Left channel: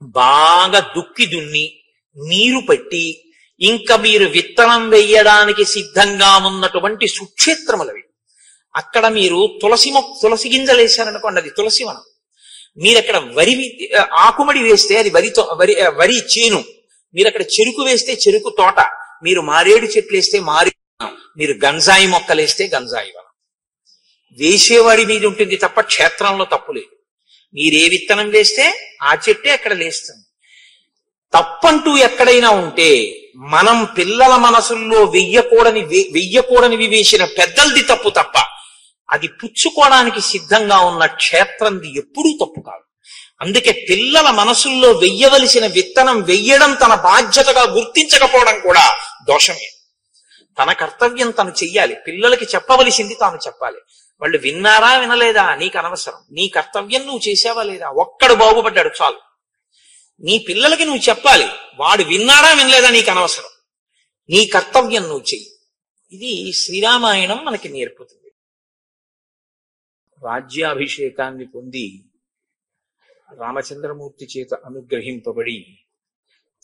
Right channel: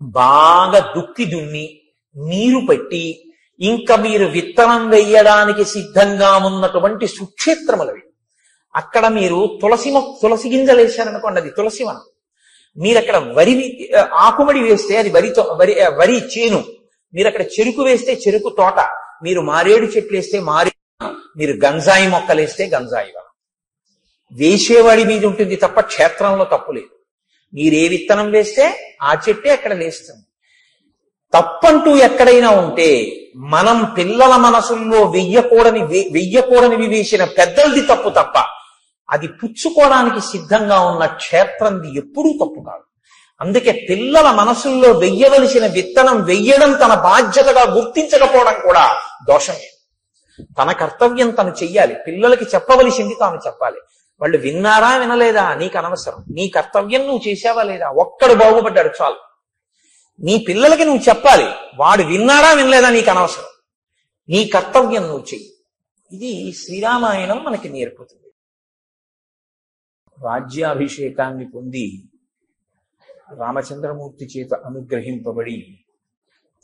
బాగా దుక్కి దున్ని నీరు పెట్టి ఇంకా మీరు విత్తనం వేయడానికి సిద్ధంగా ఉన్నటువంటి సుక్షేత్రములవి. అక్కడ మీరు తులసి గింజలు వేశారనుకోండి, అది తులసివనం. మీరు అక్కడ ఆకుమడి వేస్తే అది వరి చేను. మీరు అక్కడ చెరుకు వేస్తే చెరుకు తోట. మీరు మారేడు చెట్లు వేస్తే మారేడు వనం. మీరు గంజాయి మొక్కలు వేస్తే గంజాయి వనం. వేసేవాడి మీద ఉంటుంది తప్ప క్షేత్రంలో తప్పు లేదు. మీరే విత్తనం వేస్తే ఆ చెట్టే అక్కడ లేస్తుంది. తప్పంటూ ఎక్కడైనా ఉంటే మనం పిల్లల మనసుల్లో వెయ్యకూడనివి వేసిన పెద్దలది తప్పు తప్ప అది పుచ్చుకోవడానికి సిద్ధంగా ఉన్న క్షేత్రంది ఎప్పుడూ తప్పు కాదు. అందుకే పిల్లల మనసుల్లో వెయ్యవలసిన విత్తనం వెయ్యడం తన బాధ్యతగా గుర్తించకపోవడం కూడా దోషమే. తన కర్తవ్యం తను చెయ్యాలి. పిల్లలకి చెప్పవలసింది తాను చెప్పాలి. వాళ్ళు విన్నారా వినలేదా నీకు అనవసరం. నీ కర్తవ్యం నువ్వు చేసావా లేదా, ఒక్కడు బాగుపడ్డాడు చాలు. నీ పిల్లలకి నువ్వు చెప్పాలి. వాడు విన్నాడా వినలేదా నీకు అనవసరం. నీ కర్తవ్యం నువ్వు చెయ్యి. ఇది శ్రీరామాయణం మనకి నేర్పుతుంది. రాజ్యాభిషేకాన్ని పొంది రామచంద్రమూర్తి చేత అనుగ్రహింపబడి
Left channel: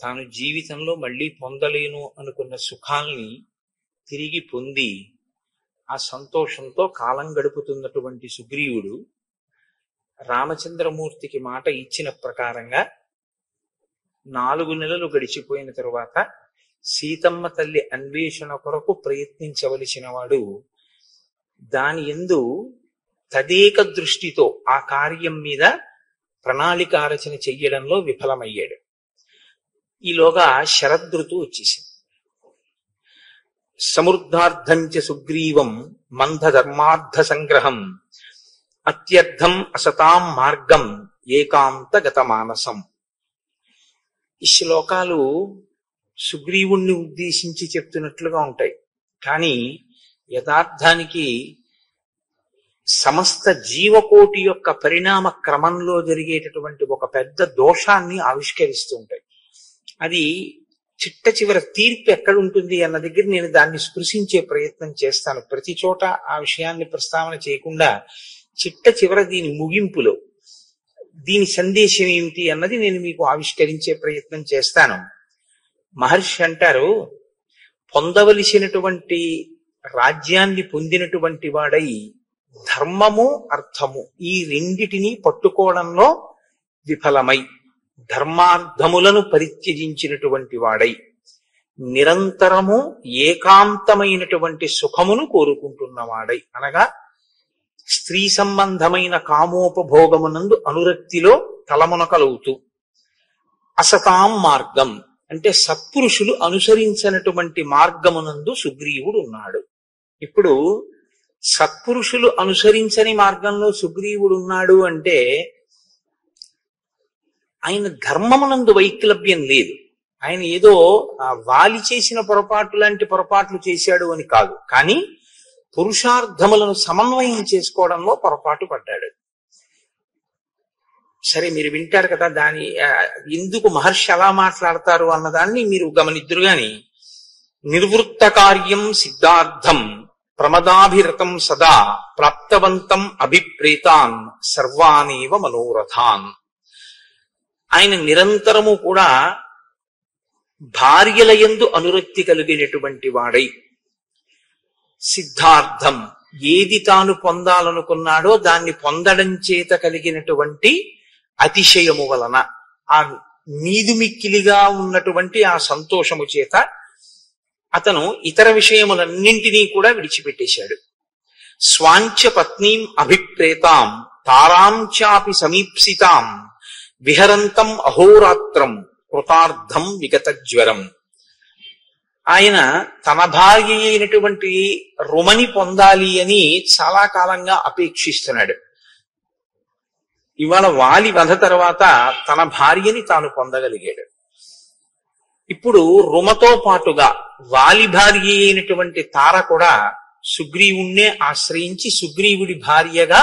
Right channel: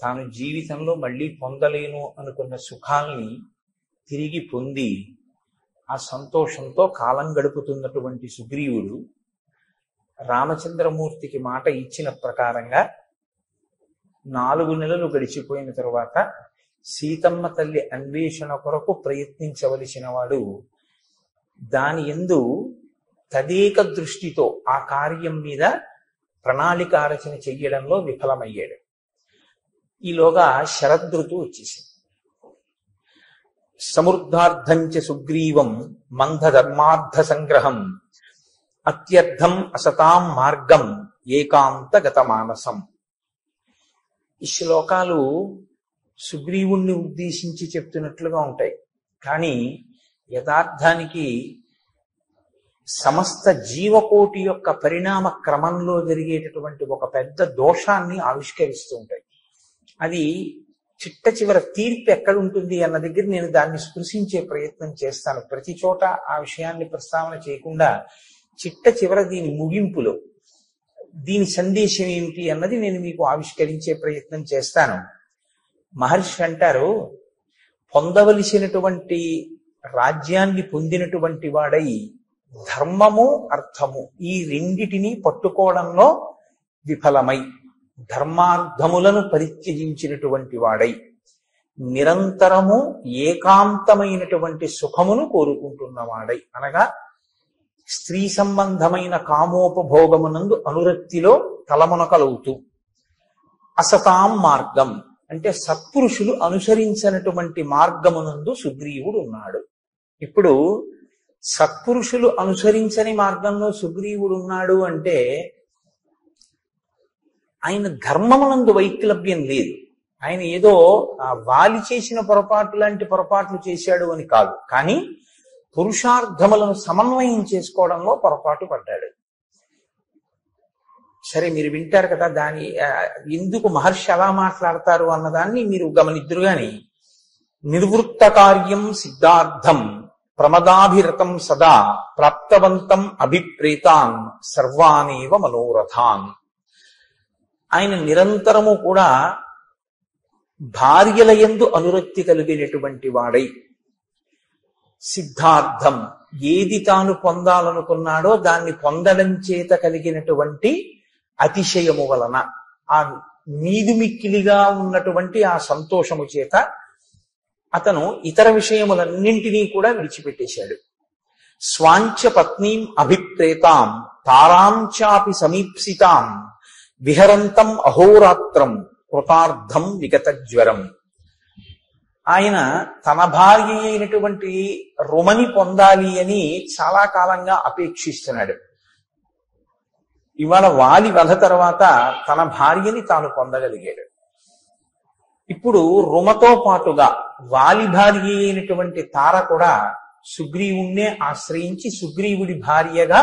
తాను జీవితంలో మళ్ళీ పొందలేను అనుకున్న సుఖాల్ని తిరిగి పొంది ఆ సంతోషంతో కాలం గడుపుతున్నటువంటి సుగ్రీవుడు రామచంద్రమూర్తికి మాట ఇచ్చిన ప్రకారంగా 4 నెలలు గడిచిపోయిన తరువాత సీతమ్మ తల్లి అన్వేషణ కొరకు ప్రయత్నించవలసిన వాడు దాని యందు తదేక దృష్టితో ఆ కార్యం మీద ప్రణాళిక రచన చెయ్యడంలో విఫలమయ్యాడు. ఈలోగా శరదృతువు వచ్చేసింది. సమృద్ధార్థంచ సుగ్రీవం మందధర్మార్థ సంగ్రహం అత్యర్థం అసతాం మార్గం ఏకాంతగత మానసం. ఈ శ్లోకాలు సుగ్రీవుణ్ణి ఉద్దేశించి చెప్తున్నట్లుగా ఉంటాయి. కానీ యథార్థానికి సమస్త జీవకోటి యొక్క పరిణామ క్రమంలో జరిగేటటువంటి ఒక పెద్ద దోషాన్ని ఆవిష్కరిస్తూ ఉంటాయి. అది చిట్ట చివర తీర్పు ఎక్కడుంటుంది అన్న దగ్గర నేను దాన్ని స్పృశించే ప్రయత్నం చేస్తాను. ప్రతి చోట ఆ విషయాన్ని ప్రస్తావన చేయకుండా చిట్ట చివర దీని ముగింపులో దీని సందేశం ఏమిటి అన్నది నేను మీకు ఆవిష్కరించే ప్రయత్నం చేస్తాను. మహర్షి అంటారు, పొందవలసినటువంటి రాజ్యాన్ని పొందినటువంటి వాడై ధర్మము అర్థము ఈ రెండిటిని పట్టుకోవడంలో విఫలమై ధర్మార్థములను పరిత్యజించినటువంటి వాడై నిరంతరము ఏకాంతమైనటువంటి సుఖమును కోరుకుంటున్నవాడై, అనగా స్త్రీ సంబంధమైన కామోపభోగమునందు అనురక్తిలో తలమునకలవుతూ, అసతాం మార్గం అంటే సత్పురుషులు అనుసరించినటువంటి మార్గమునందు సుగ్రీవుడు ఉన్నాడు. ఇప్పుడు సత్పురుషులు అనుసరించని మార్గంలో సుగ్రీవుడు ఉన్నాడు అంటే ఆయన ధర్మమునందు వైక్లభ్యం లేదు. ఆయన ఏదో వాలి చేసిన పొరపాటు లాంటి పొరపాట్లు చేశాడు అని కాదు, కానీ పురుషార్థములను సమన్వయం చేసుకోవడంలో పొరపాటు పడ్డాడు. సరే, మీరు వింటారు కదా దాని ఎందుకు మహర్షి అలా మాట్లాడతారు అన్నదాన్ని మీరు గమనిద్దురు గాని, నిర్వృత్త కార్యం సిద్ధార్థం ప్రమదాభిరతం సదా ప్రాప్తవంతం అభిప్రేతాన్ సర్వానేవ మనోరథాన్. ఆయన నిరంతరము కూడా భార్యల యందు అనురక్తి కలిగినటువంటి వాడై సిద్ధార్థం ఏది తాను పొందాలనుకున్నాడో దాన్ని పొందడం చేత కలిగినటువంటి అతిశయము వలన, ఆ మీదుమిక్కిలిగా ఉన్నటువంటి ఆ సంతోషము చేత అతను ఇతర విషయములన్నింటినీ కూడా విడిచిపెట్టేశాడు. స్వాంచ పత్నీం అభిప్రేతాం తారాంచాపి సమీప్సితాం విహరంతం అహోరాత్రం కృతార్థం విగత జ్వరం. ఆయన తన భార్య అయినటువంటి రుమని పొందాలి అని చాలా కాలంగా అపేక్షిస్తున్నాడు. ఇవాళ వాలి వధ తర్వాత తన భార్యని తాను పొందగలిగాడు. ఇప్పుడు రుమతో పాటుగా వాలి భార్య అయినటువంటి తార కూడా సుగ్రీవుణ్ణే ఆశ్రయించి సుగ్రీవుడి భార్యగా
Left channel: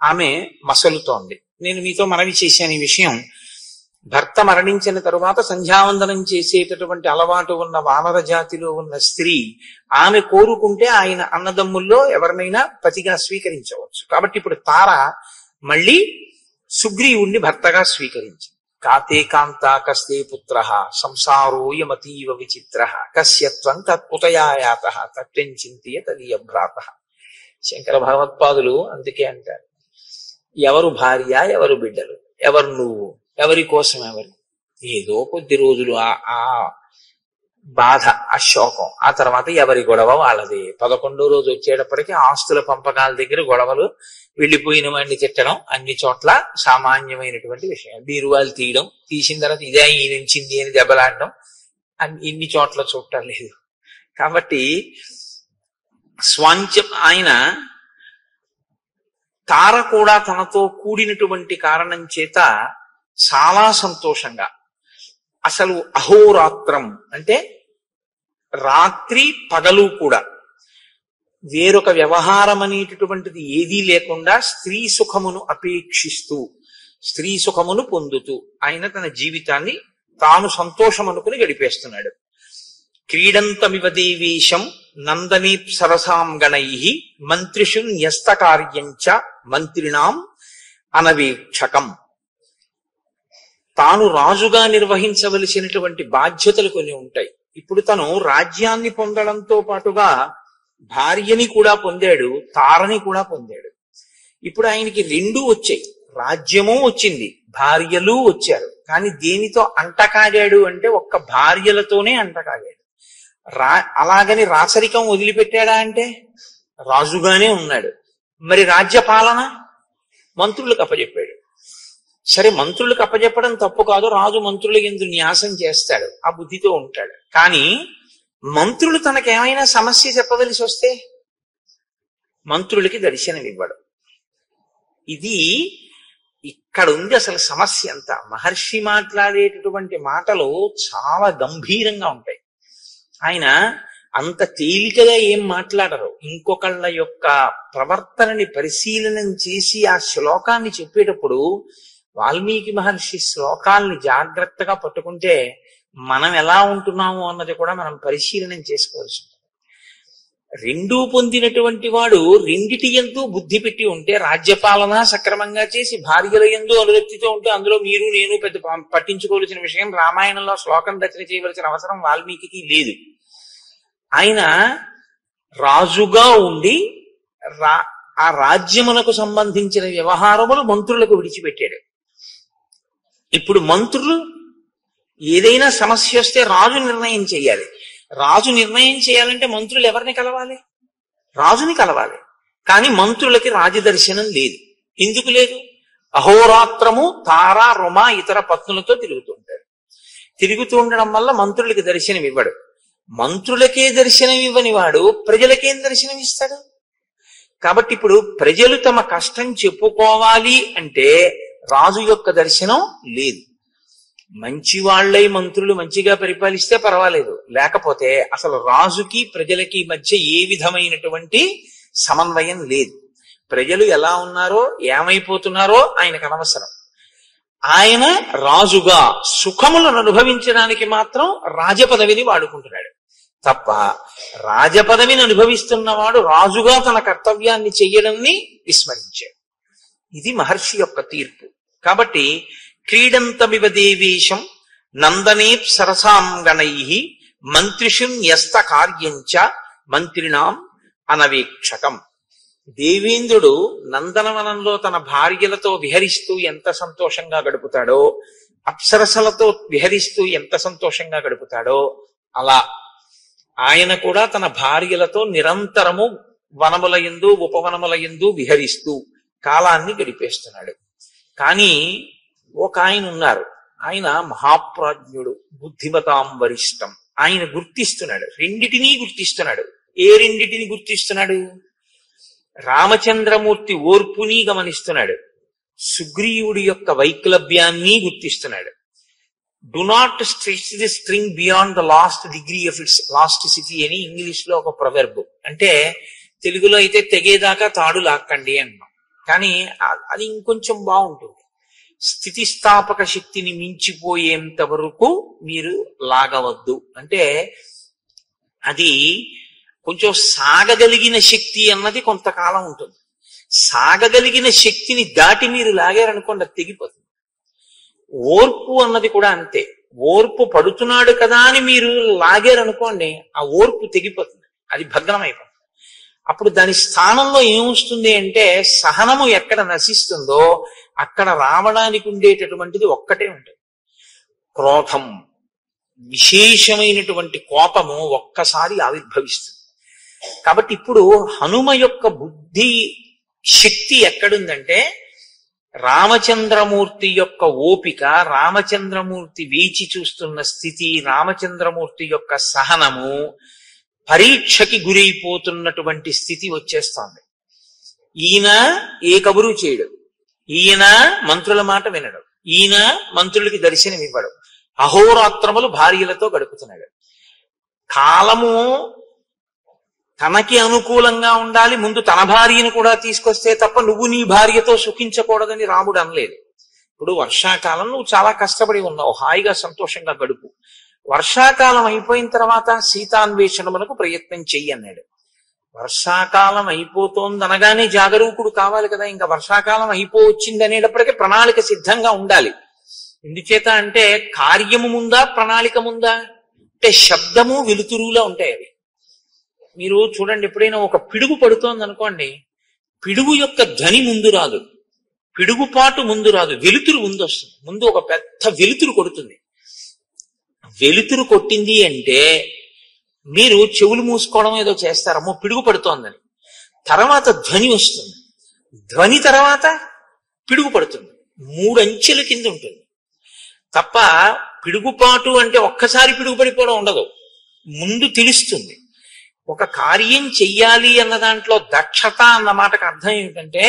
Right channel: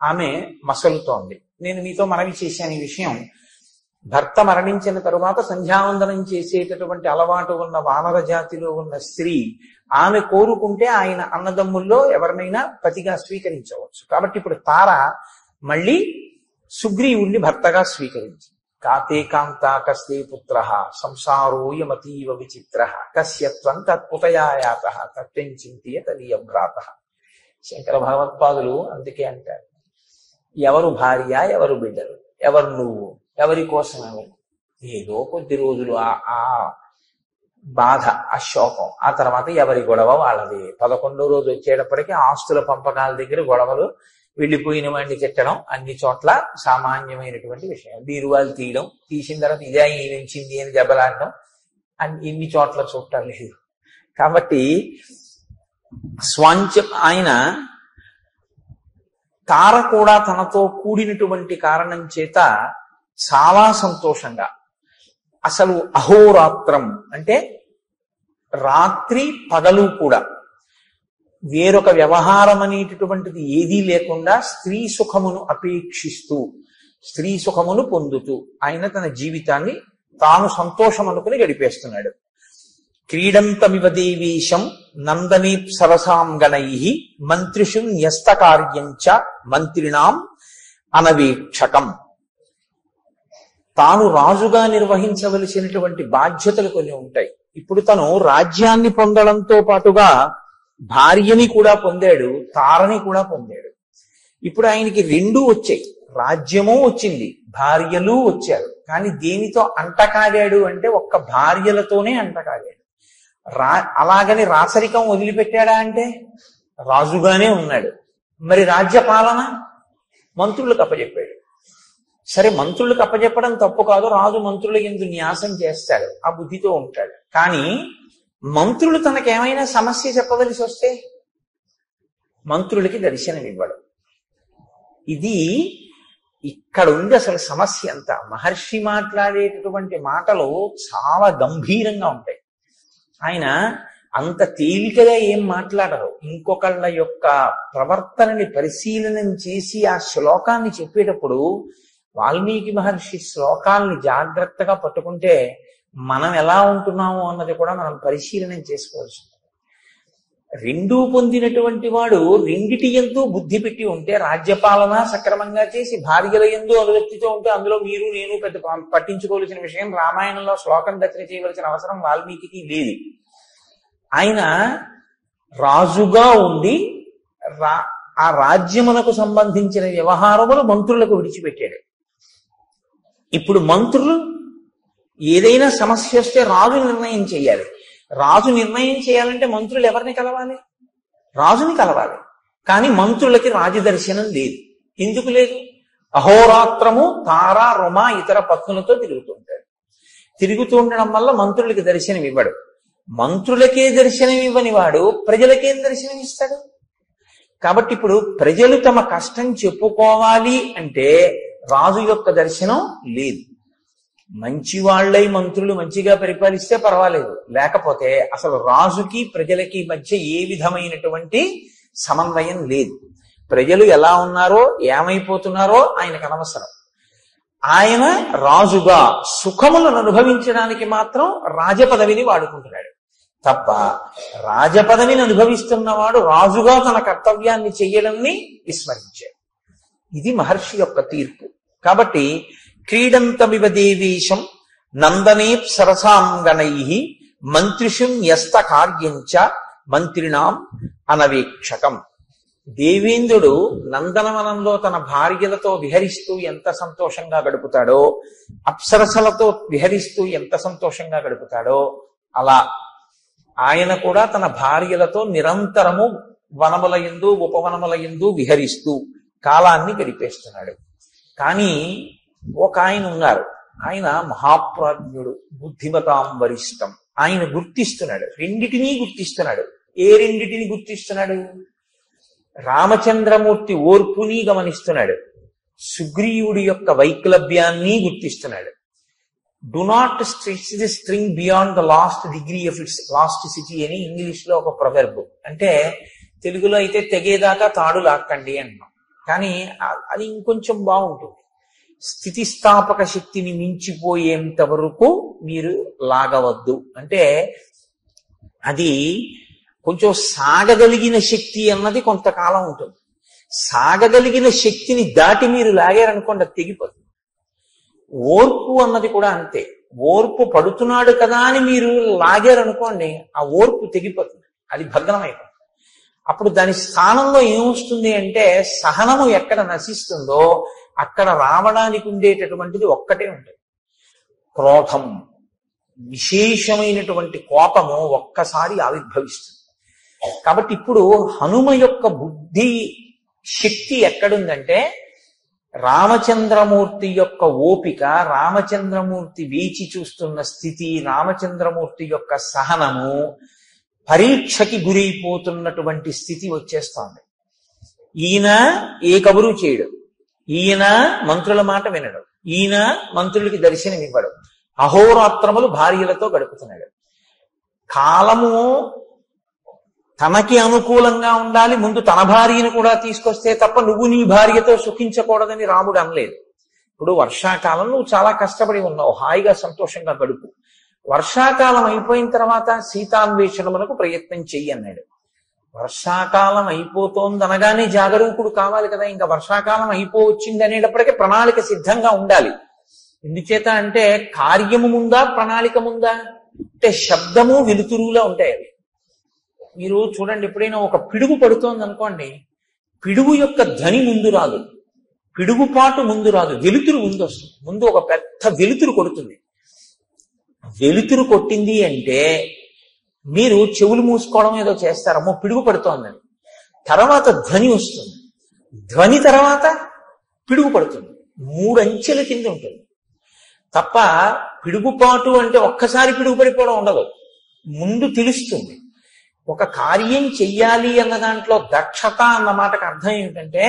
ఆమె మసలుతోంది. నేను మీతో మనవి చేశాను ఈ విషయం. భర్త మరణించిన తరువాత సంధ్యావందనం చేసేటటువంటి అలవాటు ఉన్న వానర జాతిలో ఉన్న స్త్రీ ఆమె కోరుకుంటే ఆయన అన్నదమ్ముల్లో ఎవరినైనా పతిగా స్వీకరించవచ్చు. కాబట్టి ఇప్పుడు తార మళ్ళీ సుగ్రీవుణ్ణి భర్తగా స్వీకరించింది. కాతే కాంతా కస్తే పుత్ర సంసారోయమతీవ విచిత్ర కస్యత్వం తత్పుతయాయాత తత్వం చింతయ తదీయ భ్రాత. శంకర భగవత్పాదులు అందుకే అంటారు, ఎవరు భార్య, ఎవరు బిడ్డలు, ఎవరు నువ్వు, ఎవరి కోసం ఎవరు. ఏదో కొద్ది రోజులు ఆ బాధ, ఆ శోకం, ఆ తర్వాత ఎవరి గొడవ వాళ్ళది. 11వ రోజు వచ్చేటప్పటికి ఆస్తుల పంపకాల దగ్గర గొడవలు, వెళ్ళిపోయిన వాడిని తిట్టడం అన్ని చోట్ల సామాన్యమైనటువంటి విషయం. బీరువాలు తీయడం, తీసిన తర్వాత ఇదే ఈయనించింది అని దెబ్బలాడడం ఇన్ని చోట్ల చూడటం లేదు. కాబట్టి స్వాంచం ఆయన తార కూడా తనతో కూడినటువంటి కారణం చేత చాలా సంతోషంగా, అసలు అహోరాత్రం అంటే రాత్రి పగలు కూడా వేరొక వ్యవహారం అనేటటువంటిది ఏదీ లేకుండా స్త్రీ సుఖమును అపేక్షిస్తూ, స్త్రీ సుఖమును పొందుతూ ఆయన తన జీవితాన్ని తాను సంతోషం అనుకుని గడిపేస్తున్నాడు. క్రీడంతమివ దేవీశం నందనీ సరసాం గణై మంత్రిషు న్యస్త కార్యంచ మంత్రిణాం అనవేక్షకం. తాను రాజుగా నిర్వహించవలసినటువంటి బాధ్యతలు కొన్ని ఉంటాయి. ఇప్పుడు తను రాజ్యాన్ని పొందడంతో పాటుగా భార్యని కూడా పొందాడు, తారని కూడా పొందాడు. ఇప్పుడు ఆయనకి రెండూ వచ్చాయి, రాజ్యము వచ్చింది, భార్యలు వచ్చారు. కానీ దేనితో అంటకాడాడు అంటే ఒక్క భార్యలతోనే అంటకాడాడు. అలాగని రాచరికం వదిలిపెట్టాడా అంటే రాజుగానే ఉన్నాడు. మరి రాజ్య పాలన మంత్రులకు అప్పచెప్పాడు. సరే, మంత్రులకు అప్పచెప్పడం తప్పు కాదు, రాజు మంత్రుల యందు న్యాసం చేస్తాడు, ఆ బుద్ధితో ఉంటాడు. కానీ మంత్రులు తనకేమైనా సమస్య చెప్పవలసి వస్తే మంత్రులకి దర్శనమివ్వడం. ఇది ఇక్కడ ఉంది అసలు సమస్య అంతా. మహర్షి మాట్లాడేటటువంటి మాటలు చాలా గంభీరంగా ఉంటాయి. ఆయన అంత తేలికగా ఏం మాట్లాడరు. ఇంకొకళ్ళ యొక్క ప్రవర్తనని పరిశీలనం చేసి ఆ శ్లోకాన్ని చెప్పేటప్పుడు వాల్మీకి మహర్షి శ్లోకాల్ని జాగ్రత్తగా పట్టుకుంటే మనం ఎలా ఉంటున్నాము అన్నది కూడా మనం పరిశీలనం చేసుకోవాల్సి ఉంటుంది. రెండూ పొందినటువంటి వాడు రెండిటి యందు బుద్ధి పెట్టి ఉంటే, రాజ్యపాలన సక్రమంగా చేసి భార్యల యందు అనురక్తితో ఉంటే అందులో మీరు నేను పెద్ద పట్టించుకోవాల్సిన విషయం, రామాయణంలో శ్లోకం రచన చేయవలసిన అవసరం వాల్మీకి లేదు. ఆయన రాజుగా ఉండి ఆ రాజ్యమునకు సంబంధించిన వ్యవహారములు మంత్రులకు విడిచిపెట్టాడు. ఇప్పుడు మంత్రులు ఏదైనా సమస్య వస్తే రాజు నిర్ణయం చేయాలి. రాజు నిర్ణయం చేయాలంటే మంత్రులు ఎవరిని కలవాలి? రాజుని కలవాలి. కానీ మంత్రులకి రాజదర్శనం లేదు. ఎందుకు లేదు? అహోరాత్రము తార రొమ ఇతర పత్నులతో తిరుగుతుంటాడు. తిరుగుతూ ఉండడం వల్ల మంత్రులకి దర్శనం ఇవ్వడు. మంత్రులకే దర్శనం ఇవ్వని వాడు ప్రజలకేం దర్శనం ఇస్తాడు? కాబట్టి ఇప్పుడు ప్రజలు తమ కష్టం చెప్పుకోవాలి అంటే రాజు యొక్క దర్శనం లేదు. మంచి వాళ్ళై మంత్రులు మంచిగా పరిపాలిస్తే పర్వాలేదు, లేకపోతే అసలు రాజుకి ప్రజలకి మధ్య ఏ విధమైనటువంటి సమన్వయం లేదు. ప్రజలు ఎలా ఉన్నారో ఏమైపోతున్నారో ఆయనకు అనవసరం. ఆయన రాజుగా సుఖములను అనుభవించడానికి మాత్రం రాజపదవిని వాడుకుంటున్నాడు తప్ప, రాజపదవిని అనుభవిస్తున్నవాడు రాజుగా తన కర్తవ్యాన్ని చెయ్యడాన్ని విస్మరించాడు. ఇది మహర్షి యొక్క తీర్పు. కాబట్టి క్రీడంతమివ దేవేశం నందనే సరసాం గణై మంత్రిషు న్యస్త కార్యంచ మంత్రిణాం అనవేక్షకం. దేవేంద్రుడు నందనవనంలో తన భార్యలతో విహరిస్తూ ఎంత సంతోషంగా గడుపుతాడో, అప్సరసలతో విహరిస్తూ ఎంత సంతోషంగా గడుపుతాడో, అలా ఆయన కూడా తన భార్యలతో నిరంతరము వనముల యందు ఉపవనముల యందు విహరిస్తూ కాలాన్ని గడిపేస్తున్నాడు. కానీ ఒక ఆయన ఉన్నారు, ఆయన మహాప్రాజ్ఞుడు, బుద్ధిమతాం వరిష్టం. ఆయన గుర్తిస్తున్నాడు, రెండిటినీ గుర్తిస్తున్నాడు. ఏ రెండిటిని గుర్తిస్తున్నాడు? రామచంద్రమూర్తి ఓర్పుని గమనిస్తున్నాడు, సుగ్రీవుడి యొక్క వైక్లభ్యాన్ని గుర్తిస్తున్నాడు. Do not stretch the string beyond the last degree of its elasticity అని ఇంగ్లీష్ లో ఒక ప్రొవెర్బ్. అంటే తెలుగులో అయితే తెగేదాకా తాడు లాక్కండి అంటాం, కానీ అది ఇంకొంచెం బాగుంటుంది. స్థితిస్థాపక శక్తిని మించిపోయేంత వరకు మీరు లాగవద్దు అంటే, అది కొంచెం సాగగలిగిన శక్తి అన్నది కొంతకాలం ఉంటుంది. సాగగలిగిన శక్తిని దాటి మీరు లాగారనుకోండి, అది తెగిపోతుంది. ఓర్పు అన్నది కూడా అంతే. ఓర్పు పడుతున్నాడు కదా అని మీరు లాగారనుకోండి, ఆ ఓర్పు తెగిపోతుంది, అది భగ్నమైపోతుంది. అప్పుడు దాని స్థానంలో ఏమొస్తుంది అంటే, సహనము ఎక్కడ నశిస్తుందో అక్కడ రావడానికి ఉండేటటువంటిది ఒక్కటే ఉంటుంది, క్రోధం. విశేషమైనటువంటి కోపము ఒక్కసారి ఆవిర్భవిస్తుంది. కాబట్టి ఇప్పుడు హనుమ యొక్క బుద్ధి శక్తి ఎక్కడుందంటే, రామచంద్రమూర్తి యొక్క ఓపిక, రామచంద్రమూర్తి వేచి చూస్తున్న స్థితి, రామచంద్రమూర్తి యొక్క సహనము, పరీక్షకి గురైపోతున్నటువంటి స్థితి వచ్చేస్తోంది. ఈయన ఏ కబురు చేయడు, ఈయన మంత్రుల మాట వినడు, ఈయన మంత్రులకి దర్శనం ఇవ్వడు, అహోరాత్రములు భార్యలతో గడుపుతున్నాడు. కాలము తనకి అనుకూలంగా ఉండాలి, ముందు తన భార్యను కూడా తీసుకొస్తే తప్ప నువ్వు నీ భార్యతో సుఖించకూడదని రాముడు అనలేదు. ఇప్పుడు వర్షాకాలం నువ్వు చాలా కష్టపడి ఉన్నావు, హాయిగా సంతోషంగా గడుపు. వర్షాకాలం అయిపోయిన తర్వాత సీతాన్వేషణమునకు ప్రయత్నం చెయ్యి అన్నాడు. వర్షాకాలం అయిపోతోంది అనగానే జాగరూకుడు కావాలి కదా. ఇంకా వర్షాకాలం అయిపోవచ్చింది అనేటప్పటికీ ప్రణాళిక సిద్ధంగా ఉండాలి. ఎందుచేత అంటే కార్యము ముందా ప్రణాళిక ముందా అంటే శబ్దము వెలుతురులా ఉంటాయి అవి. మీరు చూడండి, ఎప్పుడైనా ఒక పిడుగు పడుతోంది అనుకోండి, పిడుగు యొక్క ధ్వని ముందు రాదు, పిడుగుపాటు ముందు రాదు, వెలుతురు ముందు వస్తుంది. ముందు ఒక పెద్ద వెలుతురు కొడుతుంది. వెలుతురు కొట్టింది అంటే మీరు చెవులు మూసుకోవడం ఏదో చేస్తారమ్మో పిడుగు పడుతోందని. తర్వాత ధ్వని వస్తుంది, ధ్వని తర్వాత పిడుగు పడుతుంది. 3 అంచెల కింద ఉంటుంది తప్ప పిడుగుపాటు అంటే ఒక్కసారి పిడుగు పడిపోవడం ఉండదు. ముందు తెలుస్తుంది. ఒక కార్యం చెయ్యాలి అన్న దాంట్లో దక్షత అన్న మాటకు అర్థం ఏమిటంటే,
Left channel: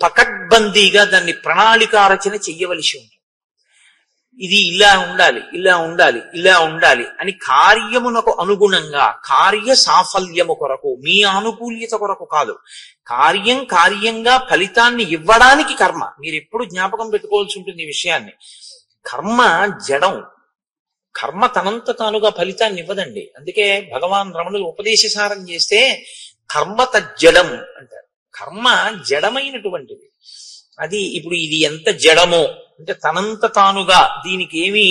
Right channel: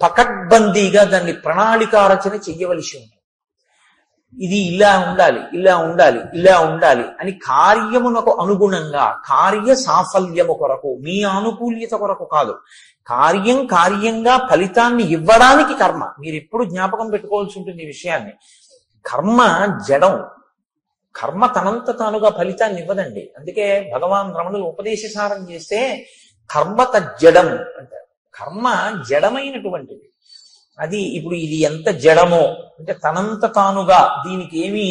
పకడ్బందీగా దాన్ని ప్రణాళికారచన చెయ్యవలసి ఉంటుంది. ఇది ఇలా ఉండాలి, ఇలా ఉండాలి, ఇలా ఉండాలి అని కార్యమునకు అనుగుణంగా, కార్య సాఫల్యము కొరకు, మీ ఆనుకూల్యత కొరకు కాదు, కార్యంగా ఫలితాన్ని ఇవ్వడానికి కర్మ. మీరు ఎప్పుడు జ్ఞాపకం పెట్టుకోవాల్సి ఉంటుంది ఈ విషయాన్ని. కర్మ జడం, కర్మ తనంత తానుగా ఫలితాన్ని ఇవ్వదండి. అందుకే భగవాన్ రమణులు ఉపదేశసారం చేస్తే కర్మ తజ్జడం అంటారు. కర్మ జడమైనటువంటిది. అది ఇప్పుడు ఇది ఎంత జడమో అంటే తనంత తానుగా దీనికి ఏమి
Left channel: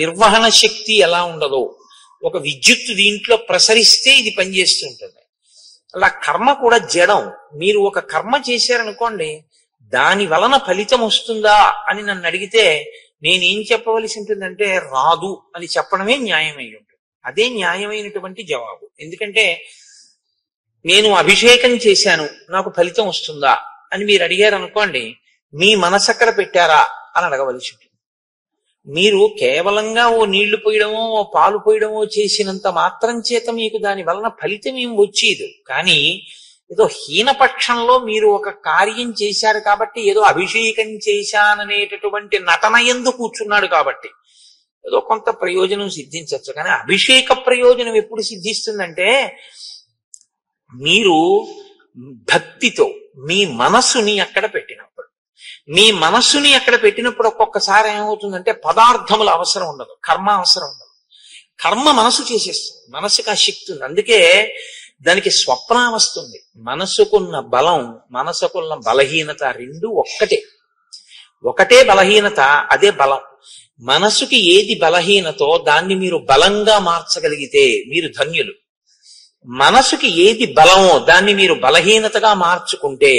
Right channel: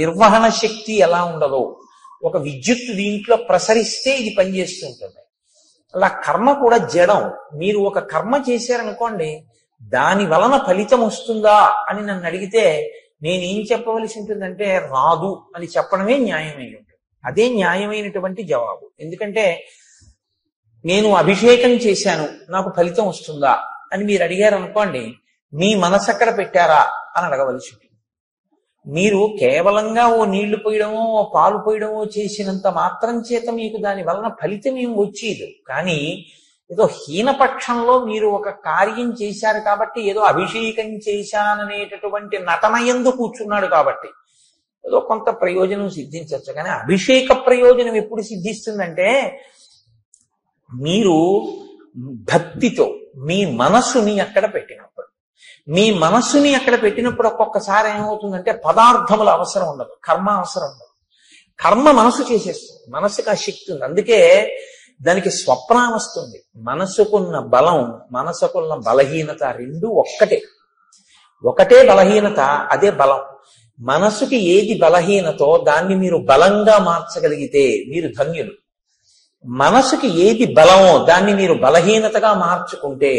నిర్వహణ శక్తి ఎలా ఉండదో, ఒక విద్యుత్తు దీంట్లో ప్రసరిస్తే ఇది పనిచేస్తుంటుంది. అలా కర్మ కూడా జడం. మీరు ఒక కర్మ చేశారనుకోండి, దాని వలన ఫలితం వస్తుందా అని నన్ను అడిగితే నేనేం చెప్పవలసి ఉంటుందంటే రాదు అని చెప్పడమే న్యాయమై ఉంటుంది. అదే న్యాయమైనటువంటి జవాబు. ఎందుకంటే నేను అభిషేకం చేశాను, నాకు ఫలితం వస్తుందా అని మీరు అడిగారు అనుకోండి, మీ మనసు అక్కడ పెట్టారా అని అడగవలసి ఉంటుంది. మీరు కేవలంగా ఓ నీళ్లు పోయడమో ఓ పాలు పోయడమో చేసినంత మాత్రం చేత మీకు దాని వలన ఫలితం ఏం వచ్చేది. కానీ ఏదో హీనపక్షంలో మీరు ఒక కార్యం చేశారు కాబట్టి, ఏదో అభిషేకం చేశాననేటటువంటి నటన యందు కూర్చున్నాడు కాబట్టి ఏదో కొంత ప్రయోజనం సిద్ధించవచ్చు. కానీ అభిషేక ప్రయోజనం ఎప్పుడు సిద్ధిస్తుందంటే, మీరు భక్తితో మీ మనస్సుని అక్కడ పెట్టినప్పుడు. మీ మనస్సుని అక్కడ పెట్టినప్పుడు ఒక్కొక్కసారి ఏమవుతుందంటే పదార్థముల అవసరం ఉండదు, కర్మ అవసరం ఉండదు. కర్మ మనసు చేసేస్తుంది, మనసుకు ఆ శక్తి ఉంది. అందుకే దానికి స్వప్న వస్తుంది. మనసుకున్న బలం, మనసుకున్న బలహీనత రెండు ఒకటే బలహీనత, అదే బలం. మనసుకి ఏది బలహీనతో దాన్ని మీరు బలంగా మార్చగలిగితే మీరు ధన్యులు. మనసుకి ఏది బలమో దాన్ని మీరు బలహీనతగా మార్చుకుంటే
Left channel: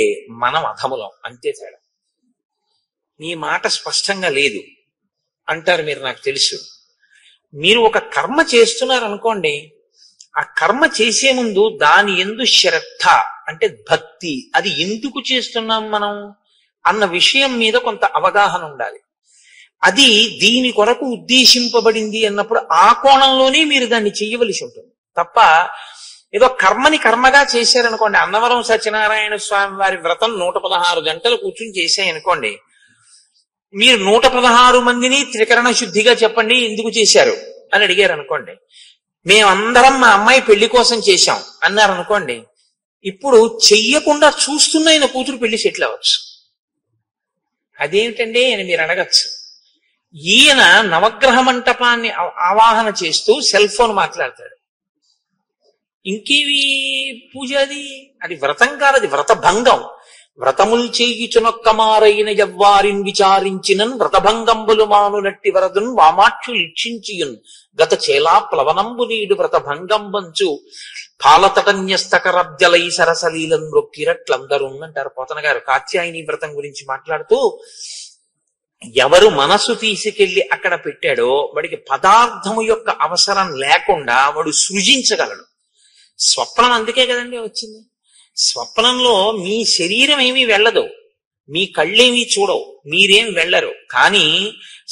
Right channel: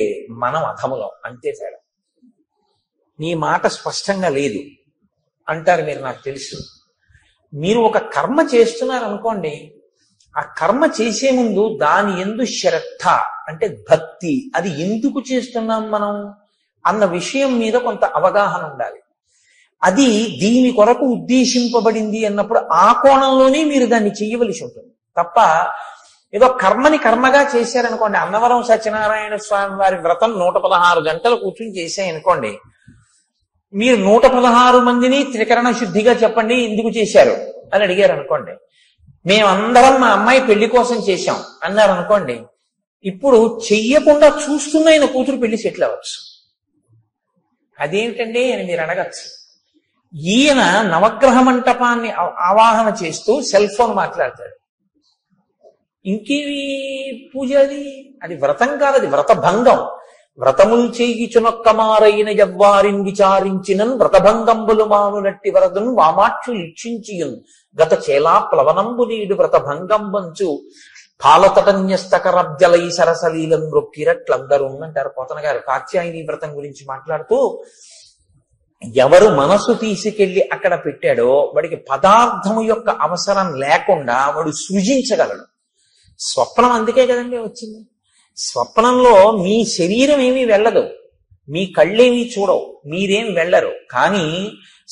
మనం అధములం. అంతే తేడా. నీ మాట స్పష్టంగా లేదు అంటారు మీరు, నాకు తెలుసు. మీరు ఒక కర్మ చేస్తున్నారనుకోండి, ఆ కర్మ చేసే ముందు దాని యందు శ్రద్ధ అంటే భక్తి, అది ఎందుకు చేస్తున్నాం మనం అన్న విషయం మీద కొంత అవగాహన ఉండాలి. అది దీని కొరకు ఉద్దేశింపబడింది అన్నప్పుడు ఆ కోణంలోనే మీరు దాన్ని చెయ్యవలసి ఉంటుంది తప్ప ఏదో కర్మని కర్మగా చేశారనుకోండి. అన్నవరం సత్యనారాయణ స్వామి వారి వ్రతం 116 గంటలు కూర్చుని చేశాయనుకోండి, మీరు 116 మందిని త్రికరణ శుద్ధిగా చెప్పండి ఎందుకు చేశారు అని అడిగారు అనుకోండి. మేమందరం మా అమ్మాయి పెళ్లి కోసం చేశాం అన్నారు అనుకోండి, ఇప్పుడు చెయ్యకుండా చూస్తున్న ఆయన కూతురు పెళ్లి సెటిల్ అవ్వచ్చు. అదేమిటండి అని మీరు అడగచ్చు. ఈయన నవగ్రహ మంటపాన్ని ఆవాహన చేస్తూ సెల్ ఫోన్ మాట్లాడతాడు. ఇంకేవి పూజ? అది వ్రతం కాదు, అది వ్రత భంగం. వ్రతముల్ చేయుచునొక్కమారైన యవ్వారిన్ విచారించినన్ వ్రతభంగంబులు మానునట్టి వరదున్ వామాక్షు ఇక్షించియున్ గత చేలా ప్లవనంబు నీడు వ్రతభంగంబంచు పాలతటన్యస్తకరబ్జలై సరసలీలం రొక్కిరట్లందరూ అంటారు పోతన గారు కాత్యాయని వ్రతం గురించి మాట్లాడుతూ. ఎవరు మనసు తీసుకెళ్లి అక్కడ పెట్టాడో వాడికి పదార్థము యొక్క అవసరం లేకుండా వాడు సృజించగలడు. స్వప్నం అందుకే కదండి వచ్చింది. స్వప్నంలో మీ శరీరం ఏమీ వెళ్ళదు, మీ కళ్ళేమీ చూడవు, మీరేం వెళ్ళరు. కానీ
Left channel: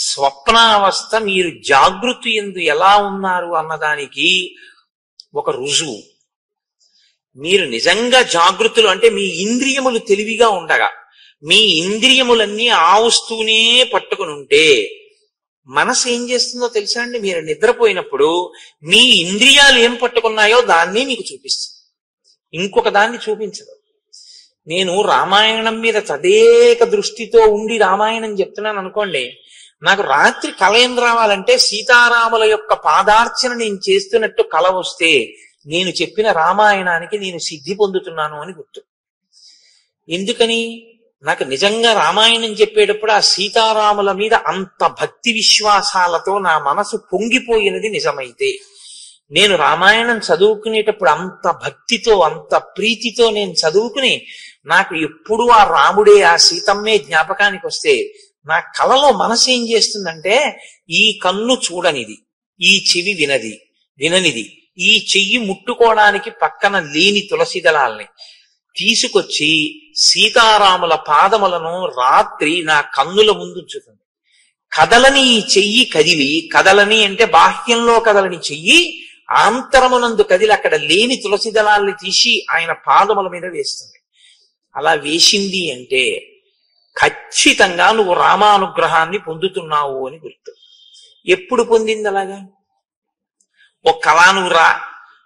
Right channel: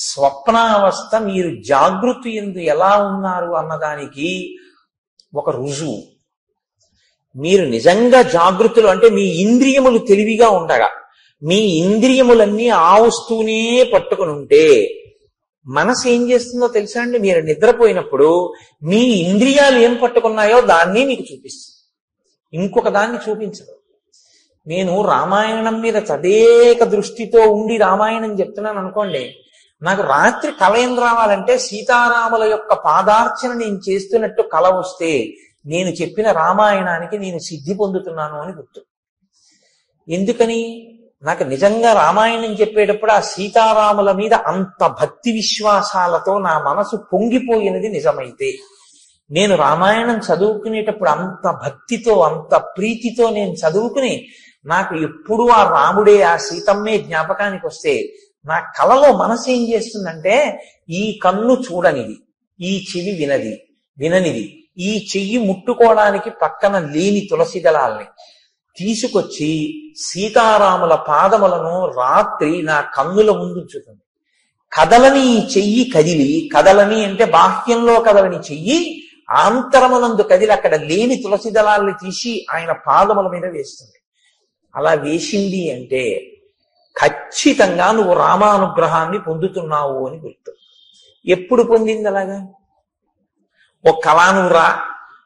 స్వప్నావస్థ మీరు జాగృతి యందు ఎలా ఉన్నారు అన్నదానికి ఒక రుజువు. మీరు నిజంగా జాగృతులు అంటే మీ ఇంద్రియములు తెలివిగా ఉండగా మీ ఇంద్రియములన్నీ ఆ వస్తువునే పట్టుకుని ఉంటే మనసు ఏం చేస్తుందో తెలుసా అండి? మీరు నిద్రపోయినప్పుడు మీ ఇంద్రియాలు ఏం పట్టుకున్నాయో దాన్ని మీకు చూపిస్తుంది, ఇంకొక దాన్ని చూపించదు. నేను రామాయణం మీద తదేక దృష్టితో ఉండి రామాయణం చెప్తున్నాను అనుకోండి, నాకు రాత్రి కల ఏం రావాలంటే సీతారాముల యొక్క పాదార్చన నేను చేస్తున్నట్టు కల వస్తే నేను చెప్పిన రామాయణానికి నేను సిద్ధి పొందుతున్నాను అని గుర్తు. ఎందుకని? నాకు నిజంగా రామాయణం చెప్పేటప్పుడు ఆ సీతారాముల మీద అంత భక్తి విశ్వాసాలతో నా మనసు పొంగిపోయినది నిజమైతే, నేను రామాయణం చదువుకునేటప్పుడు అంత భక్తితో అంత ప్రీతితో నేను చదువుకుని నాకు ఎప్పుడు ఆ రాముడే ఆ సీతమ్మే జ్ఞాపకానికి వస్తే నా కలలో మనసు ఏం చేస్తుందంటే, ఈ కన్ను చూడనిది, ఈ చెవి విననిది, ఈ చెయ్యి ముట్టుకోవడానికి పక్కన లేని తులసి దళాల్ని తీసుకొచ్చి సీతారాముల పాదములను రాత్రి నా కన్నుల ముందు ఉంచుతుంది. కదలని ఈ చెయ్యి కదిలి, కదలని అంటే బాహ్యంలో కదలని చెయ్యి ఆంతరమునందు కదిలి అక్కడ లేని తులసి దళాల్ని తీసి ఆయన పాదముల మీద వేస్తుంది. అలా వేసింది అంటే ఖచ్చితంగా నువ్వు రామానుగ్రహాన్ని పొందుతున్నావు అని గుర్తు. ఎప్పుడు పొందింది అలాగా? ఓ కళా నువ్వు రా,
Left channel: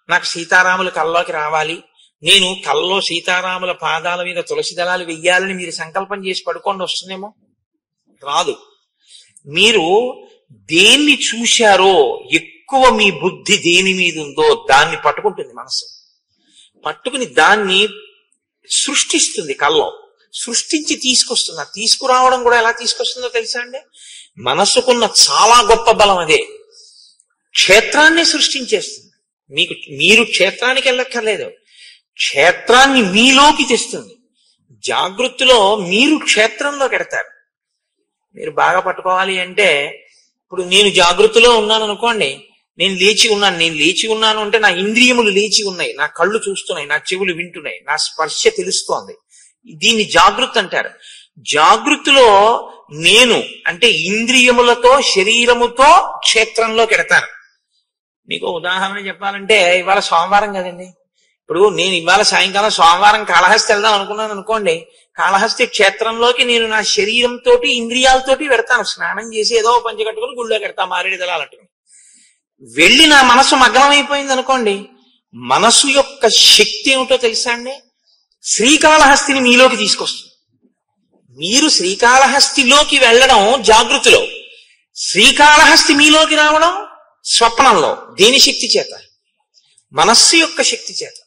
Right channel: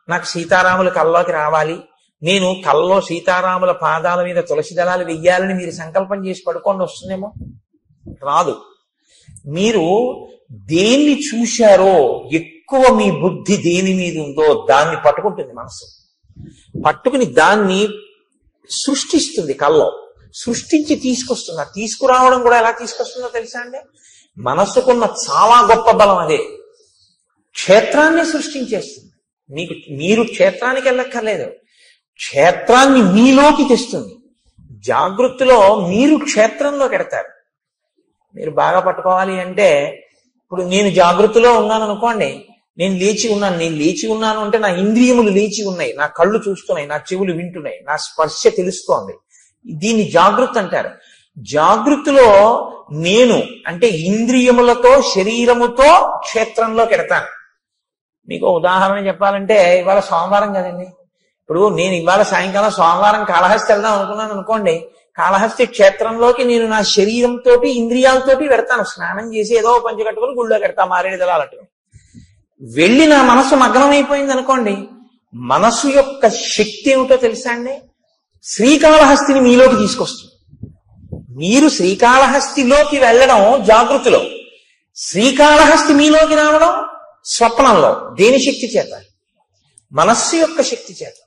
నాకు సీతారాముల కల్లోకి రావాలి, నేను కల్లో సీతారాముల పాదాల మీద తులసి దళాలు వెయ్యాలని మీరు సంకల్పం చేసి పడుకోండి, వస్తుందేమో? రాదు. మీరు దేన్ని చూశారో ఎక్కువ మీ బుద్ధి దేని మీద ఉందో దాన్ని పట్టుకుంటుంది మనసు. పట్టుకుని దాన్ని సృష్టిస్తుంది, కల్లో సృష్టించి తీసుకొస్తుంది. తీసుకురావడం కూడా ఎలా తీసుకొస్తుందో తెలుసా అండి? మనసుకున్న చాలా గొప్ప బలం అదే. క్షేత్రాన్ని సృష్టించేస్తుంది. మీరు క్షేత్రానికి వెళ్ళక్కర్లేదు, క్షేత్రాన్ని మీలోకి తెస్తుంది. జాగృతిలో మీరు క్షేత్రంలోకి ఎడతారు. మీరు బాగా పట్టుకోవాలి అంటే, ఇప్పుడు నేను జాగృతిలో ఉన్నాను అనుకోండి, నేను లేచి ఉన్నాను అంటే నా ఇంద్రియములు లేచి ఉన్నాయి, నా కళ్ళు చూస్తున్నాయి, నా చెవులు వింటున్నాయి, నా స్పర్శ తెలుస్తోంది. దీన్ని జాగృతి అంటారు. జాగృతిలో నేను అంటే ఇంద్రియములతో శరీరముతో క్షేత్రంలోకి ఎడతాను. మీకు ఉదాహరణ చెప్పాలంటే, ఇవాళ సోమవారం కదండి, ఇప్పుడు నేను ఇవాళ సాయంకాలం సోమవారం కాళహస్తి వెళ్దాం అనుకున్నాను అనుకోండి, కాళహస్తి క్షేత్రంలోకి నేను నా శరీరంతో ఇంద్రియాలతోటి పెడతాను. స్నానం చేసి ఏదో పంచి కట్టుకుని గుళ్ళోకి పెడతాను, మారేడు దళాలట్టుకుని. వెళ్ళి నా మనసు మగ్నమైపోయింది అనుకోండి, మనసు యొక్క శక్తి ఏమిటో తెలుసా అండి? శ్రీకాళహస్తిని మీలోకి తీసుకొస్తుంది. మీరు శ్రీకాళహస్తిలోకి వెళ్ళడం జాగృతిలో, శ్రీకాళహస్తి మీలోకి రావడం స్వప్నంలో. దేని శక్తి చేత? మనస్సు యొక్క శక్తి చేత.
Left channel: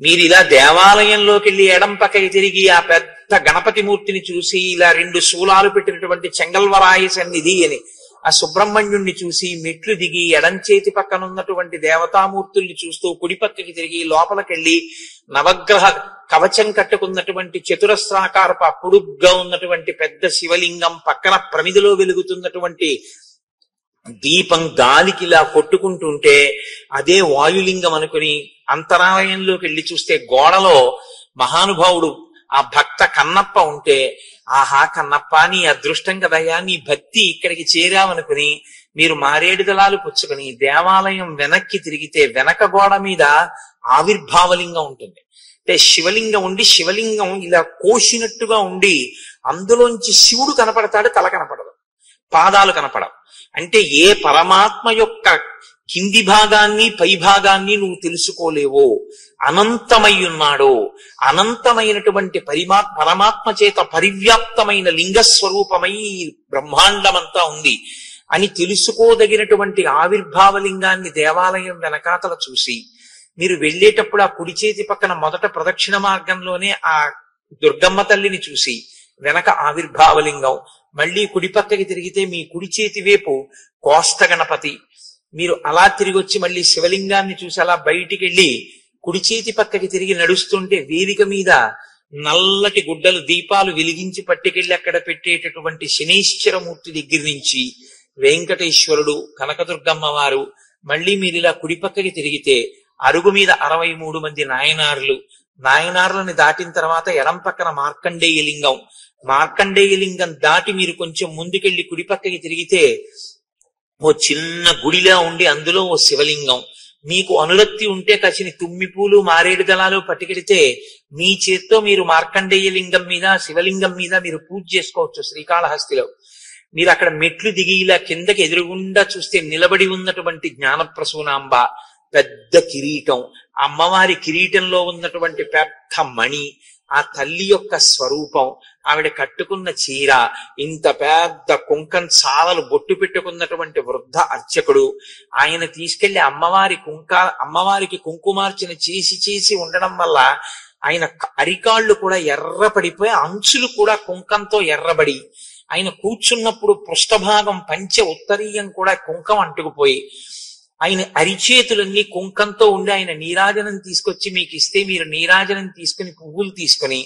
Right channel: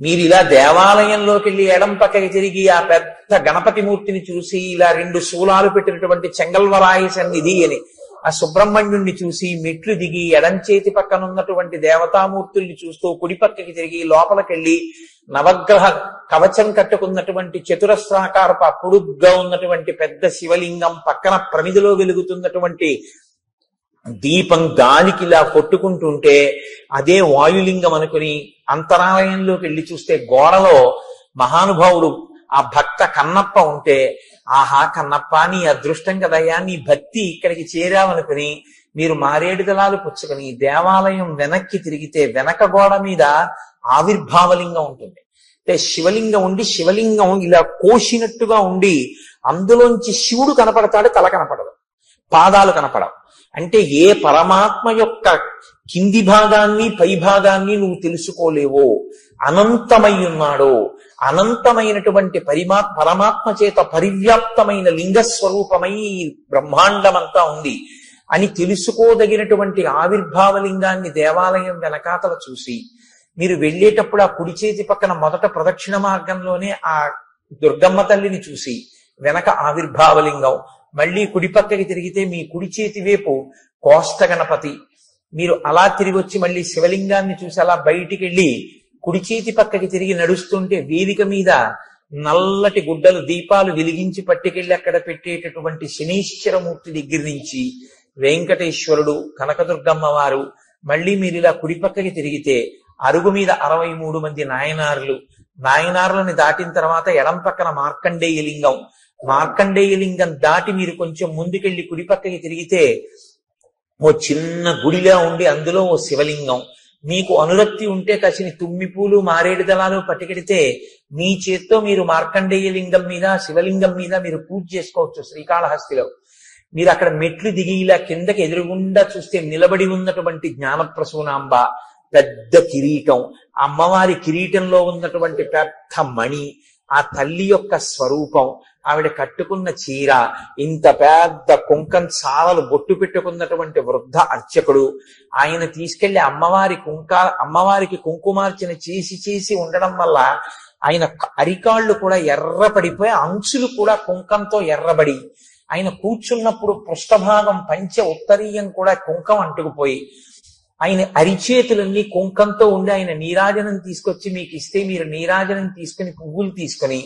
మీరు ఇలా దేవాలయంలోకి వెళ్ళి ఎడం పక్కకి తిరిగి ఆ పెద్ద గణపతి మూర్తిని చూసి, ఇలా 2 శూలాలు పెట్టినటువంటి చెంగల్వరాయ సన్నిధి అని ఆ సుబ్రహ్మణ్యుణ్ణి చూసి మెట్లు దిగి ఎడం చేతి పక్కన ఉన్నటువంటి దేవతామూర్తుల్ని చూస్తూ కుడి పక్కకి తిరిగి లోపలికెళ్ళి నవగ్రహ కవచం కట్టుకున్నటువంటి చతురస్రాకారపు పొడుగ్గా ఉన్నటువంటి పెద్ద శివలింగం పక్కన ప్రమిదిలో వెలుగుతున్నటువంటి దీపం గాలికి ఇలా కొట్టుకుంటుంటే అదే వాయులింగం అనుకుని అంతరాలయంలోకి వెళ్ళి చూస్తే గోడలో మహానుభావుడు ఆ భక్త కన్నప్ప ఉంటే, ఆహా కన్నప్ప నీ అదృష్టం కదయ్యా, నీ భక్తి ఇక్కడికి చేరావనుకుని మీరు మారేడు దళాలు పుచ్చుకుని దేవాలయం వెనక్కి తిరిగితే వెనక గోడ మీద ఆవిర్భావలింగం ఉంటుంది. అంటే శివలింగం ఉండి, శివలింగం ఇలా కోసినట్టుగా ఉండి అందులోంచి శివుడు కనపడతాడు, తల కనపడదు, పాదాలు కనపడవు. అంటే ఏ పరమాత్మ యొక్క కింది భాగాన్ని పై భాగాన్ని నువ్వు తెలుసుకోలేవో, అనంతమై ఉన్నాడో, అనంతమైనటువంటి పరమాత్మ చేత పరివ్యాప్తమైన లింగస్వరూపమై బ్రహ్మాండమంతా ఉంది అని తెలుసుకోదగినటువంటి ఆవిర్భావలింగాన్ని దేవాలయం వెనకాతల చూసి మీరు వెళ్ళేటప్పుడు ఆ కుడి చేతి పక్కన మొదట ప్రదక్షిణ మార్గంలోనే ఆ దుర్గమ్మ తల్లిని చూసి వెనక ఆవిర్భావలింగం, మళ్ళీ కుడి పక్కకి తిరిగితే మీ కుడి చేతి వైపు కోష్ట గణపతి, మీరు అలా తిరిగి వచ్చి మళ్ళీ శివలింగాన్ని చూసి అలా బయటికి వెళ్ళి కుడి చేతి పక్కకి తిరిగి నడుస్తుంటే వేదిక మీద నల్లటి గుడ్డలు దీపాలు వెలిగించి పట్టుకెళ్ళి అక్కడ పెట్టేటటువంటి శనీశ్వరమూర్తి దగ్గర నుంచి వెంకటేశ్వరుడు, కనకదుర్గమ్మ వారు, మళ్ళీ మీరు ఇలా కుడి పక్కకి తిరిగితే అరుగు మీద 63 మంది నాయనార్లు, నాయనార్లని దాటిన తర్వాత ఎడం పక్కన మార్కండేయ లింగం, మార్కండేయ లింగం దాటి మీరు కొంచెం ముందుకెళ్ళి కుడి పక్కకి తిరిగితే ఓ చిన్న గుడిలా ఉండి అందులో ఓ శివలింగం, మీకు అనురక్తి ఉంటే కసిని తుమ్మి పూలు మారేడు దళాలు పట్టుకెడితే మీ చేత్తో మీరు మార్కండేయ లింగం మీద శివలింగం మీద మీరు పూజ చేసుకోవచ్చు. శ్రీకాళహస్తిలో మీరు అక్కడ మెట్లు దిగి ఇలా కిందకి ఎదురుగుండా చూస్తే నిలబడి ఉన్నటువంటి జ్ఞానప్రసూనాంబ, పెద్ద కిరీటం, అమ్మవారి కిరీటంలో ఉన్నటువంటి పెద్ద మణి, ఆ తల్లి యొక్క స్వరూపం, ఆవిడ కట్టుకున్న చీర, ఇంత పెద్ద కుంకం చాలలు బొట్టు పెట్టుకున్నటువంటి వృద్ధ అర్చకుడు, ఆయన తీసుకెళ్లి అమ్మవారికి కుంకుమార్చన చేసి ఉండడం వల్ల ఆయన అరికాళ్ళు కూడా ఎర్రపడిపోయి అంచులు కూడా కుంకంతో ఎర్రబడి, ఆయన కూర్చున్నప్పుడు పృష్ఠభాగం పంచె ఉత్తరీయం కూడా కుంకం అంటుకుపోయి, ఆయన అరిచేతులన్నీ కుంకంతో ఉండి ఆయన నీరాజనం తీసుకొచ్చి మీకు ఇస్తే మీరు నీరాజనం తీసుకుని పువ్వులు తీసుకుని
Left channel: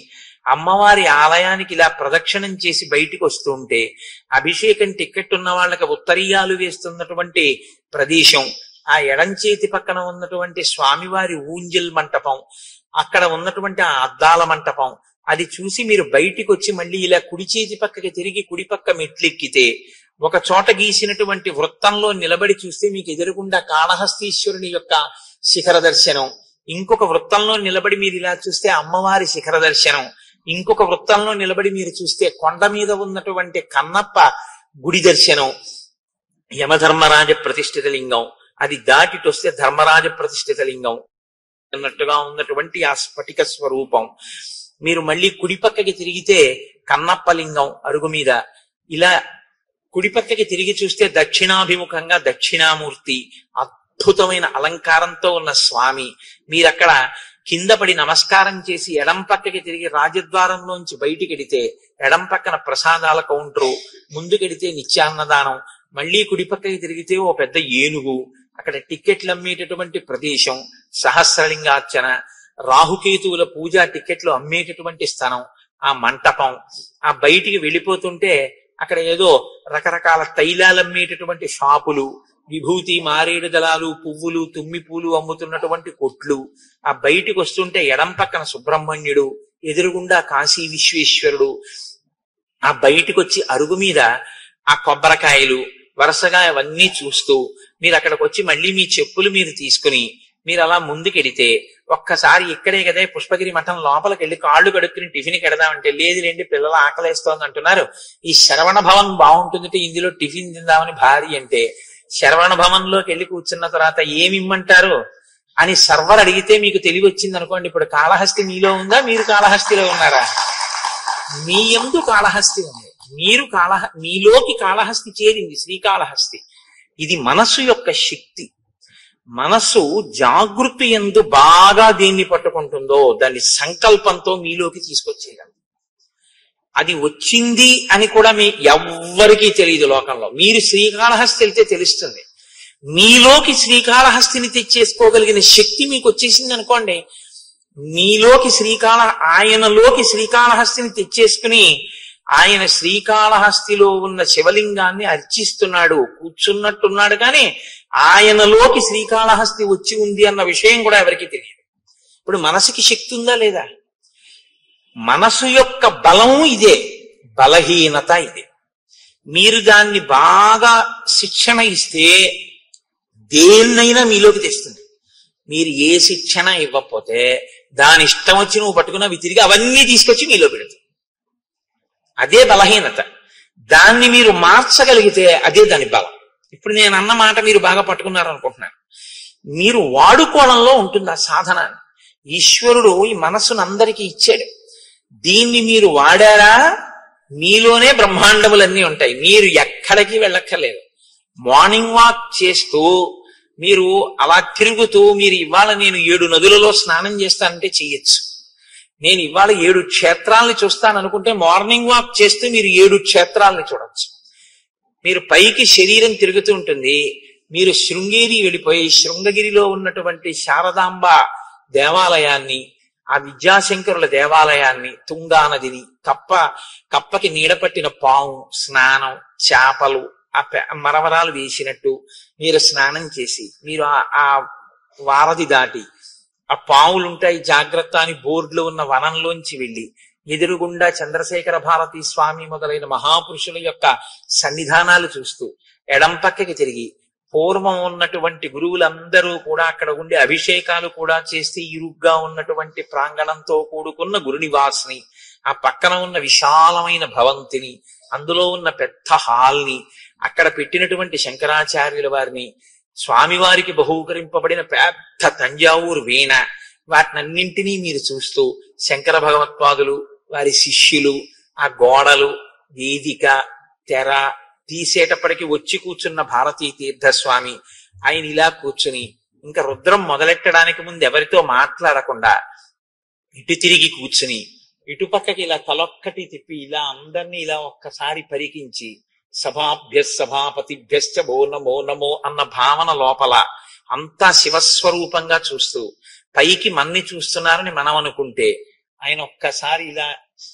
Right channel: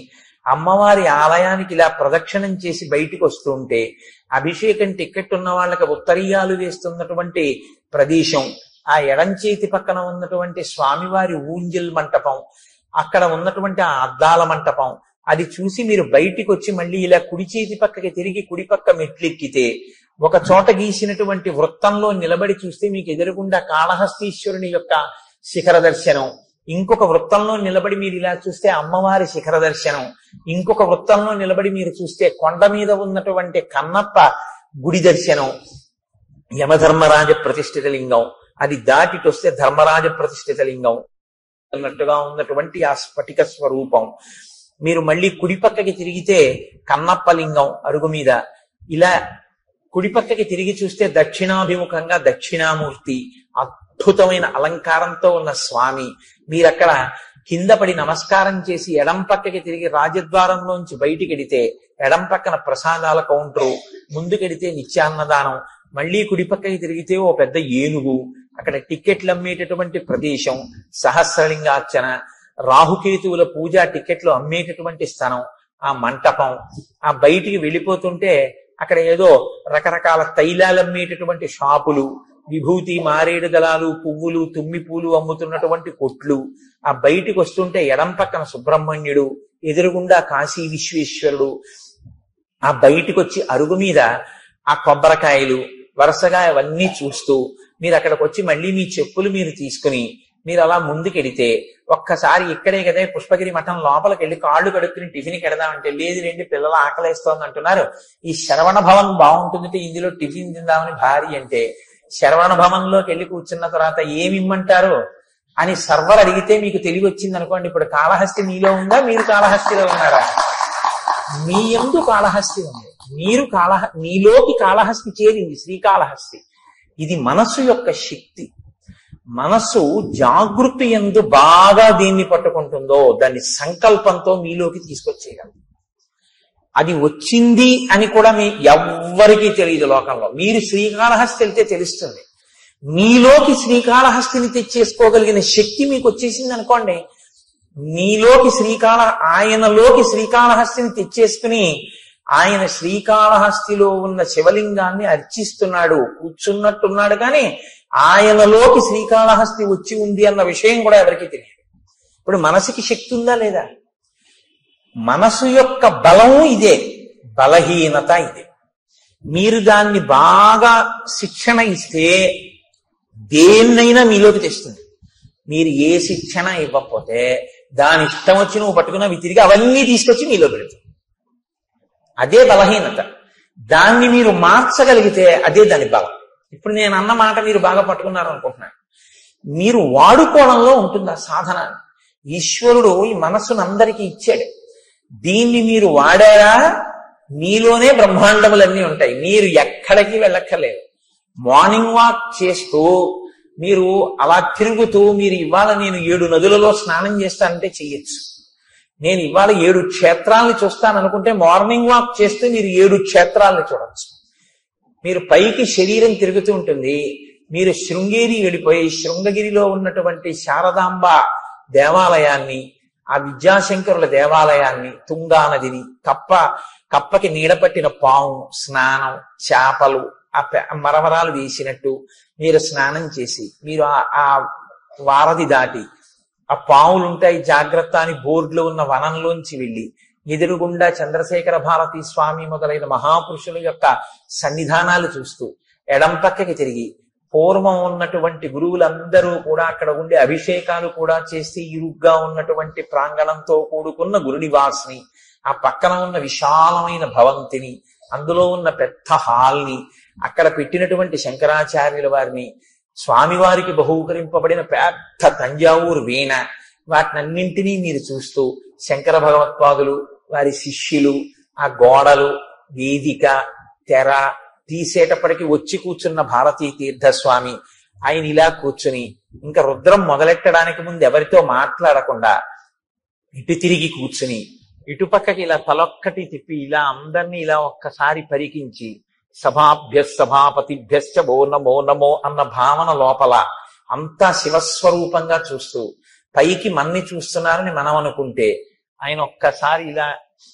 అమ్మవారి ఆలయానికి ఇలా ప్రదక్షిణం చేసి బయటికి వస్తూ ఉంటే అభిషేకం టికెట్ ఉన్న వాళ్ళకి ఉత్తరీయాలు వేస్తున్నటువంటి ప్రదేశం, ఆ ఎడం చేతి పక్కన ఉన్నటువంటి స్వామివారి ఊంజల్ మంటపం, అక్కడ ఉన్నటువంటి ఆ అద్దాల మంటపం, అది చూసి మీరు బయటికి వచ్చి మళ్ళీ ఇలా కుడి చేతి పక్కకి తిరిగి కుడి పక్క మెట్లెక్కితే ఒక చోట గీసినటువంటి వృత్తంలో నిలబడి చూస్తే మీకు ఎదురుగుండా కాళహస్తీశ్వరుని యొక్క శిఖర దర్శనం, ఇంకొక వృత్తంలో నిలబడి మీరు ఇలా చూస్తే అమ్మవారి శిఖర దర్శనం, ఇంకొక వృత్తంలో నిలబడి మీరు చూస్తే కొండ మీద ఉన్నటువంటి కన్నప్ప గుడి దర్శనం, యమధర్మరాజ ప్రతిష్ఠిత లింగం, అది దాటిటొస్తే ధర్మరాజ ప్రతిష్ఠిత లింగం అన్నట్టుగా ఉన్నటువంటి ఆ స్ఫటిక స్వరూపం, మీరు మళ్ళీ కుడి పక్కకి తిరిగితే కన్నప్ప లింగం అరుగు మీద, ఇలా కుడి పక్కకి తిరిగి చూస్తే దక్షిణాభిముఖంగా దక్షిణామూర్తి, అద్భుతమైన అలంకారంతో ఉన్న స్వామి, మీరక్కడ కింద పడి నమస్కారం చేసి ఎడం పక్కకి తిరిగి రాజద్వారంలోంచి బయటికి వెడితే ఎడం పక్కన ప్రసాదాల కౌంటరు, ముందుకెడితే నిత్యాన్నదానం, మళ్ళీ కుడి పక్కకి తిరిగితే ఓ పెద్ద ఏనుగు, అక్కడ టిక్కెట్లు అమ్మేటటువంటి ప్రదేశం, సహస్రలింగార్చన, రాహుకేతువుల పూజ టిక్కెట్లు అమ్మేటటువంటి స్థలం, ఆ మంటపం, ఆ బయటికి వెళ్ళిపోతుంటే అక్కడ ఏదో రకరకాల తైలాలు అమ్మేటటువంటి షాపులు, విభూతి మారేడు దళాలు పువ్వులు తుమ్మి పూలు అమ్ముతున్నటువంటి కొట్లు, ఆ బయటికి వస్తుంటే ఎడం పక్కన సుబ్రహ్మణ్యుడు, ఎదురుగుండా కాశీ విశ్వేశ్వరుడు, ఆ బయటికి వచ్చి అరుగు మీద ఆ కొబ్బరికాయలు వరుసగా అవన్నీ చూస్తూ మీరు అక్కడికి వచ్చి మళ్ళీ మీ చెప్పులు మీరు తీసుకుని మీరు అలా ముందుకెడితే ఒక్కసారి ఇక్కడే కదా పుష్పగిరి మఠం లోపలికి వెళ్ళి కాళ్ళు కడుక్కుని టిఫిన్కి వెడదామంటే లేదు లేండి పిల్లలు ఆకలేస్తోంది అంటున్నారు, ఈ శరవణ భవన్ బాగుంటుందంటే ఇందులో టిఫిన్ తిందామని భారీ అంటే శరవణ భవన్ లోకి వెళ్ళి కూర్చున్న తర్వాత ఏమిమ్మంటారు అని సర్వర్ అడిగితే మీకు తెలివి వచ్చింది అనుకోండి, ఇప్పుడు కాళహస్తి మీలో ఉందా, మీరు కాళహస్తిలో ఉన్నారా? మీ యందు కాళహస్తి ఉంది, మీరు మీలోకి కాళహస్తి చేరింది శ్రీకాళహస్తి. ఇది మనస్సు యొక్క శక్తి. మనస్సు జాగృతి యందు బాగా దేన్ని పట్టుకుంటుందో దాన్ని సంకల్పంతో మీలోకి తీసుకొచ్చేయాలి. అది వచ్చింది అని కూడా మీ ఎవ్వరికీ తెలియదు లోకంలో. మీరు శ్రీకాళహస్తి వెళ్తే తెలుస్తుంది. మీలోకి శ్రీకాళహస్తిని తెచ్చేసుకోగలిగిన శక్తి మీకు వచ్చేసింది అనుకోండి, మీలోకి ఆయనలోకి శ్రీకాళహస్తిని తెచ్చేసుకుని ఆయన శ్రీకాళహస్తిలో ఉన్న శివలింగాన్ని అర్చిస్తున్నాడు, కూర్చున్నట్టున్నాడు, కానీ ఆయనలోకి శ్రీకాళహస్తి వచ్చి ఉంది అన్న విషయం కూడా ఎవరికి తెలియదు. ఇప్పుడు మనసుకి శక్తి ఉందా లేదా? మనసు యొక్క బలం ఇదే, బలహీనత ఇదే. మీరు దాన్ని బాగా శిక్షణ ఇస్తే దేన్నైనా మీలోకి తెస్తుంది. మీరు ఏ శిక్షణ ఇవ్వకపోతే దాని ఇష్టం వచ్చి నువ్వు పట్టుకున్నా తిరిగి అవన్నీ తీసుకొచ్చి మీలో పెడుతుంది. అదే బలహీనత. దాన్ని మీరు మార్చగలిగితే అదే దాని బలం. ఇప్పుడు నేను అన్న మాట మీరు బాగా పట్టుకున్నారు అనుకుంటున్నాను. మీరు వాడుకోవడంలో ఉంటుంది ఆ సాధన. ఈశ్వరుడు ఈ మనస్సును అందరికీ ఇచ్చాడు. దీన్ని మీరు వాడారా మీలోనే బ్రహ్మాండములన్నీ ఉంటాయి. మీరు ఎక్కడికి వెళ్ళక్కర్లేదు. మార్నింగ్ వాక్ చేస్తూ మీరు అలా తిరుగుతూ మీరు ఇవాళ నేను 7 నదులలో స్నానం చేస్తానంటే చెయ్యొచ్చు. నేను ఇవాళ 7 క్షేత్రాలని చూస్తాను అనుకుంటే మార్నింగ్ వాక్ చేస్తే మీరు 7 క్షేత్రాలని చూడొచ్చు. మీరు పైకి శరీరం తిరుగుతూ ఉంటుంది, మీరు శృంగేరి వెళ్ళిపోయి శృంగగిరిలో ఉన్నటువంటి శారదాంబ దేవాలయాన్ని, ఆ విద్యాశంకరుల దేవాలయాన్ని, తుంగా నదిని, కప్పకి నీడపట్టిన పాము, స్నానం, చేపలు, మరమరాలు వేసినట్టు మీరు స్నానం చేసి మీరు ఆ వారధి దాటి ఆ పావులుంటాయి జాగ్రత్త అని బోర్డులో ఉన్న వనంలోంచి వెళ్ళి ఎదురుగుండా చంద్రశేఖర భారతీ స్వామి మొదలైన మహాపురుషుల యొక్క సన్నిధానాలు చూస్తూ ఎడం పక్కకి తిరిగి పూర్వం ఉన్నటువంటి గురువులందరూ కూడా అక్కడ ఉండే అభిషేకాలు కూడా చేస్తే ఇరుగ్గా ఉన్నటువంటి ప్రాంగణంతో కూడుకున్న గురునివాసిని, ఆ పక్కన ఉన్న విశాలమైన భవంతిని, అందులో ఉన్న పెద్ద హాల్ని, అక్కడ పెట్టినటువంటి శంకరాచార్యుల వారిని, స్వామివారికి బహూకరింపబడిన పెద్ద తంజావూరు వీణ, వాటినన్నింటినీ మీరు చూస్తూ శంకర భగవత్పాదులు, వారి శిష్యులు, ఆ గోడలు, వేదిక, తెర తీసేటప్పటికి వచ్చి కూర్చున్న భారతీ తీర్థస్వామి, ఆయన ఇలా కూర్చుని ఇంకా రుద్రం మొదలెట్టడానికి ముందు ఎవరితో మాట్లాడకుండా ఇటు తిరిగి కూర్చుని ఇటుపక్కకి ఇలా తలొక్కటి తిప్పి ఇలా అందరినీ ఇలా ఒక్కసారి పరికించి సభాభ్య సభాపతిభ్యశ్చ ఓ నమో నమో అన్న భావన లోపల అంతా శివస్వరూపంగా చూస్తూ పైకి మన్ని చూస్తున్నారని మనం అనుకుంటే ఆయన ఒక్కసారి ఇలా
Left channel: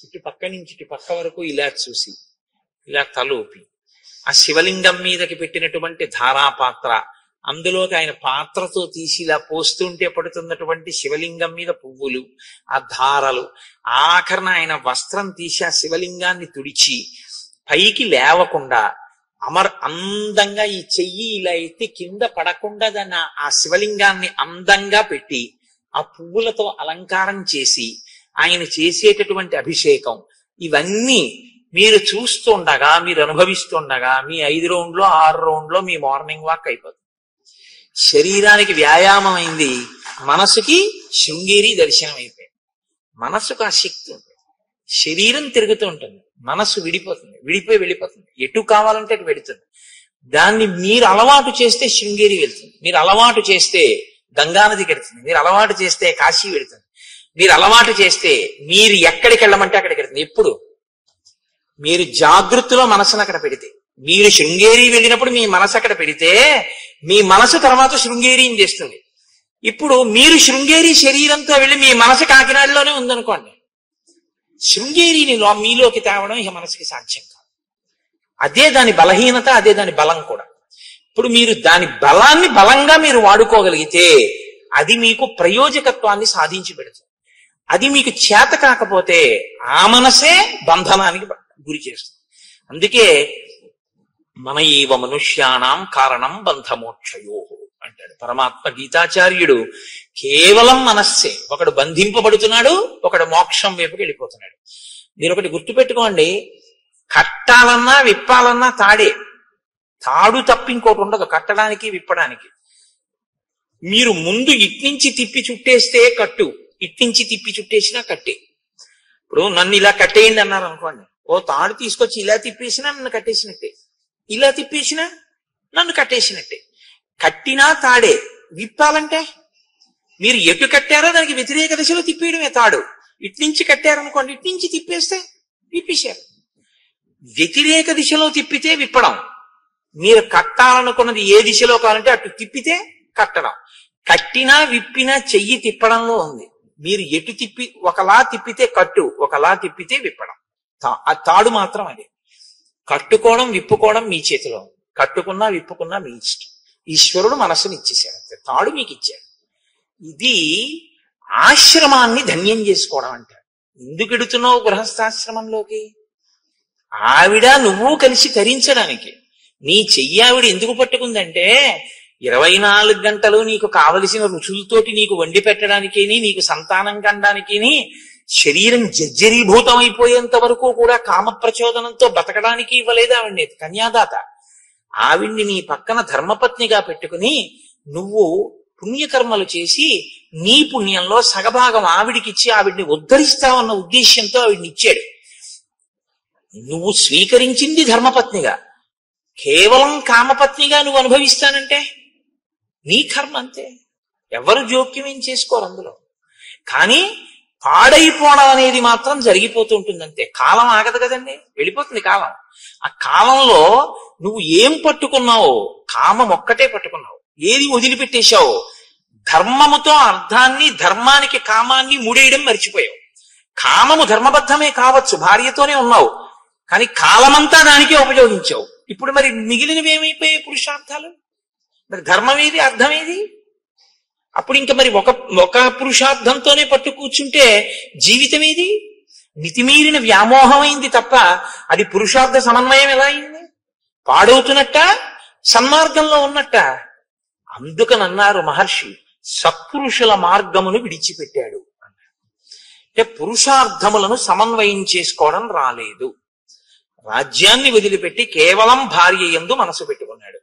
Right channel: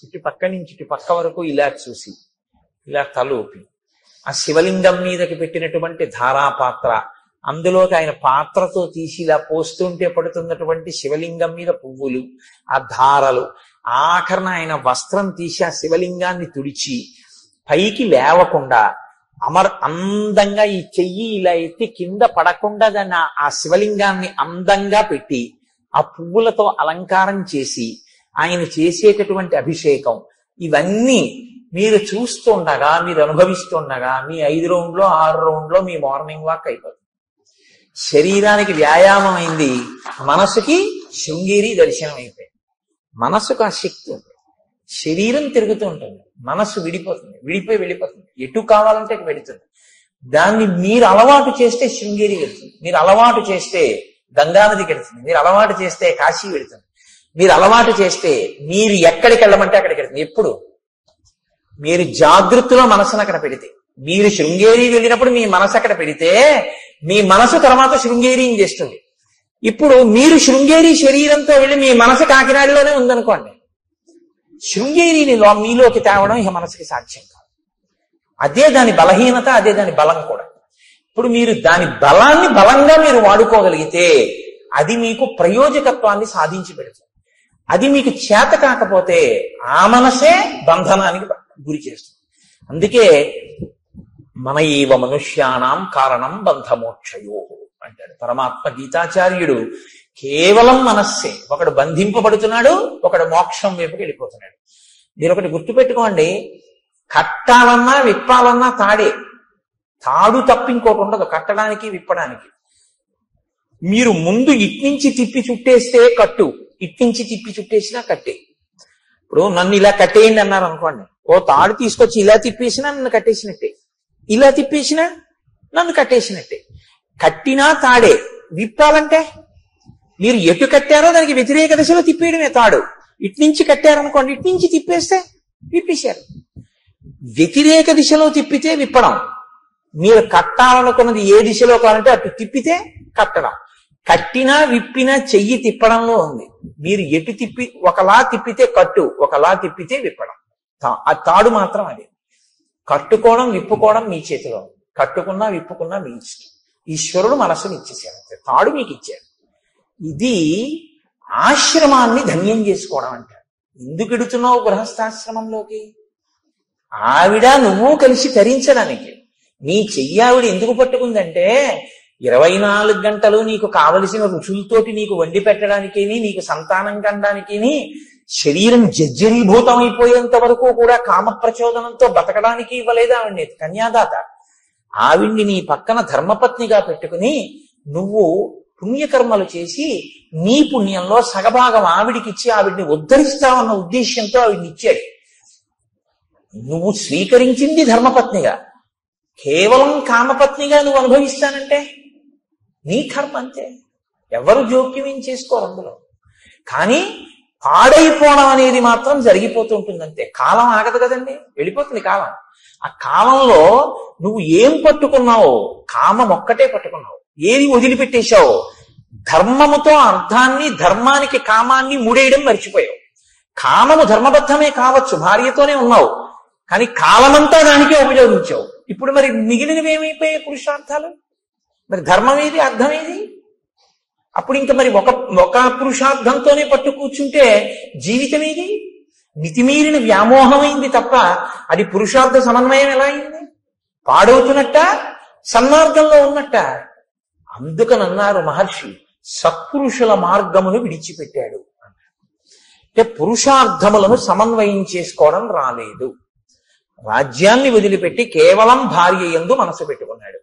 ఇటు పక్క నుంచి ఇటు పక్క వరకు ఇలా చూసి ఇలా తలూపి ఆ శివలింగం మీదకి పెట్టినటువంటి ధారాపాత్ర, అందులోకి ఆయన పాత్రతో తీసి ఇలా పోస్తుంటే పడుతున్నటువంటి శివలింగం మీద పువ్వులు, ఆ ధారలు, ఆఖరణ ఆయన వస్త్రం తీసి ఆ శివలింగాన్ని తుడిచి పైకి లేవకుండా అందంగా ఈ చెయ్యి ఇలా ఎత్తి కింద పడకుండా దాన్ని ఆ శివలింగాన్ని అందంగా పెట్టి ఆ పువ్వులతో అలంకారం చేసి ఆయన చేసేటటువంటి అభిషేకం, ఇవన్నీ మీరు చూస్తుండగా, మీరు అనుభవిస్తుండగా మీ 5 రౌండ్లో 6 రౌండ్లో మీ మార్నింగ్ వాక్ అయిపోతుంది. శరీరానికి వ్యాయామం అయింది, మనసుకి శృంగేరి దర్శనం అయిపోయింది. మనసుకు ఆ శక్తి ఉంది, శరీరం తిరుగుతూ ఉంటుంది, మనసు విడిపోతుంది, వెళ్ళిపోతుంది, ఎటు కావాలంటే అటు వెళుతుంది. దాన్ని మీరు అలవాటు చేస్తే శృంగేరి వెళ్తుంది, మీరు అలవాటు చేస్తే గంగానదికి వెళ్తుంది, మీరు అలవాటు చేస్తే కాశీ వెళుతుంది, మీరు అలవాటు చేస్తే మీరు ఎక్కడికి వెళ్ళమంటే అక్కడికి వెళ్తుంది. ఎప్పుడు మీరు జాగృతిలో మనసును అక్కడ పెడితే, మీరు శృంగేరి వెళ్ళినప్పుడు మీ మనసు అక్కడ పెడితే మీ మనసు తర్వాత శృంగేరిని చేస్తుంది. ఇప్పుడు మీరు శృంగేరి శరీరంతో వెళ్ళి మీ మనసు కాకినాడలోనే ఉందనుకోండి, శృంగేరిని మీలోకి తేవడం ఇక మనసుకి సాధ్యం కాదు. అదే దాని బలహీనత, అదే దాని బలం కూడా. ఇప్పుడు మీరు దాని బలాన్ని బలంగా మీరు వాడుకోగలిగితే అది మీకు ప్రయోజకత్వాన్ని సాధించి పెడుతుంది. అది మీకు చేత కాకపోతే ఆ మనసే బంధనానికి గురి చేస్తుంది. అందుకే మన ఏవ మనుష్యానాం కారణం బంధమోక్షయో అంటాడు పరమాత్మ గీతాచార్యుడు. కేవలం మనస్సే, ఒకడు బంధింపబడుతున్నాడు, ఒకడు మోక్షం వైపుకి వెళ్ళిపోతున్నాడు. మీరు ఒకటి గుర్తుపెట్టుకోండి, కట్టాలన్నా విప్పాలన్నా తాడు తప్ప ఇంకోటి ఉండదు కట్టడానికి విప్పడానికి. మీరు ముందు ఇట్నుంచి తిప్పి చుట్టేస్తే కట్టు, ఇట్నుంచి తిప్పి చుట్టేసినా కట్టే. ఇప్పుడు నన్ను ఇలా కట్టేయండి అన్నారు అనుకోండి, ఓ తాడు తీసుకొచ్చి ఇలా తిప్పేసినా నన్ను కట్టేసినట్టే, ఇలా తిప్పేసినా నన్ను కట్టేసినట్టే. కట్టినా తాడే, విప్పాలంటే మీరు ఎటు కట్టారో దానికి వ్యతిరేక దిశలో తిప్పేయడమే తాడు. ఇట్నుంచి కట్టారనుకోండి, ఇట్నుంచి తిప్పేస్తే విప్పేశారు. వ్యతిరేక దిశలో తిప్పితే విప్పడం, మీరు కట్టాలనుకున్నది ఏ దిశలో కావాలంటే అటు తిప్పితే కట్టడం. కట్టినా విప్పినా చెయ్యి తిప్పడంలో ఉంది. మీరు ఎటు తిప్పి, ఒకలా తిప్పితే కట్టు, ఒకలా తిప్పితే విప్పడం. ఆ తాడు మాత్రం అది. కట్టుకోవడం విప్పుకోవడం మీ చేతిలో, కట్టుకున్నా విప్పుకున్నా మీ ఇష్టం. ఈశ్వరుడు మనస్సుని ఇచ్చేసాడు, తాడు మీకు ఇచ్చాడు. ఇది ఆశ్రమాన్ని ధన్యం చేసుకోవడం అంటారు. ఎందుకు ఎడుతున్నావు గృహస్థాశ్రమంలోకి? ఆవిడ నువ్వు కలిసి తరించడానికి. నీ చెయ్యి ఆవిడ ఎందుకు పట్టుకుందంటే 24 గంటలు నీకు కావలసిన రుచులతోటి నీకు వండి పెట్టడానికి, నీకు సంతానం కనడానికి, శరీరం జర్జరీభూతం అయిపోయేంత వరకు కూడా కామ ప్రచోదనంతో బతకడానికి ఇవ్వలేదు ఆవిడ్ని కన్యాదాత. ఆవిడ్ని నీ పక్కన ధర్మపత్నిగా పెట్టుకుని నువ్వు పుణ్యకర్మలు చేసి నీ పుణ్యంలో సగభాగం ఆవిడికిచ్చి ఆవిడ్ని ఉద్ధరిస్తావన్న ఉద్దేశ్యంతో ఆవిడ్ని ఇచ్చాడు. నువ్వు స్వీకరించింది ధర్మపత్నిగా, కేవలం కామపత్నిగా నువ్వు అనుభవిస్తానంటే నీ కర్మ అంతే, ఎవరు జోక్యం ఏం చేసుకోరు అందులో. కానీ పాడైపోవడం అనేది మాత్రం జరిగిపోతూ ఉంటుంది అంతే. కాలం ఆగదు కదండి, వెళ్ళిపోతుంది కాలం. ఆ కాలంలో నువ్వు ఏం పట్టుకున్నావో, కామం ఒక్కటే పట్టుకున్నావు, ఏది వదిలిపెట్టేశావో, ధర్మముతో అర్థాన్ని, ధర్మానికి కామాన్ని ముడేయడం మర్చిపోయావు. కామము ధర్మబద్ధమే కావచ్చు, భార్యతోనే ఉన్నావు, కానీ కాలమంతా దానికే ఉపయోగించావు. ఇప్పుడు మరి మిగిలినవి ఏమైపోయాయి పురుషార్థాలు? మరి ధర్మం ఏది, అర్థం ఏది? అప్పుడు ఇంకా మరి ఒక పురుషార్థంతోనే పట్టు కూర్చుంటే జీవితం ఏది? మితిమీరిన వ్యామోహమైంది తప్ప అది పురుషార్థ సమన్వయం ఎలా అయింది? పాడవుతున్నట్ట, సన్మార్గంలో ఉన్నట్ట. అందుకనన్నారు మహర్షి, సత్పురుషుల మార్గమును విడిచిపెట్టాడు. అంటే పురుషార్థములను సమన్వయం చేసుకోవడం రాలేదు. రాజ్యాన్ని వదిలిపెట్టి కేవలం భార్య యందు మనసు పెట్టుకున్నాడు.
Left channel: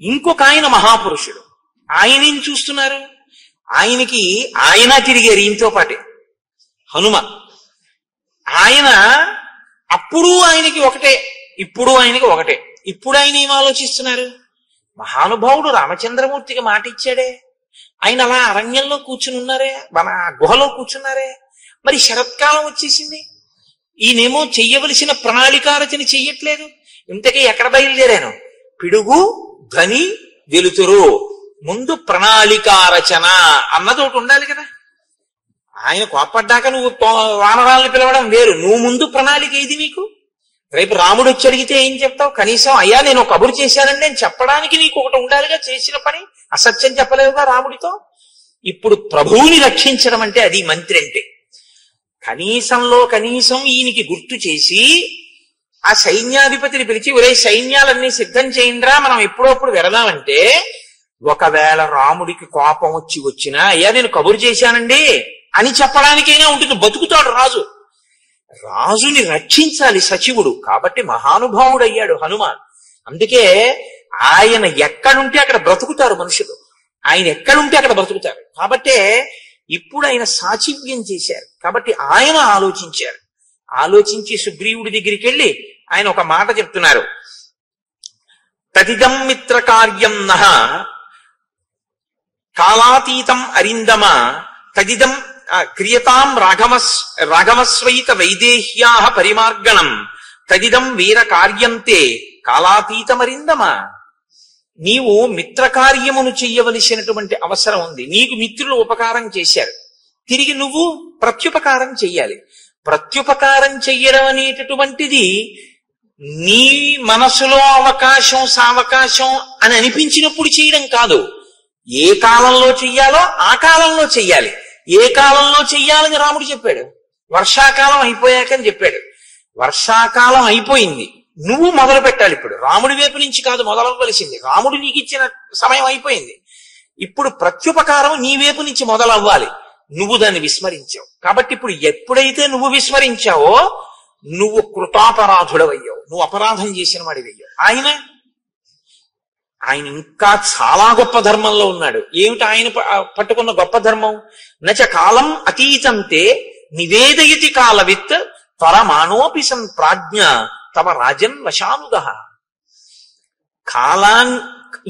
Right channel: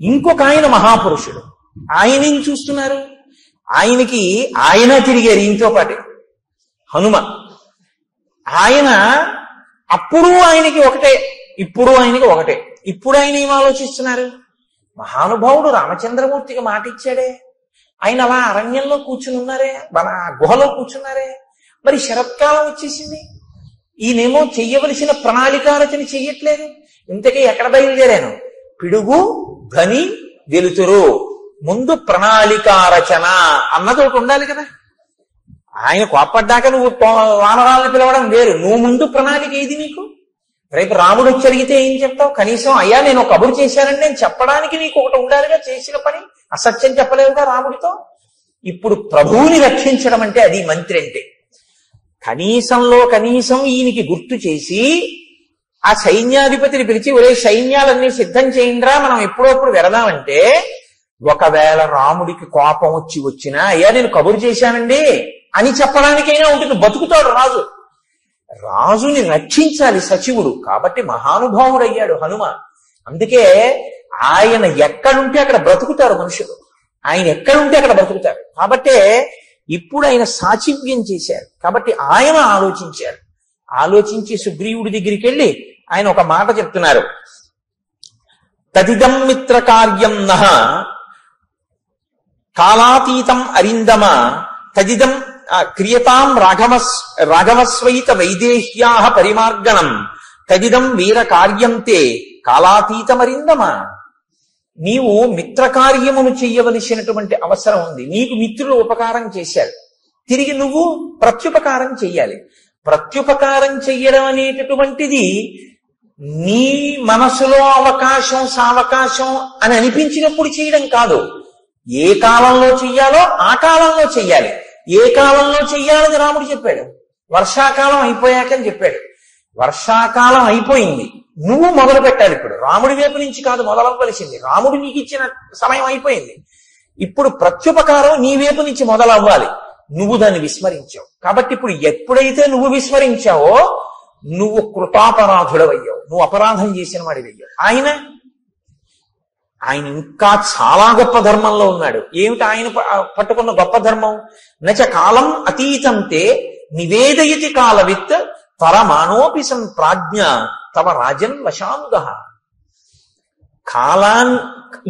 ఇంకొక ఆయన మహాపురుషుడు, ఆయన ఏం చూస్తున్నారు? ఆయన తిరిగారు ఈయనతో పాటే, హనుమ. ఆయన అప్పుడు ఆయనకి ఒకటే, ఇప్పుడు ఆయనకి ఒకటే. ఇప్పుడు ఆయన ఏం ఆలోచిస్తున్నారు? మహానుభావుడు రామచంద్రమూర్తికి మాట ఇచ్చాడే, ఆయన అలా అరణ్యంలో కూర్చుని ఉన్నారే, మన గుహలో కూర్చున్నారే, మరి శరత్కాలం వచ్చేసింది, ఈయనేమో చెయ్యవలసిన ప్రణాళికారచన చెయ్యట్లేదు. ఇంతకీ ఎక్కడ బయలుదేరాను? పిడుగు ధ్వని వెలుతురు, ముందు ప్రణాళికారచన అన్నది ఒకటి ఉండాలి కదా. ఆయన కోప్పడ్డాక నువ్వు వానరాలను పిలవడం వేరు, నువ్వు ముందు ప్రణాళిక ఏది నీకు? రేపు రాముడు వచ్చి అడిగితే ఏం చెప్తావు? కనీసం అయ్యా నేను కబురు చేశానండి అని చెప్పడానికి నీకు ఒకటి ఉండాలిగా, చేసిన పని. అసత్యం చెప్పలేదుగా రాముడితో. ఇప్పుడు ప్రభువుని రక్షించడం అంటే అది మంత్రి అంటే. కనీసంలో కనీసం ఈయనకి గుర్తు చేసి ఆ సైన్యాధిపతిని పిలిచి, ఒరే సైన్యాలన్నీ సిద్ధం చేయండిరా, మనం ఎప్పుడప్పుడు వెళదామంటే, ఒకవేళ రాముడికి కోపం వచ్చినా అయ్యా నేను కబురు చేశానండి అని చెప్పడానికైనా ఉంటుంది. బతుకుతాడు రాజు. రాజుని రక్షించాలి సచివుడు. కాబట్టి మహానుభావుడు అయ్యాడు హనుమ. అందుకే ఆయన ఎక్కడుంటే అక్కడ బ్రతుకుతారు మనుషులు, ఆయన ఎక్కడుంటే అక్కడ బ్రతుకుతారు. కాబట్టే ఇప్పుడు ఆయన సాచివ్యం చేశారు. కాబట్టి ఆయన ఆలోచించారు. ఆలోచించి సుగ్రీవుడి దగ్గరికి వెళ్ళి ఆయన ఒక మాట చెప్తున్నారు. తదిదం మిత్ర కార్యం నహ కాలాతీతం అరిందమ తదిదం క్రియతాం రాఘవస్వైత వైదేహ్యా పరిమార్గణం తదిదం వీర కార్యంతే కాలాతీతమరిందమ. నీవు మిత్రకార్యమును చెయ్యవలసినటువంటి అవసరం ఉంది. నీకు మిత్రులు ఉపకారం చేశారు, తిరిగి నువ్వు ప్రత్యుపకారం చెయ్యాలి. ప్రత్యుపకారం చెయ్యడం అనేటటువంటిది నీ మనసులో అవకాశం సావకాశం అని అనిపించినప్పుడు చేయడం కాదు. ఏ కాలంలో చెయ్యాలో ఆ కాలంలో చెయ్యాలి. ఏ కాలంలో చెయ్యాలని రాముడు చెప్పాడు? వర్షాకాలం అయిపోయాకని చెప్పాడు. వర్షాకాలం అయిపోయింది, నువ్వు మొదలు పెట్టాలి. ఇప్పుడు రాముడి వైపు నుంచి కాదు మొదలవ్వవలసింది, రాముడు నీకు ఇచ్చిన సమయం అయిపోయింది. ఇప్పుడు ప్రత్యుపకారం నీ వైపు నుంచి మొదలవ్వాలి. నువ్వు దాన్ని విస్మరించావు. కాబట్టి ఇప్పుడు ఎప్పుడైతే నువ్వు విస్మరించావో నువ్వు కృతాపరాధుడవయ్యావు, నువ్వు అపరాధం చేసిన వాడివయ్యావు. ఆయన ఇంకా చాలా గొప్ప ధర్మంలో ఉన్నాడు. ఏమిటి ఆయన పట్టుకున్న గొప్ప ధర్మం? నచ కాలం అతీతంతే నివేదయతి కాలవిత్ పరమాణోపి సన్ ప్రాజ్ఞ తవ రాజన్ వశానుద.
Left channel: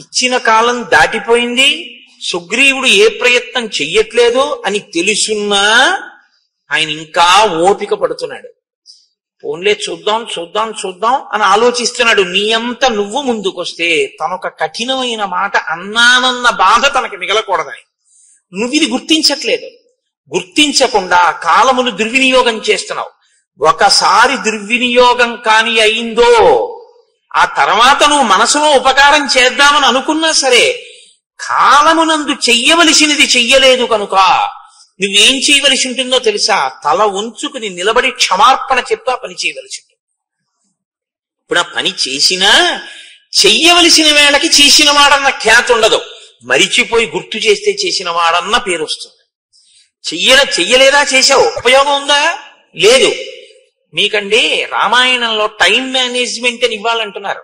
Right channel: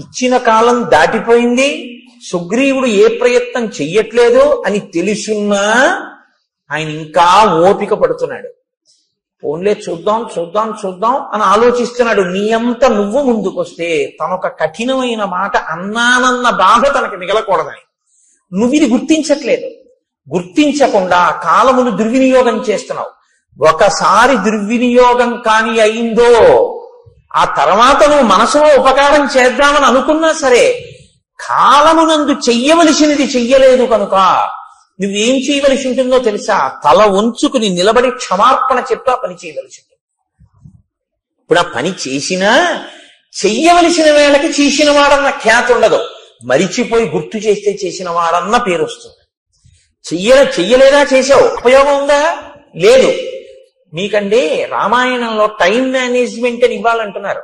ఇచ్చిన కాలం దాటిపోయింది, సుగ్రీవుడు ఏ ప్రయత్నం చెయ్యట్లేదు అని తెలుసున్నా ఆయన ఇంకా ఓపిక పడుతున్నాడు. పోన్లే చూద్దాం చూద్దాం చూద్దాం అని ఆలోచిస్తున్నాడు. నీ అంత నువ్వు ముందుకొస్తే తనొక కఠినమైన మాట అన్నానన్న బాధ తనకి మిగలకూడదని నువ్వు ఇది గుర్తించట్లేదు. గుర్తించకుండా కాలమును దుర్వినియోగం చేస్తున్నావు. ఒకసారి దుర్వినియోగం కాని అయిందో ఆ తర్వాత నువ్వు మనసులో ఉపకారం చేద్దామని అనుకున్నా సరే కాలమునందు చెయ్యవలసినది చెయ్యలేదు కనుక నువ్వేం చేయవలసి ఉంటుందో తెలుసా? తల ఉంచుకుని నిలబడి క్షమార్పణ చెప్తా పని చేయవలసి ఉంటుంది. ఇప్పుడు ఆ పని చేసినా చెయ్యవలసిన వేళకి చేసిన వాడన్న ఖ్యాతి ఉండదు, మరిచిపోయి గుర్తు చేస్తే చేసిన వాడన్న పేరు వస్తుంది. చెయ్యలేదా? చేశావు, ఉపయోగం ఉందా? లేదు. మీకండి రామాయణంలో టైం మేనేజ్మెంట్ అని ఇవ్వాలంటున్నారు.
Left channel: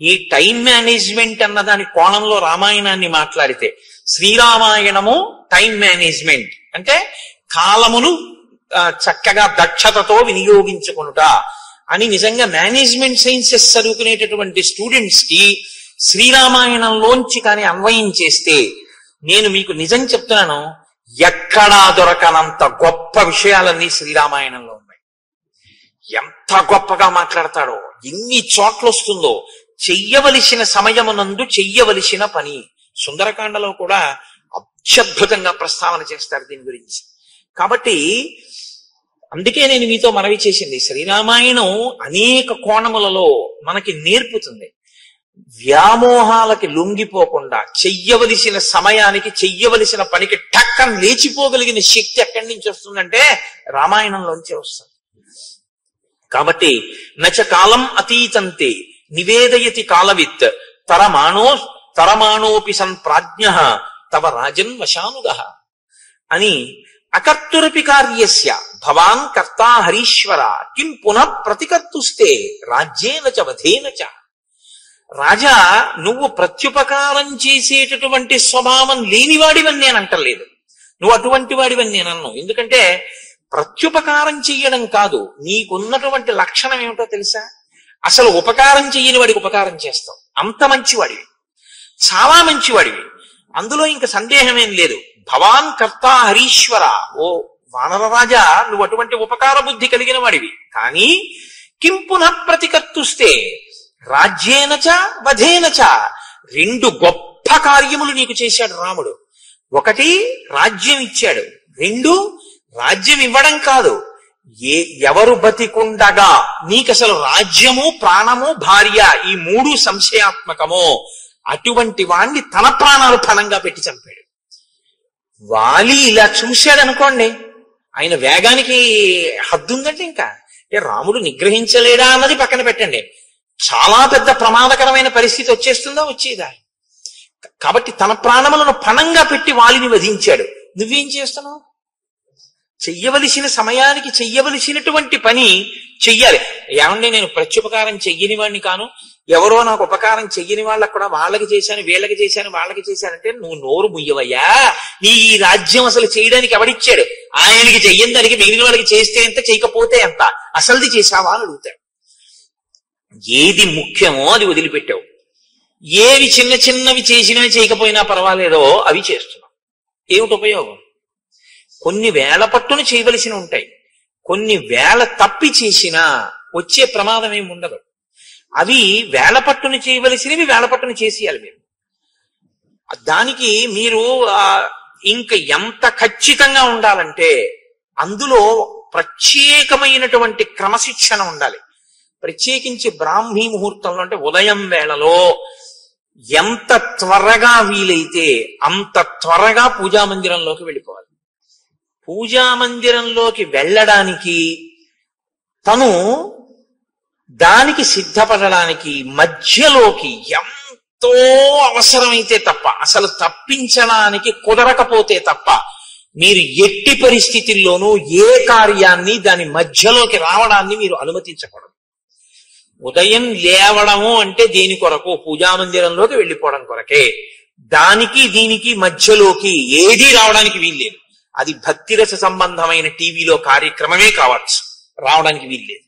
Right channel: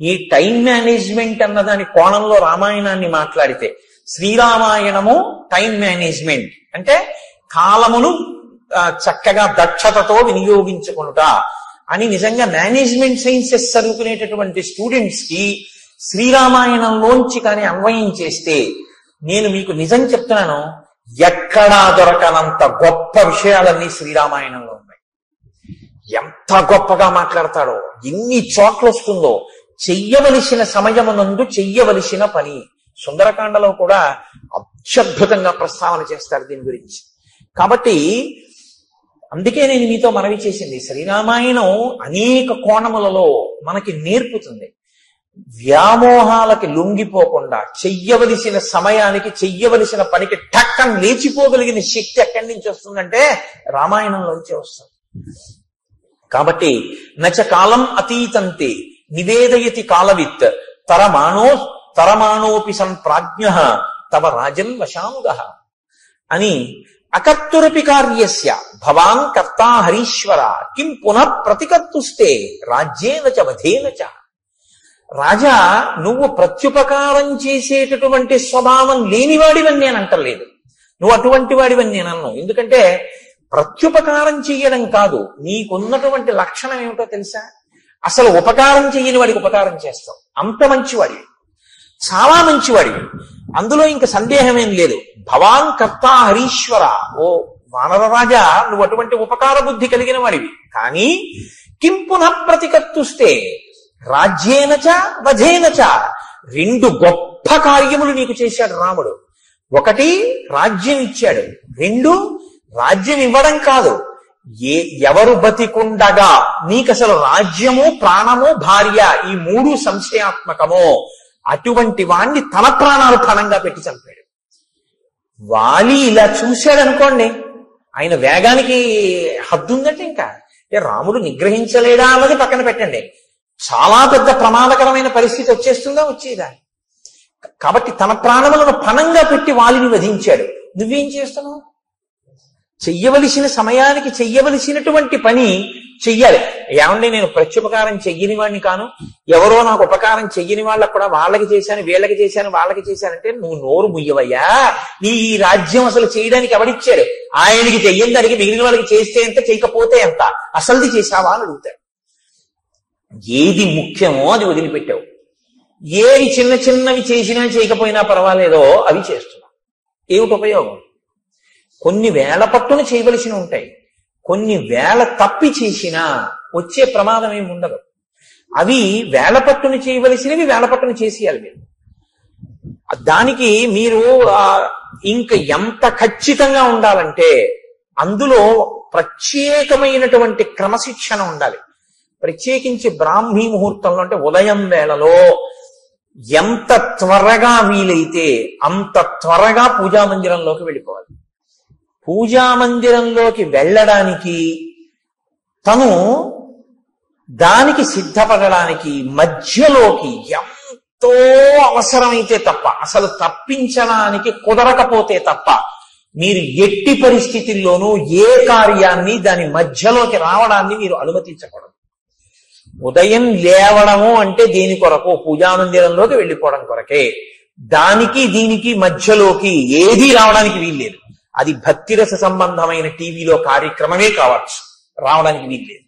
ఈ టైం మేనేజ్మెంట్ అన్న దాని కోణంలో రామాయణాన్ని మాట్లాడితే శ్రీరామాయణము టైం మేనేజ్మెంట్ అంటే కాలమును చక్కగా దక్షతతో వినియోగించుకుంటా అని నిజంగా మేనేజ్మెంట్ సైన్సెస్ చదువుకునేటటువంటి స్టూడెంట్స్ కి శ్రీరామాయణంలోంచి కానీ అన్వయం చేస్తే నేను మీకు నిజం చెప్తున్నాను, ఎక్కడా దొరకనంత గొప్ప విషయాలన్నీ శ్రీరామాయణంలో ఉన్నాయి. ఎంత గొప్పగా మాట్లాడతాడో, ఎన్ని చోట్ల వస్తుందో. చెయ్యవలసిన సమయమునందు చెయ్యవలసిన పని. సుందరకాండలో కూడా అత్యద్భుతంగా ప్రస్తావన చేస్తాడు దీని గురించి. కాబట్టి అందుకే నేను మీతో మనవి చేసింది, శ్రీరామాయణం అనేక కోణములలో మనకి నేర్పుతుంది. వ్యామోహాలకి లొంగిపోకుండా చెయ్యవలసిన సమయానికి చెయ్యవలసిన పనికి టక్కన లేచిపోగలిగిన శక్తి ఎక్కడి నుంచి వస్తుందంటే రామాయణంలోంచి వస్తుంది. కాబట్టి నచ కాలం అతీతంతే నివేదయతి కాలవిత్ తరమాణోపి సన్ ప్రాజ్ఞ తవ రాజన్ వశానుగః అని అకర్తురపి కార్యస్య భవాన్ కర్తా హరీశ్వర కిం పునః ప్రతికర్తుస్తే రాజ్యేన చ వధేన చ. రాజా, నువ్వు ప్రత్యుపకారం చేసేటటువంటి స్వభావం లేనివాడివని నేను అంటలేదు, నువ్వు అటువంటి వాడివని నేను అన్నాను. ఎందుకంటే ప్రత్యుపకారం చెయ్యడం కాదు, నీకున్నటువంటి లక్షణం ఏమిటో తెలుసా? అసలు ఉపకారం చెయ్యని వాడికి ఉపకారం చేస్తావు. అంత మంచివాడివి, చాలా మంచివాడివి, అందులో ఇంక సందేహమేం లేదు. భవాన్ కర్తా హరీశ్వర, ఓ వానర రాజా, నువ్వు అటువంటి ఉపకార బుద్ధి కలిగిన వాడివి. కానీ కిం పునః ప్రతికర్తుస్తే రాజ్యేనచ వధేనచ, రెండు గొప్ప కార్యములు నీకు చేశాడు రాముడు. ఒకటి రాజ్యం ఇచ్చాడు, రెండు రాజ్యం ఇవ్వడం కాదు, ఎవరు బతికుండగా నీకు అసలు రాజ్యము ప్రాణము భార్య ఈ మూడు సంశయాత్మకమో అటువంటి వాణ్ణి తన ప్రాణాలు పణంగా పెట్టి చంపాడు. వాలి ఇలా చూశాడు అనుకోండి, ఆయన వేగానికి హద్దు ఉందంటే ఇంకా రాముడు నిగ్రహించలేడా అన్నది పక్కన పెట్టండి, చాలా పెద్ద ప్రమాదకరమైన పరిస్థితి వచ్చేస్తుందా, వచ్చేదా. కాబట్టి తన ప్రాణములను పణంగా పెట్టి వాలిని వధించాడు. నువ్వేం చేస్తున్నావు? చెయ్యవలసిన సమయానికి చెయ్యవలసినటువంటి పని చెయ్యాలి. ఏమండి, నేను ప్రత్యుపకారం చెయ్యని వాడిని కాను, ఎవరో నాకు ఉపకారం చెయ్యని వాళ్ళకు కూడా వాళ్ళకి చేశాను, వీళ్ళకి చేశాను, వాళ్ళకి చేశానంటే నువ్వు నోరు ముయ్యవయ్యా. నీ ఈ రాజ్యం అసలు చేయడానికి ఎవడిచ్చాడు? ఆయనకి చెయ్యని దానికి మిగిలిన వాళ్ళకి చేస్తే ఎంత, చేయకపోతే ఎంత, అసలుది చేశావా అని అడుగుతాడు. ఏది ముఖ్యమో అది వదిలిపెట్టావు, ఏవి చిన్న చిన్నవి చేసినా చేయకపోయినా పర్వాలేదో అవి చేస్తున్నావు. ఏమిటి ఉపయోగం? కొన్ని వేళ పట్టున చేయవలసి ఉంటాయి, కొన్ని వేళ తప్పి చేసినా వచ్చే ప్రమాదం ఏమి ఉండదు. అవి వేళ పట్టున చేయవలసినవి వేళ పట్టున చేసేయాలి మీరు. దానికి మీరు ఇంక ఎంత ఖచ్చితంగా ఉండాలంటే అందులో ప్రత్యేకమైనటువంటి క్రమశిక్షణ ఉండాలి. ప్రత్యేకించి బ్రాహ్మీ ముహూర్తంలో అంటే ఉదయం వేళలో ఎంత త్వరగా వీలైతే అంత త్వరగా పూజామందిరంలోకి వెళ్ళిపోవాలి. పూజామందిరంలోకి వెళ్ళడానికి తను దానికి సిద్ధపడడానికి మధ్యలోకి ఎంతో అవసరమైతే తప్ప, అసలు తప్పించడానికి కుదరకపోతే తప్ప మీరు ఎట్టి పరిస్థితుల్లోనూ ఏ కార్యాన్ని దాని మధ్యలోకి రావడాన్ని మీరు అనుమతించకూడదు. ఉదయం లేవడము అంటే దేని కొరకు? పూజామందిరంలోకి వెళ్ళిపోవడం కొరకే. దానికి దీనికి మధ్యలోకి ఏదీ రావడానికి వీల్లేదు. అది భక్తిరస సంబంధమైన టీవీలో కార్యక్రమమే కావచ్చు, రావడానికి వీల్లేదు.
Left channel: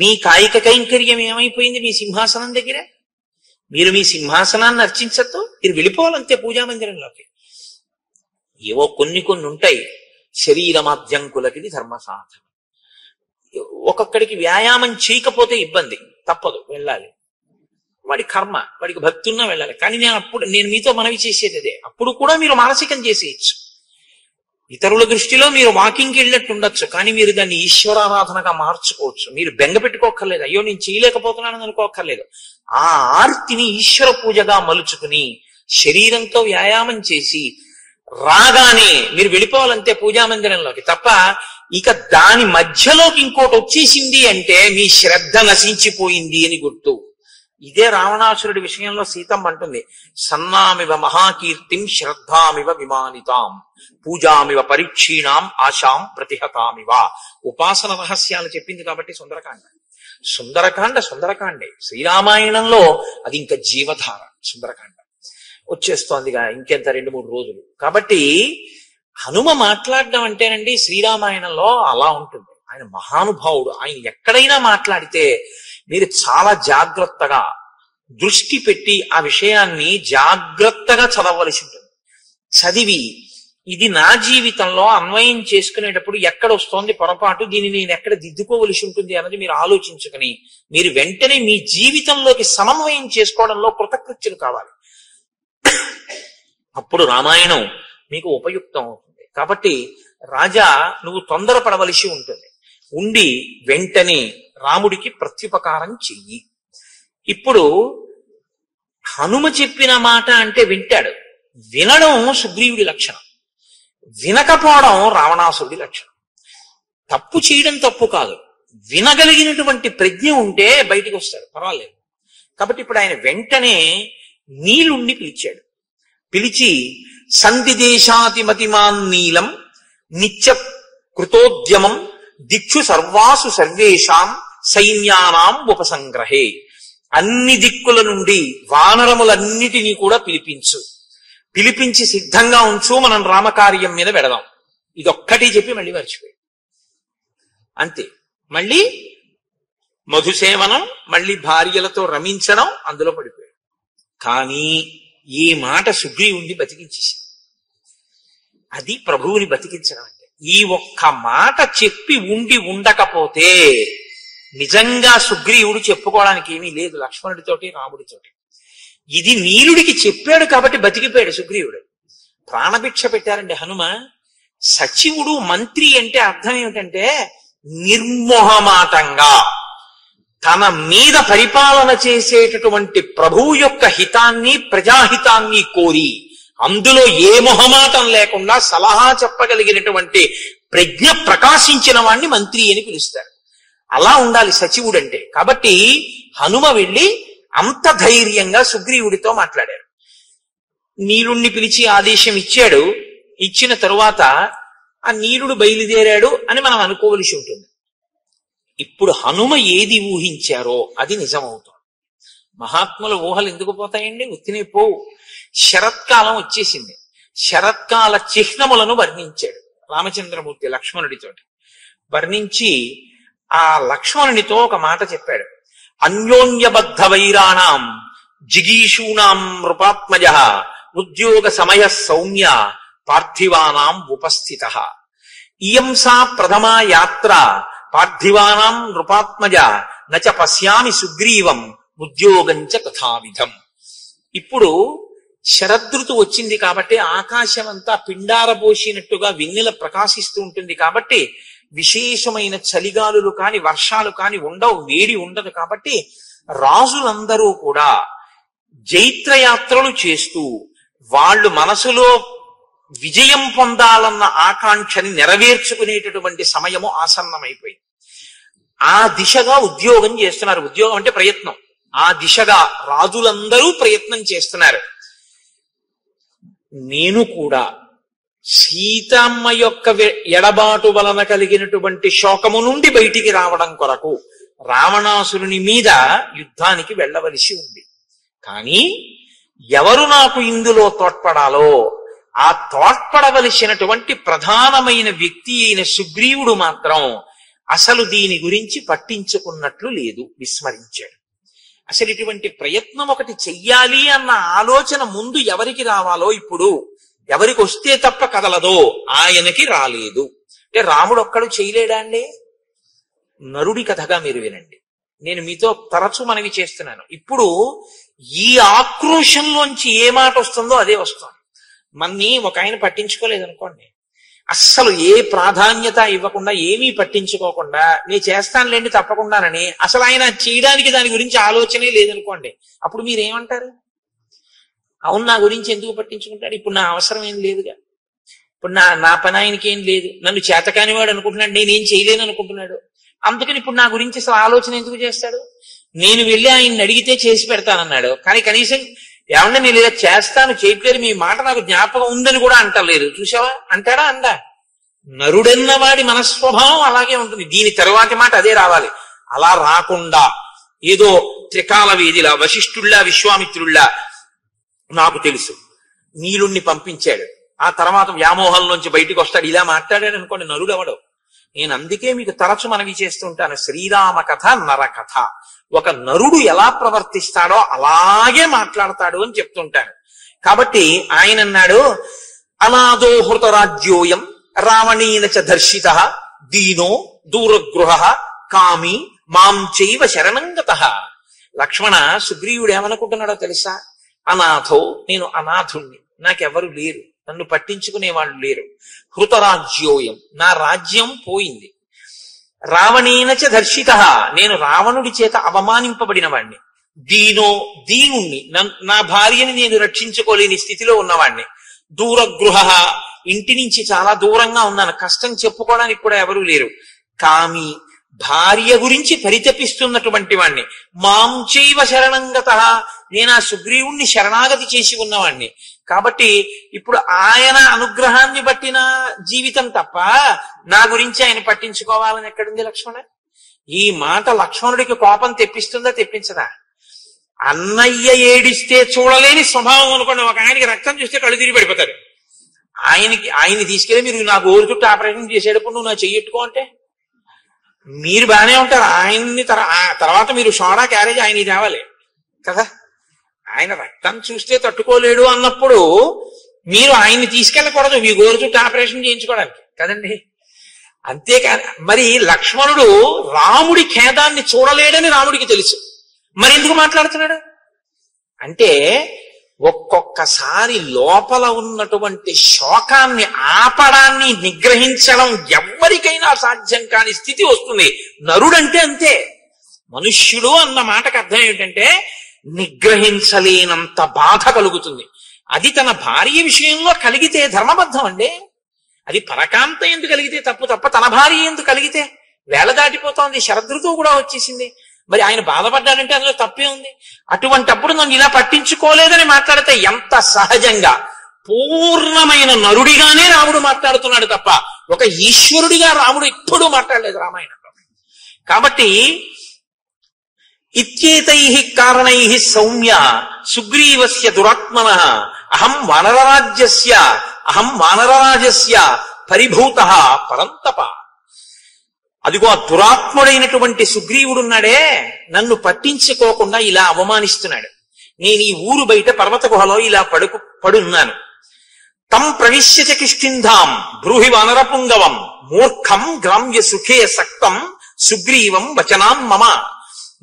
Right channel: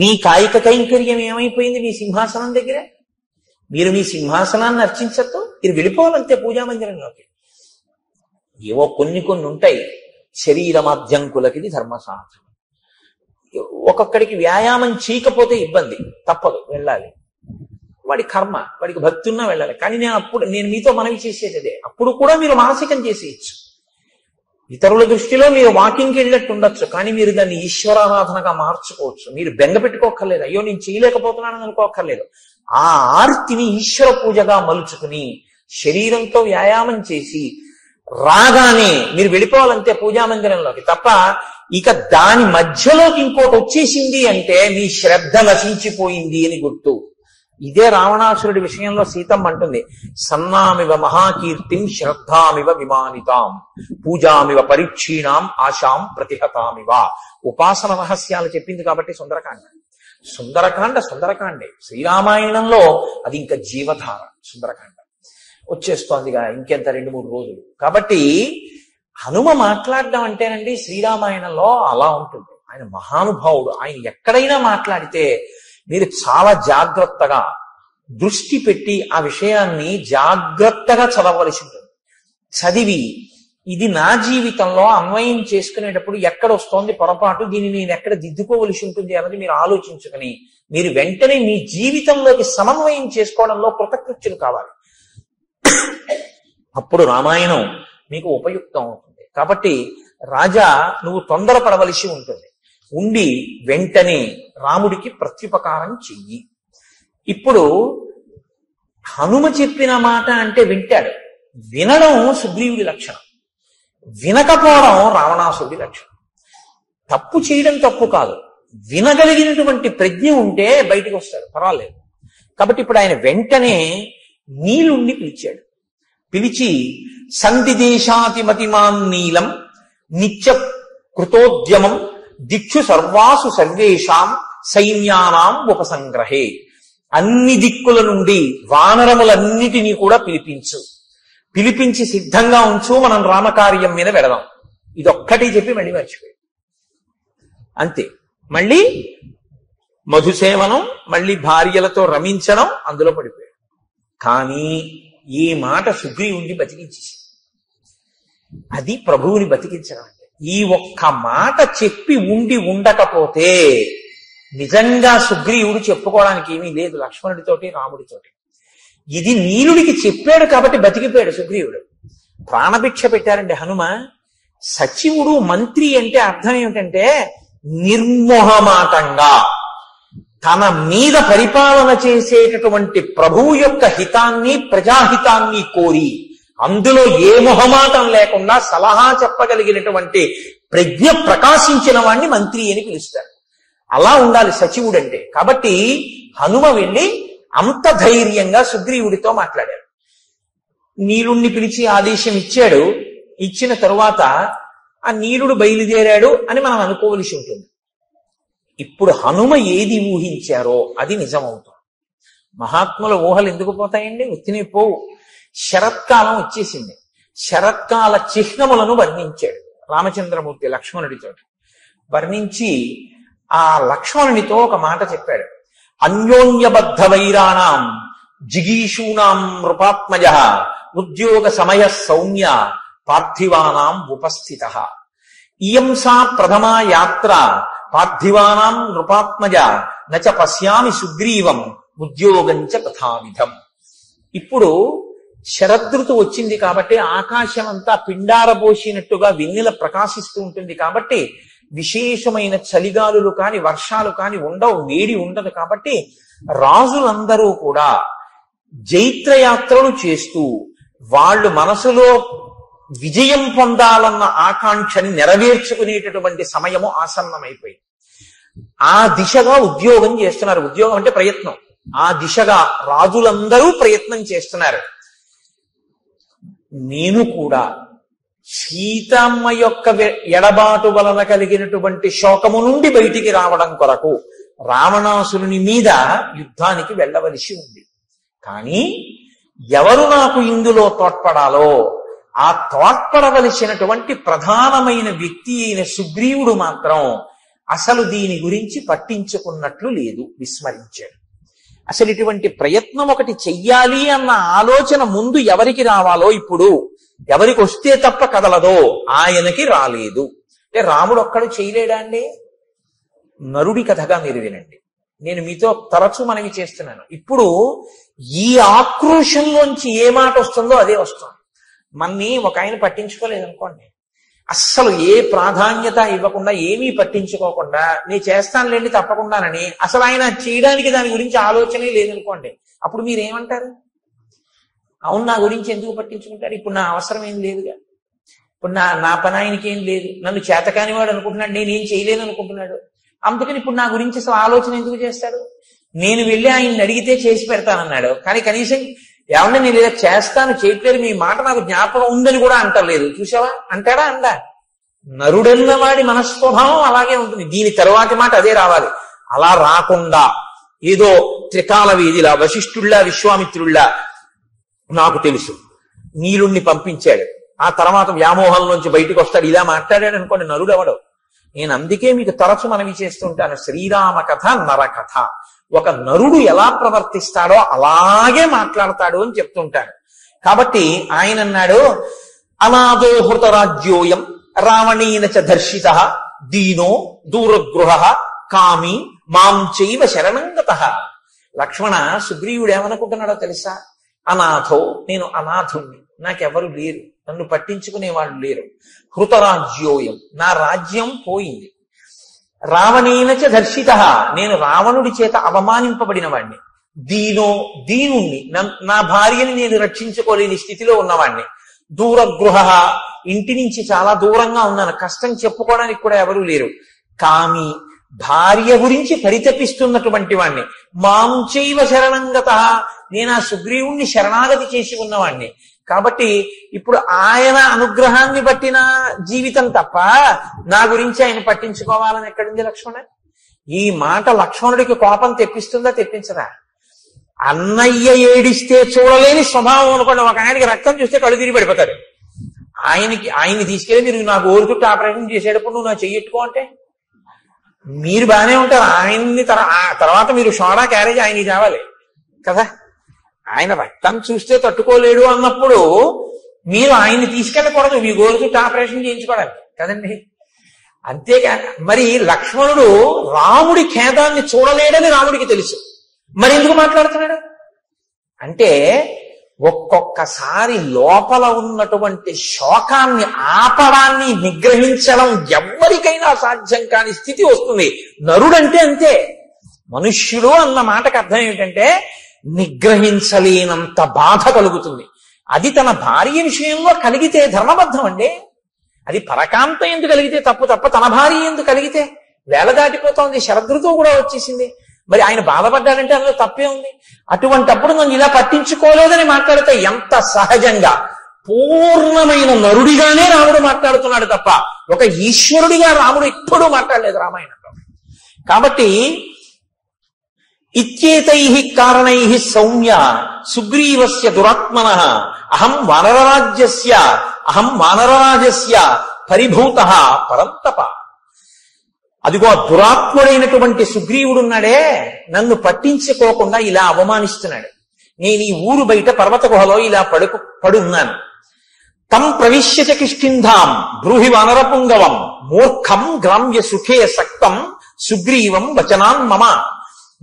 మీ కాయిక కైంకర్యం ఏమైపోయింది మీ సింహాసనం దగ్గర? మీరు మీ సింహాసనాన్ని అర్చించద్దు, మీరు వెళ్ళిపోవాలంతే పూజామందిరంలోకి. ఏవో కొన్ని ఉంటాయి, శరీరమాధ్యంకులకి ధర్మసాధన. ఒక్కొక్కడికి వ్యాయామం చేయకపోతే ఇబ్బంది, తప్పదు, వెళ్ళాలి. వాడి కర్మ, వాడికి భక్తి ఉన్నా వెళ్ళాలి. కానీ నేను మీతో మనవి చేసేది అదే, అప్పుడు కూడా మీరు మానసికం చేసేయచ్చు. ఇతరుల దృష్టిలో మీరు వాకింగ్కి వెళ్ళినట్టు ఉండొచ్చు, కానీ మీరు దాన్ని ఈశ్వరారాధనగా మార్చుకోవచ్చు. మీరు బెంగ పెట్టుకోక్కర్లేదు, అయ్యో నేను చేయలేకపోతున్నానని అనుకోక్కర్లేదు. ఆ ఆర్తిని ఈశ్వర పూజగా మలుచుకుని శరీరంతో వ్యాయామం చేసి రాగానే మీరు వెళ్ళిపోవాలంతే పూజామందిరంలోకి. తప్ప ఇక దాని మధ్యలోకి ఇంకోటి వచ్చేసింది అంటే మీ శ్రద్ధ నశించిపోయింది అని గుర్తు. ఇదే రావణాసురుడి విషయంలో సీతమ్మ అంటుంది, సన్నామివ మహాకీర్తిం శ్రద్ధామివ విమానితాం పూజామివ పరీక్షీణాం ఆశాం ప్రతిహతామివ. ఉపాసన రహస్యాలు చెప్పింది కాబట్టి సుందరకాండే. శ్రీరామాయణంలో అది ఇంకా జీవధార. సుందరకాండ వచ్చేస్తోందిగా ఇంకెంత 2-3 రోజులు. కాబట్టి హనుమ మాట్లాడడం అంటేనండి శ్రీరామాయణంలో అలా ఉంటుంది. ఆయన మహానుభావుడు. ఆయన ఎక్కడైనా మాట్లాడితే మీరు చాలా జాగ్రత్తగా దృష్టి పెట్టి ఆ విషయాన్ని జాగ్రత్తగా చదవవలసి ఉంటుంది. చదివి ఇది నా జీవితంలో అన్వయం చేసుకునేటప్పుడు ఎక్కడ వస్తోంది పొరపాటు, దీన్ని నేను ఎక్కడ దిద్దుకోవలసి ఉంటుంది అన్నది మీరు ఆలోచించుకుని మీరు వెంటనే మీ జీవితంలోకి సమన్వయం చేసుకోవడంలో కృతకృత్యులు కావాలి. అప్పుడు రామాయణం మీకు ఉపయుక్తం అవుతుంది. కాబట్టి రాజా నువ్వు తొందరపడవలసి ఉంటుంది. ఉండి వెంటనే రాముడికి ప్రత్యుపకారం చెయ్యి. ఇప్పుడు హనుమ చెప్పిన మాట అంటే వింటాడు. వినడం సుగ్రీవుడి లక్షణం, వినకపోవడం రావణాసుడి లక్షణం. తప్పు చేయడం తప్పు కాదు, వినగలిగినటువంటి ప్రజ్ఞ ఉంటే బయటికి వస్తాడు, పర్వాలేదు. కాబట్టి ఇప్పుడు ఆయన వెంటనే నీలుణ్ణి పిలిచాడు. పిలిచి సంధిదేశాతిమతిమాన్ నీలం నిత్య కృతోద్యమం దిక్షు సర్వాసు సర్వేషాం సైన్యానాం ఉపసంగ్రహే. అన్ని దిక్కుల నుండి వానరములన్నిటినీ కూడా పిలిపించి సిద్ధంగా ఉంచు, మనం రామకార్యం మీద వెడదాం. ఇదొక్కటి చెప్పి మళ్ళీ మర్చిపోయాడు. అంతే. మళ్ళీ మధుసేవనం, మళ్ళీ భార్యలతో రమించడం, అందులో పడిపోయాడు. కానీ ఈ మాట సుగ్రీవుణ్ణి బతికించేశాడు. అది ప్రభువుని బతికించడం అంటే. ఈ ఒక్క మాట చెప్పి ఉండకపోతే నిజంగా సుగ్రీవుడు చెప్పుకోవడానికి ఏమీ లేదు లక్ష్మణుడితోటి రాముడితోటి. ఇది నీలుడికి చెప్పాడు కాబట్టి బతికిపోయాడు సుగ్రీవుడు. ప్రాణభిక్ష పెట్టారండి హనుమ. సచివుడు మంత్రి అంటే అర్థం ఏమిటంటే నిర్మోహమాటంగా తన మీద పరిపాలన చేసేటటువంటి ప్రభువు యొక్క హితాన్ని ప్రజాహితాన్ని కోరి అందులో ఏ మొహమాటం లేకుండా సలహా చెప్పగలిగినటువంటి ప్రజ్ఞ ప్రకాశించిన వాణ్ణి మంత్రి అని పిలుస్తారు. అలా ఉండాలి సచివుడు అంటే. కాబట్టి హనుమ వెళ్ళి అంత ధైర్యంగా సుగ్రీవుడితో మాట్లాడారు. నీలుణ్ణి పిలిచి ఆదేశం ఇచ్చాడు. ఇచ్చిన తరువాత ఆ నీలుడు బయలుదేరాడు అని మనం అనుకోవలసి ఉంటుంది. ఇప్పుడు హనుమ ఏది ఊహించారో అది నిజమవుతుంది. మహాత్ముల ఊహలు ఎందుకు పోతాయండి? ఉత్తినే పోవు. శరత్కాలం వచ్చేసింది. శరత్కాల చిహ్నములను వర్ణించాడు రామచంద్రమూర్తి లక్ష్మణుడితో. వర్ణించి ఆ లక్ష్మణునితో ఒక మాట చెప్పాడు. అన్యోన్యబద్ధ వైరాణం జిగీషూణాం నృపాత్మజ ఉద్యోగ సమయ సౌమ్య పార్థివానాం ఉపస్థిత. ఇయం సా ప్రథమా యాత్ర పార్థివానాం నృపాత్మజ నచ పశ్యామి సుగ్రీవం ఉద్యోగంచ తథావిధం. ఇప్పుడు శరదృతు వచ్చింది కాబట్టి ఆకాశం అంతా పిండారబోసినట్టుగా వెన్నెల ప్రకాశిస్తూ ఉంటుంది. కాబట్టి విశేషమైన చలిగాలులు కాని వర్షాలు కాని ఉండవు, వేడి ఉండదు. కాబట్టి రాజులందరూ కూడా జైత్రయాత్రలు చేస్తూ వాళ్ళు మనసులో విజయం పొందాలన్న ఆకాంక్షని నెరవేర్చుకునేటటువంటి సమయము ఆసన్నమైపోయింది. ఆ దిశగా ఉద్యోగం చేస్తున్నారు. ఉద్యోగం అంటే ప్రయత్నం. ఆ దిశగా రాజులందరూ ప్రయత్నం చేస్తున్నారు. నేను కూడా సీతమ్మ యొక్క ఎడబాటు వలన కలిగినటువంటి శోకము నుండి బయటికి రావడం కొరకు రావణాసురుని మీద యుద్ధానికి వెళ్ళవలసి ఉంది. కానీ ఎవరు నాకు ఇందులో తోడ్పడాలో ఆ తోడ్పడవలసినటువంటి ప్రధానమైన వ్యక్తి అయిన సుగ్రీవుడు మాత్రం అసలు దీని గురించి పట్టించుకున్నట్లు లేదు, విస్మరించాడు. అసలు ఇటువంటి ప్రయత్నం ఒకటి చెయ్యాలి అన్న ఆలోచన ముందు ఎవరికి రావాలో, ఇప్పుడు ఎవరికి వస్తే తప్ప కదలదో ఆయనకి రాలేదు. అంటే రాముడు ఒక్కడు చేయలేడా అండి? నరుడి కథగా మీరు వినండి. నేను మీతో తరచూ మనవి చేస్తున్నాను. ఇప్పుడు ఈ ఆక్రోశంలోంచి ఏ మాట వస్తుందో అదే వస్తుంది. మన్ని ఒక ఆయన పట్టించుకోలేదనుకోండి, అస్సలు ఏ ప్రాధాన్యత ఇవ్వకుండా ఏమీ పట్టించుకోకుండా నేను చేస్తానులేండి తప్పకుండానని అసలు ఆయన చేయడానికి దాని గురించి ఆలోచనే లేదనుకోండి, అప్పుడు మీరేమంటారు? అవును, నా గురించి ఎందుకు పట్టించుకుంటాడు, ఇప్పుడు నా అవసరం ఏం లేదుగా, ఇప్పుడు నా పని ఆయనకి ఏం లేదు, నన్ను చేతకానివాడు అనుకుంటున్నాడు, నేనేం చేయలేను అనుకుంటున్నాడు, అందుకని ఇప్పుడు నా గురించి అసలు ఆలోచన ఎందుకు చేస్తాడు? నేను వెళ్ళి ఆయన్ని అడిగితే చేసి పెడతానన్నాడు, కానీ కనీసం ఏమన్నా నేను లేదా చేస్తాను చేయట్లేదు, మీ మాట నాకు జ్ఞాపకం ఉందని కూడా అంటలేదు. చూసావా? అంటాడా? అందా? నరుడన్న వాడి మనస్వభావం అలాగే ఉంటుంది. దీని తరువాతి మాట అదే రావాలి. అలా రాకుండా ఏదో త్రికాల వీధిలా వశిష్ఠుల్లా విశ్వామిత్రుల్లా నాకు తెలుసు నీలుణ్ణి పంపించాడు, ఆ తర్వాత వ్యామోహంలోంచి బయటకు వస్తాడు, ఇలా మాట్లాడాడు అనుకోండి, నరుడు అవడు. నేను అందుకే మీకు తరచు మనవి చేస్తుంటాను, శ్రీరామ కథ నరకథ. ఒక నరుడు ఎలా ప్రవర్తిస్తాడో అలాగే మాట్లాడతాడు అని చెప్తుంటాను. కాబట్టి ఆయన అన్నాడు, అనాదోహృత రాజ్యోయం రావణేన చ దర్శిత దీనో దూరగృహ కామి మాం చైవ శరణంగతః. లక్ష్మణ, సుగ్రీవుడు ఏమనుకుంటున్నాడో తెలుసా? అనాథో, నేను అనాథుణ్ణి, నాకెవరు లేరు, నన్ను పట్టించుకునే వాళ్ళు లేరు. హృతరాజ్యోయం, నా రాజ్యం పోయింది. రావణేన చ దర్శిత, నేను రావణుడి చేత అవమానింపబడిన వాణ్ణి. దీనో, దీనుణ్ణి, నా భార్యని నేను రక్షించుకోలేని స్థితిలో ఉన్నవాణ్ణి. దూరగృహ, ఇంటి నుంచి చాలా దూరంగా ఉన్నాను, కష్టం చెప్పుకోవడానికి కూడా ఎవరూ లేరు. కామి, భార్య గురించి పరితపిస్తున్నటువంటి వాణ్ణి. మాం చైవ శరణంగతః, నేను ఆ సుగ్రీవుణ్ణి శరణాగతి చేసి ఉన్నవాణ్ణి. కాబట్టి ఇప్పుడు ఆయన అనుగ్రహాన్ని బట్టిన జీవితం తప్ప నా గురించి ఆయన పట్టించుకోవాలని ఎక్కడుంది లక్ష్మణ? ఈ మాట లక్ష్మణుడికి కోపం తెప్పిస్తుందా తెప్పించదా? అన్నయ్య ఏడిస్తే చూడలేని స్వభావం అనుకోండి. ఒక ఆయనకి రక్తం చూస్తే కళ్ళు తిరిగి పడిపోతాడు. ఆయన్ని తీసుకెళ్ళి మీరు నా గోరు చుట్టూ ఆపరేషన్ చేసేటప్పుడు నువ్వు నా చెయ్యెట్టుకో అంటే మీరు బాగానే ఉంటారు. ఆయన్ని తర్వాత మీరు సోడా క్యారేజ్ ఆయన్ని తేవాలి కదా. ఆయన రక్తం చూస్తే తట్టుకోలేడు అన్నప్పుడు మీరు ఆయన్ని తీసుకెళ్ళకూడదు మీ గోరు చుట్టూ ఆపరేషన్ చేయించుకోవడానికి కదండి. అంతేకాదు, మరి లక్ష్మణుడు రాముడి ఖేదాన్ని చూడలేడని రాముడికి తెలుసు, మరి ఎందుకు మాట్లాడుతున్నాడు అంటే ఒక్కొక్కసారి లోపల ఉన్నటువంటి శోకాన్ని ఆపడాన్ని నిగ్రహించడం ఎవ్వరికైనా సాధ్యం కాని స్థితి వస్తుంది. నరుడంటే అంతే. మనుష్యుడు అన్న మాటకు అర్థం ఏమిటంటే నిగ్రహించలేనంత బాధ కలుగుతుంది. అది తన భార్య విషయంలో కలిగితే ధర్మబద్ధం అండి. అది పరకాంత ఎందుకు కలిగితే తప్ప తన భార్య ఎందుకు కలిగితే వేళ దాటిపోతోంది, శరదృతువు కూడా వచ్చేసింది. మరి ఆయన బాధపడ్డాడంటే అందులో తప్పే ఉంది. అటువంటప్పుడు నన్ను ఇలా పట్టించుకోలేదని మాట్లాడితే ఎంత సహజంగా పూర్ణమైన నరుడిగానే రాముడు మాట్లాడుతున్నాడు తప్ప ఒక ఈశ్వరుడిగా రాముడు ఎప్పుడూ మాట్లాడలేదు రామాయణంలో. కాబట్టి ఇత్యేతై కారణై సౌమ్య సుగ్రీవస్య దురాత్మనః అహం వానరరాజస్య పరిభూతః పరంతప. అదిగో ఆ దురాత్ముడైనటువంటి సుగ్రీవుడున్నాడే, నన్ను పట్టించుకోకుండా ఇలా అవమానిస్తున్నాడు. నేను ఈ ఊరు బయట పర్వత గుహలో ఇలా పడున్నాను. తం ప్రవిశ్య చ కిష్కింధాం బ్రూహి వానరపుంగవం మూర్ఖం గ్రామ్య సుఖే సక్తం సుగ్రీవం వచనాన్ మమ.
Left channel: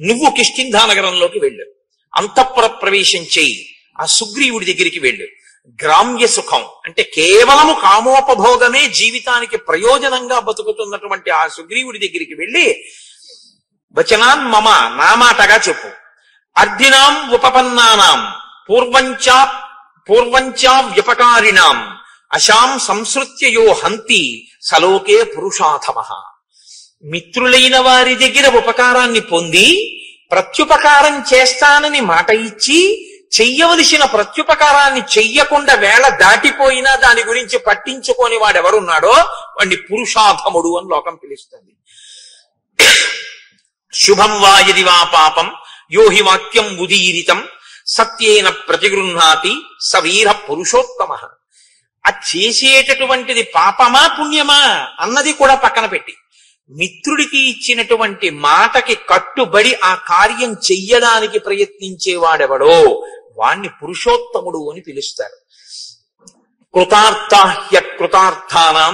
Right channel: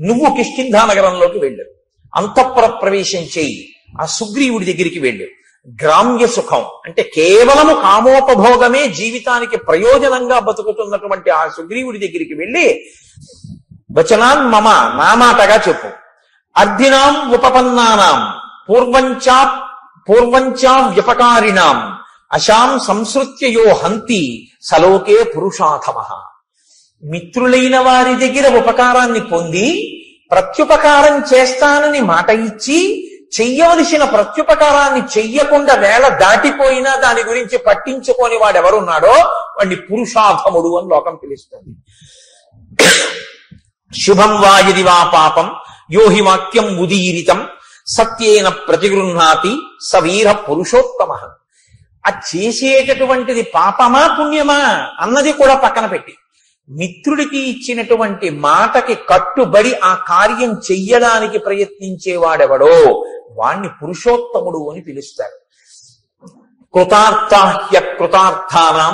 నువ్వు కిష్కింధా నగరంలోకి వెళ్ళు, అంతఃపుర ప్రవేశం చేయి, ఆ సుగ్రీవుడి దగ్గరికి వెళ్ళు. గ్రామ్య సుఖం అంటే కేవలము కామోపభోగమే జీవితానికి ప్రయోజనంగా బతుకుతున్నటువంటి ఆ సుగ్రీవుడి దగ్గరికి వెళ్ళి వచనాన్ మమ, నా మాటగా చెప్పు. అర్ధినాం ఉపపన్నానాం పూర్వంచా వ్యపకారిణాం అశాం సంసృత్యయో హంతి సలోకే పురుషాథమః. మిత్రులైన వారి దగ్గర ఉపకారాన్ని పొంది ప్రత్యుపకారం చేస్తానని మాట ఇచ్చి చెయ్యవలసిన ప్రత్యుపకారాన్ని చెయ్యకుండా వేళ దాటిపోయినా దాని గురించి పట్టించుకొని వాడెవరున్నాడో వాడిని పురుషాధముడు అని లోకం పిలుస్తుంది. శుభం వా యది వా పాపం యోహి వాక్యం ఉదీరితం సత్యేన ప్రతిగృహ్ణాతి సవీర పురుషోత్తమః. అది చేసేటటువంటిది పాపమా పుణ్యమా అన్నది కూడా పక్కన పెట్టి మిత్రుడికి ఇచ్చినటువంటి మాటకి కట్టుబడి ఆ కార్యం చెయ్యడానికి ప్రయత్నించేవాడెవడో వాణ్ణి పురుషోత్తముడు అని పిలుస్తారు. కృతార్థాహ్యకృతార్థానాం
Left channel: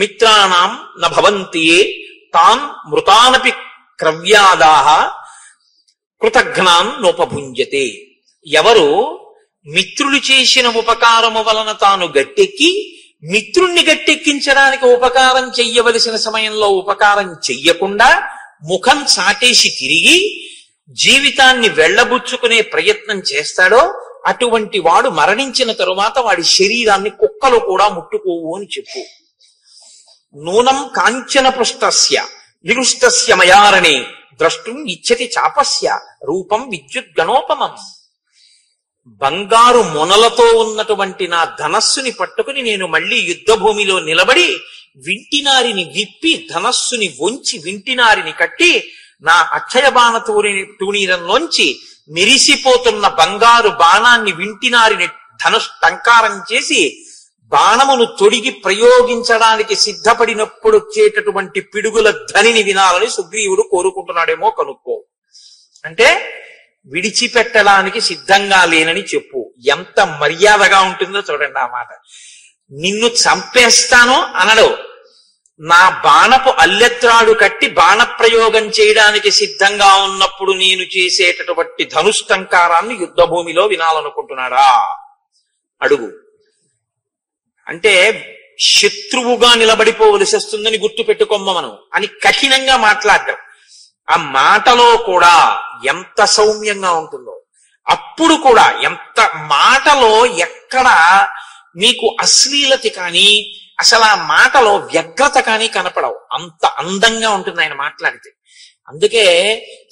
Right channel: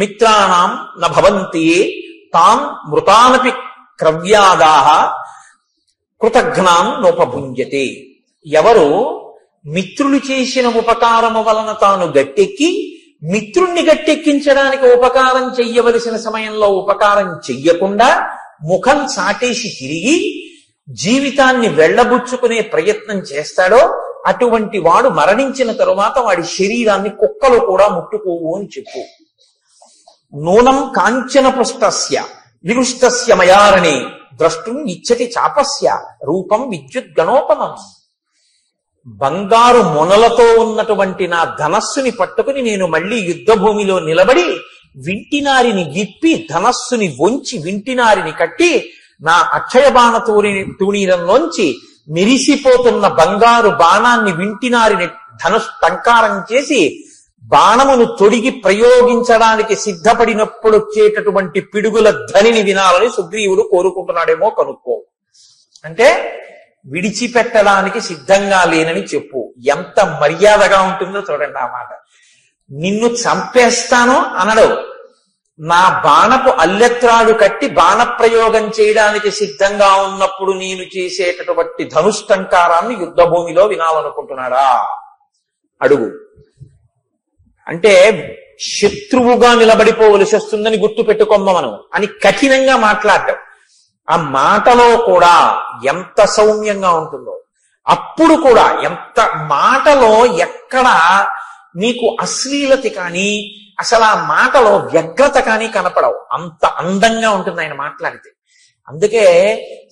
మిత్రాణం నభవంతి తాన్ మృతానపి క్రవ్యాదాహ కృతఘ్నాన్ నోపభుంజతే. ఎవరు మిత్రులు చేసిన ఉపకారము వలన తాను గట్టెక్కి మిత్రుణ్ణి గట్టెక్కించడానికి ఉపకారం చెయ్యవలసిన సమయంలో ఉపకారం చెయ్యకుండా ముఖం సాటేసి తిరిగి జీవితాన్ని వెళ్లబుచ్చుకునే ప్రయత్నం చేస్తాడో అటువంటి వాడు మరణించిన తరువాత వాడి శరీరాన్ని కుక్కలు కూడా ముట్టుకోవు అని చెప్పు. నూనం కాంచన పృష్టస్య విరుష్టస్య మయారణే ద్రష్టుం ఇచ్చతి చాపస్య రూపం విద్యుత్ గణోపమం. బంగారు మొనలతో ఉన్నటువంటి నా ధనస్సుని పట్టుకుని నేను మళ్ళీ యుద్ధ భూమిలో నిలబడి వింటినారిని విప్పి ధనస్సుని వంచి వింటినారిని కట్టి నా అక్షయ బాణ తూణీరంలోంచి మెరిసిపోతున్న బంగారు బాణాన్ని వింటినారిని టంకారం చేసి బాణమును తొడిగి ప్రయోగించడానికి సిద్ధపడినప్పుడు వచ్చేటటువంటి పిడుగుల ధ్వనిని వినాలని సుగ్రీవుడు కోరుకుంటున్నాడేమో కనుక్కో. అంటే విడిచిపెట్టడానికి సిద్ధంగా లేనని చెప్పు. ఎంత మర్యాదగా ఉంటుందో చూడండి ఆ మాట. నిన్ను చంపేస్తాను అనడు. నా బాణపు అల్లెత్రాడు కట్టి బాణప్రయోగం చేయడానికి సిద్ధంగా ఉన్నప్పుడు నేను చేసేటటువంటి ధనుష్టంకారాన్ని యుద్ధ భూమిలో వినాలనుకుంటున్నాడా? అడుగు. అంటే శత్రువుగా నిలబడిపోవలసి వస్తుందని గుర్తు పెట్టుకోమ్మ మనం అని కఠినంగా మాట్లాడడం. ఆ మాటలో కూడా ఎంత సౌమ్యంగా ఉంటుందో, అప్పుడు కూడా ఎంత మాటలో ఎక్కడ మీకు అశ్లీలత కానీ అసలు ఆ మాటలో వ్యగ్రత కానీ కనపడవు. అంత అందంగా ఉంటుంది ఆయన మాట్లాడితే. అందుకే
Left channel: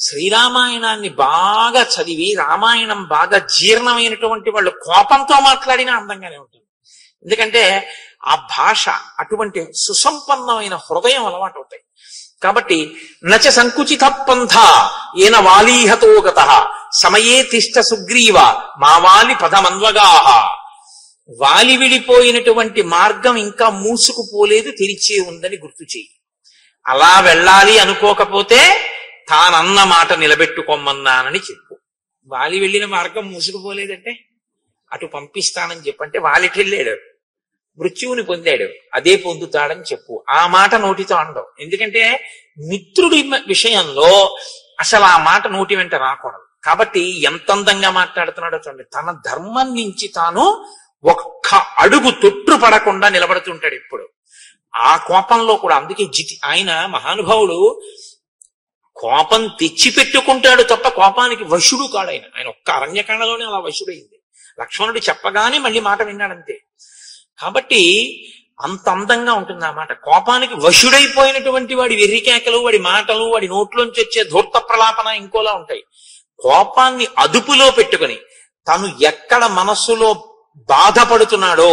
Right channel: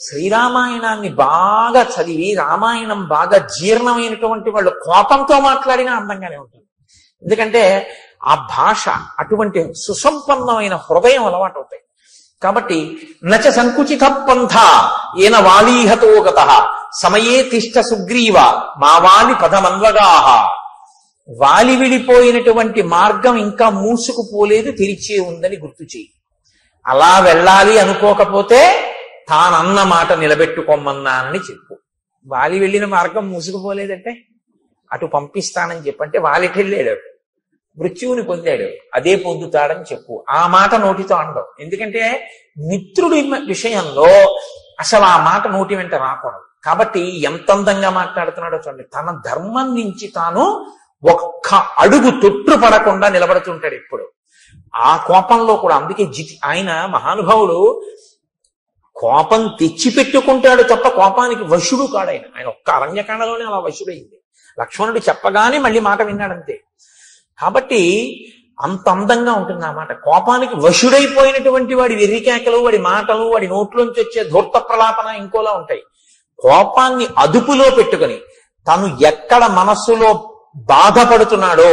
శ్రీరామాయణాన్ని బాగా చదివి రామాయణం బాగా జీర్ణమైనటువంటి వాళ్ళు కోపంతో మాట్లాడినా అందంగానే ఉంటుంది. ఎందుకంటే ఆ భాష అటువంటి సుసంపన్నమైన హృదయం అలవాటు అవుతాయి. కాబట్టి నచ సంకుచిత పంథ ఏన వాలీహతో గత సమయే తిష్ట సుగ్రీవ మా వాలి పదమన్వగాహ. వాలి విడిపోయినటువంటి మార్గం ఇంకా మూసుకుపోలేదు, తెరిచే ఉందని గుర్తు చెయ్యి. అలా వెళ్ళాలి అనుకోకపోతే తానన్న మాట నిలబెట్టుకోమన్నానని చెప్పు. వాలి వెళ్ళిన మార్గం మూసుకుపోలేదంటే అటు పంపిస్తానని చెప్పంటే వాలికి వెళ్ళాడు, మృత్యువుని పొందాడు, అదే పొందుతాడని చెప్పు. ఆ మాట నోటితో అనడం. ఎందుకంటే మిత్రుడి విషయంలో అసలు ఆ మాట నోటి వెంట రాకూడదు. కాబట్టి ఎంత అందంగా మాట్లాడుతున్నాడో చూడండి. తన ధర్మం నుంచి తాను ఒక్క అడుగు తొట్టు పడకుండా నిలబడుతుంటాడు ఎప్పుడు. ఆ కోపంలో కూడా. అందుకే ఆయన మహానుభావుడు కోపం తెచ్చిపెట్టుకుంటాడు తప్ప కోపానికి వశుడు కాడు. ఆయన ఒక్క అరణ్యకాండలోనే అలా వశుడైంది. లక్ష్మణుడు చెప్పగానే మళ్ళీ మాట విన్నాడంతే. కాబట్టి అంత అందంగా ఉంటుంది ఆ మాట. కోపానికి వశుడైపోయినటువంటి వాడి వెర్రికేకలు, వాడి మాటలు, వాడి నోట్లోంచి వచ్చే ధూర్త ప్రలాపన ఇంకోలా ఉంటాయి. కోపాన్ని అదుపులో పెట్టుకుని తను ఎక్కడ మనస్సులో బాధపడుతున్నాడో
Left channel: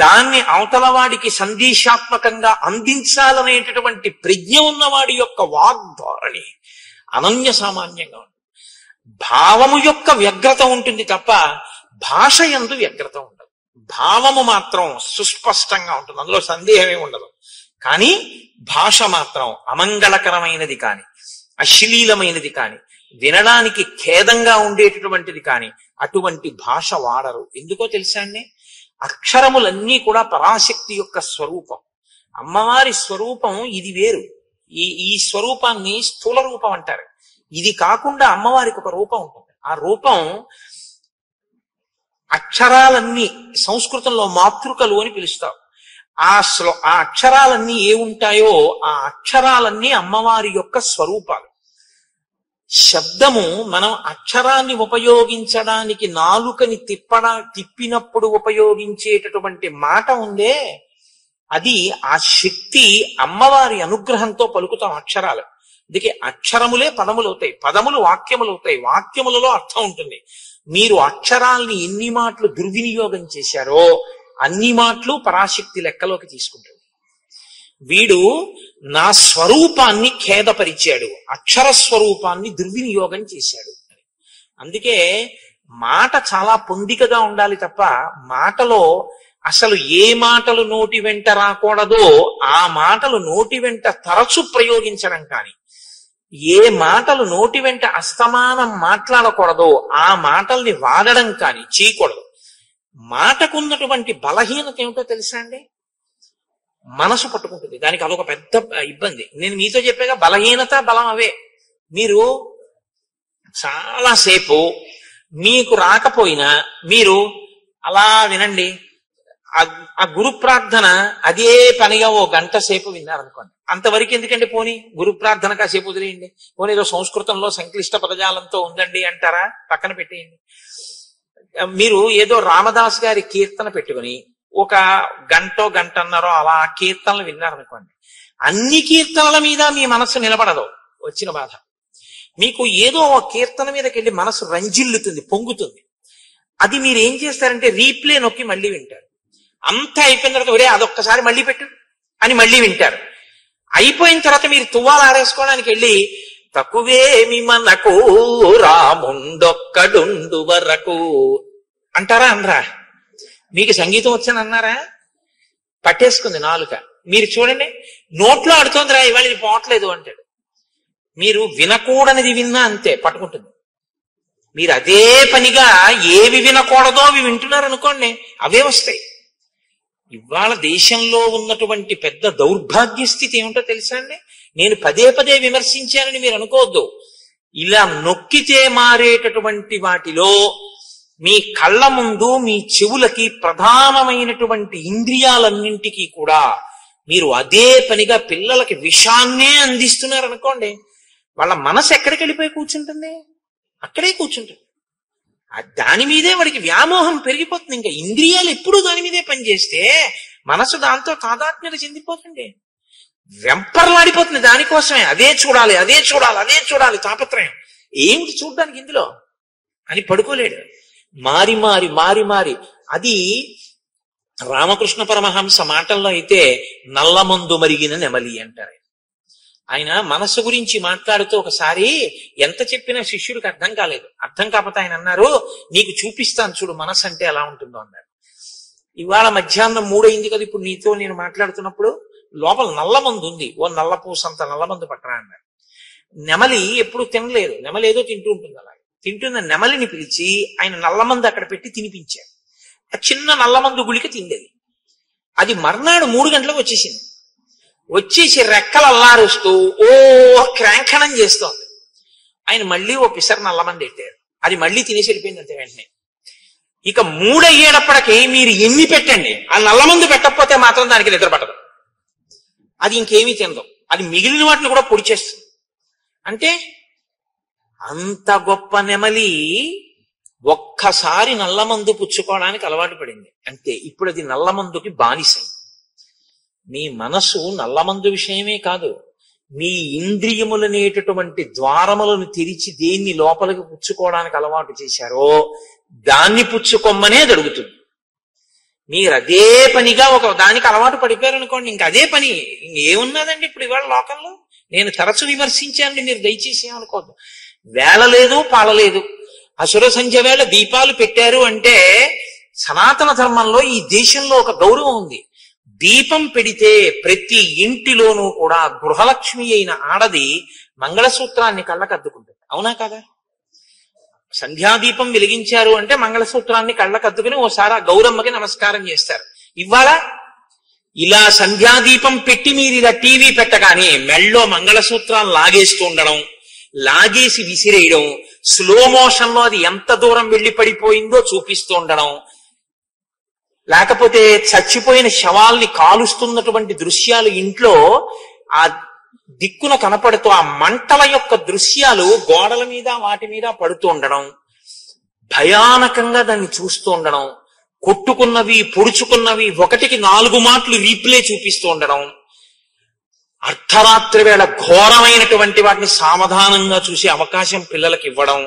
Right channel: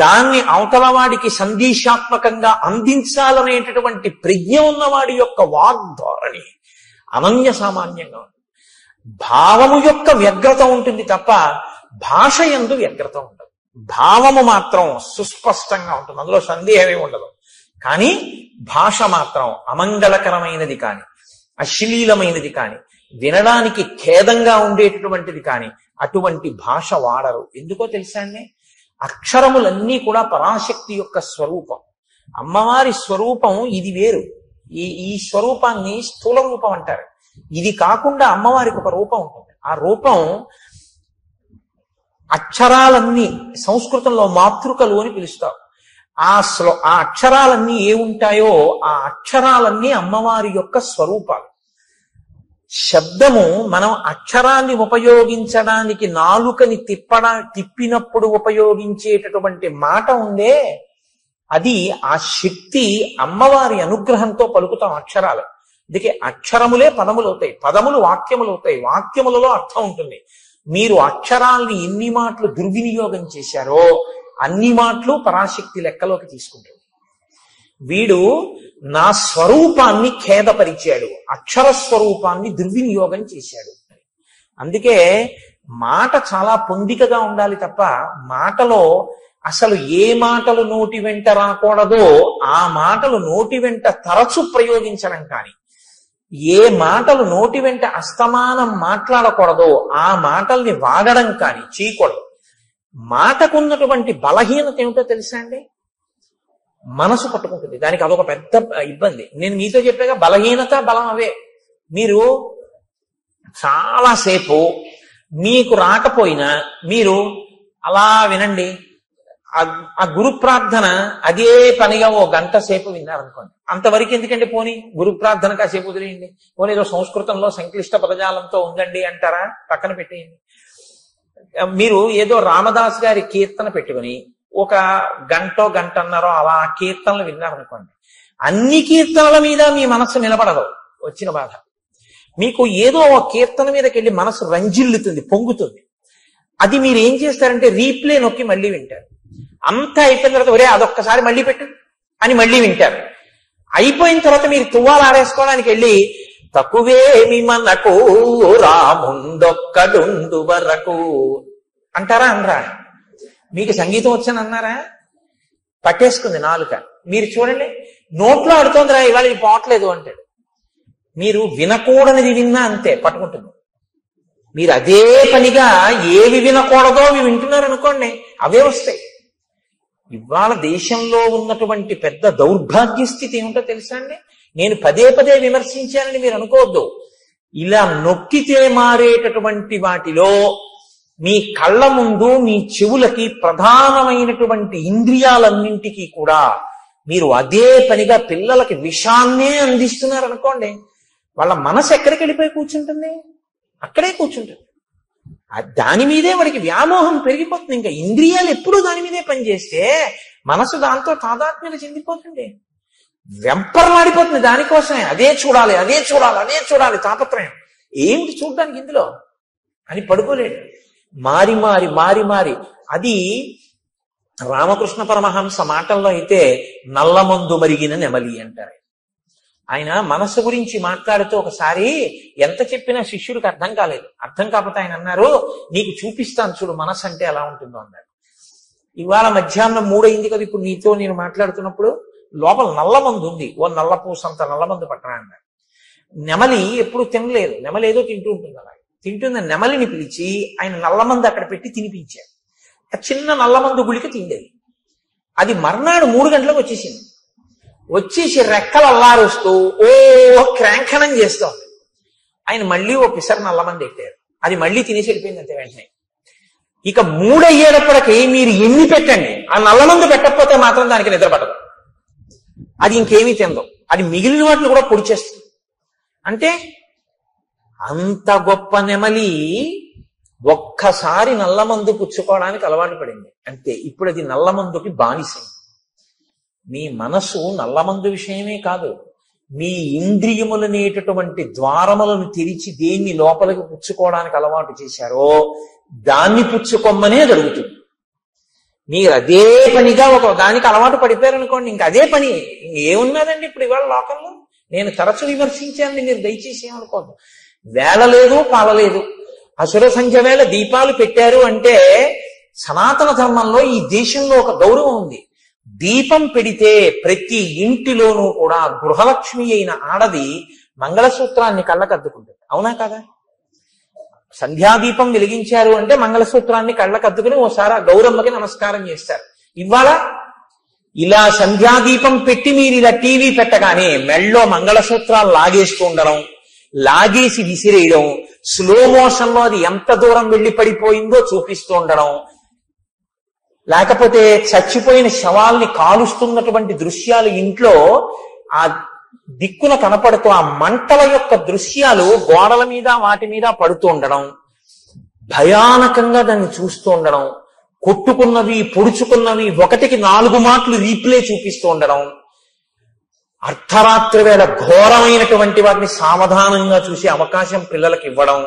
దాన్ని అవతల వాడికి సందేశాత్మకంగా అందించాలనేటటువంటి ప్రజ్ఞ ఉన్నవాడి యొక్క వాగ్ధోరణి అనన్య సామాన్యంగా ఉంటుంది. భావము యొక్క వ్యగ్రత ఉంటుంది తప్ప భాష యందు వ్యగ్రత ఉండదు. భావము మాత్రం సుస్పష్టంగా ఉంటుంది, అందులో సందేహమే ఉండదు. కానీ భాష మాత్రం అమంగళకరమైనది కాని, అశ్లీలమైనది కాని, వినడానికి ఖేదంగా ఉండేటటువంటిది కాని అటువంటి భాష వాడరు. ఎందుకో తెలుసా అండి? అక్షరములన్నీ కూడా పరాశక్తి యొక్క స్వరూపం. అమ్మవారి స్వరూపం ఇది వేరు. ఈ స్వరూపాన్ని స్థూల రూపం అంటారు. ఇది కాకుండా అమ్మవారికి ఒక రూపం ఉంటుంది. ఆ రూపం అక్షరాలన్నీ సంస్కృతంలో మాతృకలు అని పిలుస్తాం. ఆ అక్షరాలన్నీ ఏ ఉంటాయో ఆ అక్షరాలన్నీ అమ్మవారి యొక్క స్వరూపాలు. శబ్దము మనం అక్షరాన్ని ఉపయోగించడానికి నాలుకని తిప్పినప్పుడు ఉపయోగించేటటువంటి మాట ఉందే, అది ఆ శక్తి అమ్మవారి అనుగ్రహంతో పలుకుతాం అక్షరాలు. అందుకే అక్షరములే పదములు అవుతాయి, పదములు వాక్యములు అవుతాయి, వాక్యములలో అర్థం ఉంటుంది. మీరు అక్షరాల్ని ఎన్ని మాటలు దుర్వినియోగం చేశారో అన్ని మాటలు పరాశక్తి లెక్కలోకి తీసుకుంటుంది. వీడు నా స్వరూపాన్ని ఖేదపరిచాడు, అక్షర స్వరూపాన్ని దుర్వినియోగం చేశాడు. అందుకే మాట చాలా పొందికగా ఉండాలి తప్ప మాటలో అసలు ఏ మాటలు నోటి వెంట రాకూడదో ఆ మాటలు నోటి వెంట తరచు ప్రయోగించడం కానీ, ఏ మాటలు నోటి వెంట అస్తమానం మాట్లాడకూడదో ఆ మాటల్ని వాడడం కానీ చేయకూడదు. మాటకున్నటువంటి బలహీనత ఏమిటో తెలుసా అండి? మనసు పట్టుకుంటుంది. దానికి అదొక పెద్ద ఇబ్బంది. నేను మీతో చెప్పాక బలహీనత బలం అవే. మీరు చాలాసేపు మీకు రాకపోయినా మీరు అలా వినండి. ఆ గురు ప్రార్థన అదే పనిగా ఓ గంట సేపు విన్నారనుకోండి, అంతవరకు ఎందుకంటే పోనీ గురు ప్రార్థన కాసేపు వదిలేయండి. పోనీ ఏదో సంస్కృతంలో సంక్లిష్ట పదజాలంతో ఉందండి అంటారా, పక్కన పెట్టేయండి. మీరు ఏదో రామదాస్ గారి కీర్తన పెట్టుకుని ఒక గంటన్నరో అలా కీర్తనలు విన్నారనుకోండి, అన్ని కీర్తనల మీద మీ మనస్సు నిలబడదు. వచ్చిన బాధ మీకు ఏదో ఒక కీర్తన మీదకి వెళ్ళి మనసు రంజిల్లుతుంది, పొంగుతుంది. అది మీరు ఏం చేస్తారంటే రీప్లే నొక్కి మళ్ళీ వింటారు. అంతా అయిపోయిన తర్వాత ఒరే అదొక్కసారి మళ్ళీ పెట్టు అని మళ్ళీ వింటారు. అయిపోయిన తర్వాత మీరు తువ్వాలు ఆరేసుకోవడానికి వెళ్ళి తక్కువేమి మనకు రాముండొక్కడుండు వరకు అంటారా అనరా? మీకు సంగీతం వచ్చని అన్నారా? పట్టేసుకుంది నాలుక. మీరు చూడండి, నోట్లో ఆడుతోందిరా ఇవాళ ఇది పోవట్లేదు అంటాడు. మీరు వినకూడనిది విన్నా అంతే పట్టుకుంటుంది. మీరు అదే పనిగా ఏవి వినకూడదో అవి వింటున్నారు అనుకోండి, అవే వస్తాయి. ఇవాళ దేశంలో ఉన్నటువంటి పెద్ద దౌర్భాగ్య స్థితి ఏమిటో తెలుసా అండి? నేను పదే పదే విమర్శించానని మీరు అనుకోవద్దు. ఇలా నొక్కితే మారేటటువంటి వాటిలో మీ కళ్ళ ముందు మీ చెవులకి ప్రధానమైనటువంటి ఇంద్రియాలన్నింటికీ కూడా మీరు అదే పనిగా పిల్లలకి విషాన్నే అందిస్తున్నారు అనుకోండి, వాళ్ళ మనసు ఎక్కడికి వెళ్ళిపోయి కూర్చుంటుంది? అక్కడే కూర్చుంటుంది. దాని మీదే వాడికి వ్యామోహం పెరిగిపోతుంది. ఇంకా ఇంద్రియాలు ఎప్పుడూ దాని మీదే పనిచేస్తే మనసు దాంతో తాదాత్మ్యత చెందిపోతుంది, వెంపర్లాడిపోతుంది. దానికోసమే అదే చూడాలి, అదే చూడాలి, అదే చూడాలి తాపత్రయం. ఏమిటి చూడడానికి ఇందులో అని పడుకోలేడు. మారి మారి మారి మారి అది రామకృష్ణ పరమహంస మాటల్లో అయితే నల్లమందు మరిగిన నెమలి అంటారు. ఆయన మనస్సు గురించి మాట్లాడుతూ ఒకసారి ఎంత చెప్పినా శిష్యుడికి అర్థం కాలేదు. అర్థం కాకపోతే ఆయన అన్నారు, నీకు చూపిస్తాను చూడు మనస్సు అంటే ఎలా ఉంటుందో అన్నాడు. ఇవాళ మధ్యాహ్నం 3 అయింది కదా, ఇప్పుడు నీతో నేను మాట్లాడుతున్నప్పుడు లోపల నల్లమందు ఉంది, ఓ నల్లపూసంత నల్లమందు పట్టరా అన్నాడు. నెమలి ఎప్పుడు తినలేదు, నెమలి ఏదో తింటూ ఉంటుంది. అలా తింటున్న నెమలిని పిలిచి ఆయన నల్లమందు అక్కడ పెట్టి తినిపించాడు. ఆ చిన్న నల్లమందు గుళిక తిండేది. అది మర్నాడు 3 గంటలకు వచ్చేసింది. వచ్చేసి రెక్కలు అల్లారుస్తూ ఓ క్రాంఖణం చేస్తోంది. ఆయన మళ్ళీ ఓ పిసర్ నల్లమంది పెట్టారు. అది మళ్ళీ తినేసి వెళ్ళిపోయింది అంతే వెంటనే. ఇక 3 అయ్యేటప్పటికి మీరు ఎన్ని పెట్టండి, ఆ నల్లమందు పెట్టకపోతే మాత్రం దానికి నిద్ర పట్టదు. అది ఇంకేమీ తినదు. అది మిగిలిన వాటిని కూడా పొడి చేస్తుంది. అంటే అంత గొప్ప నెమలి ఒక్కసారి నల్లమందు పుచ్చుకోవడానికి అలవాటు పడింది అంతే. ఇప్పుడు అది నల్లమందుకి బానిసైంది. మీ మనసు నల్లమందు విషయమే కాదు, మీ ఇంద్రియములనేటటువంటి ద్వారములను తెరిచి దేన్ని లోపలికి పుచ్చుకోవడానికి అలవాటు చేశారో దాన్ని పుచ్చుకొమ్మనే జరుగుతుంది. మీరు అదే పనిగా ఒక దానికి అలవాటు పడిపోయారు అనుకోండి, ఇంకా అదే పని. ఏమున్నదండి ఇప్పుడు ఇవాళ లోకంలో? నేను తరచు విమర్శించాను, మీరు దయచేసి ఏమనుకోద్దు. వేళ లేదు, పాలలేదు. అసుర సంధ్య వేళ దీపాలు పెట్టారు అంటే సనాతన ధర్మంలో ఈ దేశంలో ఒక గౌరవం ఉంది. దీపం పెడితే ప్రతి ఇంటిలోనూ కూడా గృహలక్ష్మి అయిన ఆడది మంగళసూత్రాన్ని కళ్ళకద్దుకుంటుంది. అవునా కదా? సంధ్యాదీపం వెలిగించారు అంటే మంగళసూత్రాన్ని కళ్ళకద్దుకుని ఓసారి ఆ గౌరమ్మకి నమస్కారం చేస్తారు. ఇవాళ ఇలా సంధ్యాదీపం పెట్టి మీరు ఇలా టీవీ పెట్టగానే మెళ్ళో మంగళసూత్రాలు లాగేస్తూ ఉండడం, లాగేసి విసిరేయడం, స్లో మోషన్ లో అది ఎంత దూరం వెళ్లి పడిపోయిందో చూపిస్తూ ఉండడం, లేకపోతే చచ్చిపోయిన శవాల్ని కాలుస్తున్నటువంటి దృశ్యాలు ఇంట్లో ఆ దిక్కున కనపడుతూ ఆ మంటల యొక్క దృశ్యాలు గోడల మీద వాటి మీద పడుతూ ఉండడం, భయానకంగా దాన్ని చూస్తూ ఉండడం, కొట్టుకున్నవి పొడుచుకున్నవి 1కి 4 మాటలు రీప్లే చూపిస్తూ ఉండడం, అర్ధరాత్రి వేళ ఘోరమైనటువంటి వాటిని సావధానంగా చూసే అవకాశం పిల్లలకి ఇవ్వడం,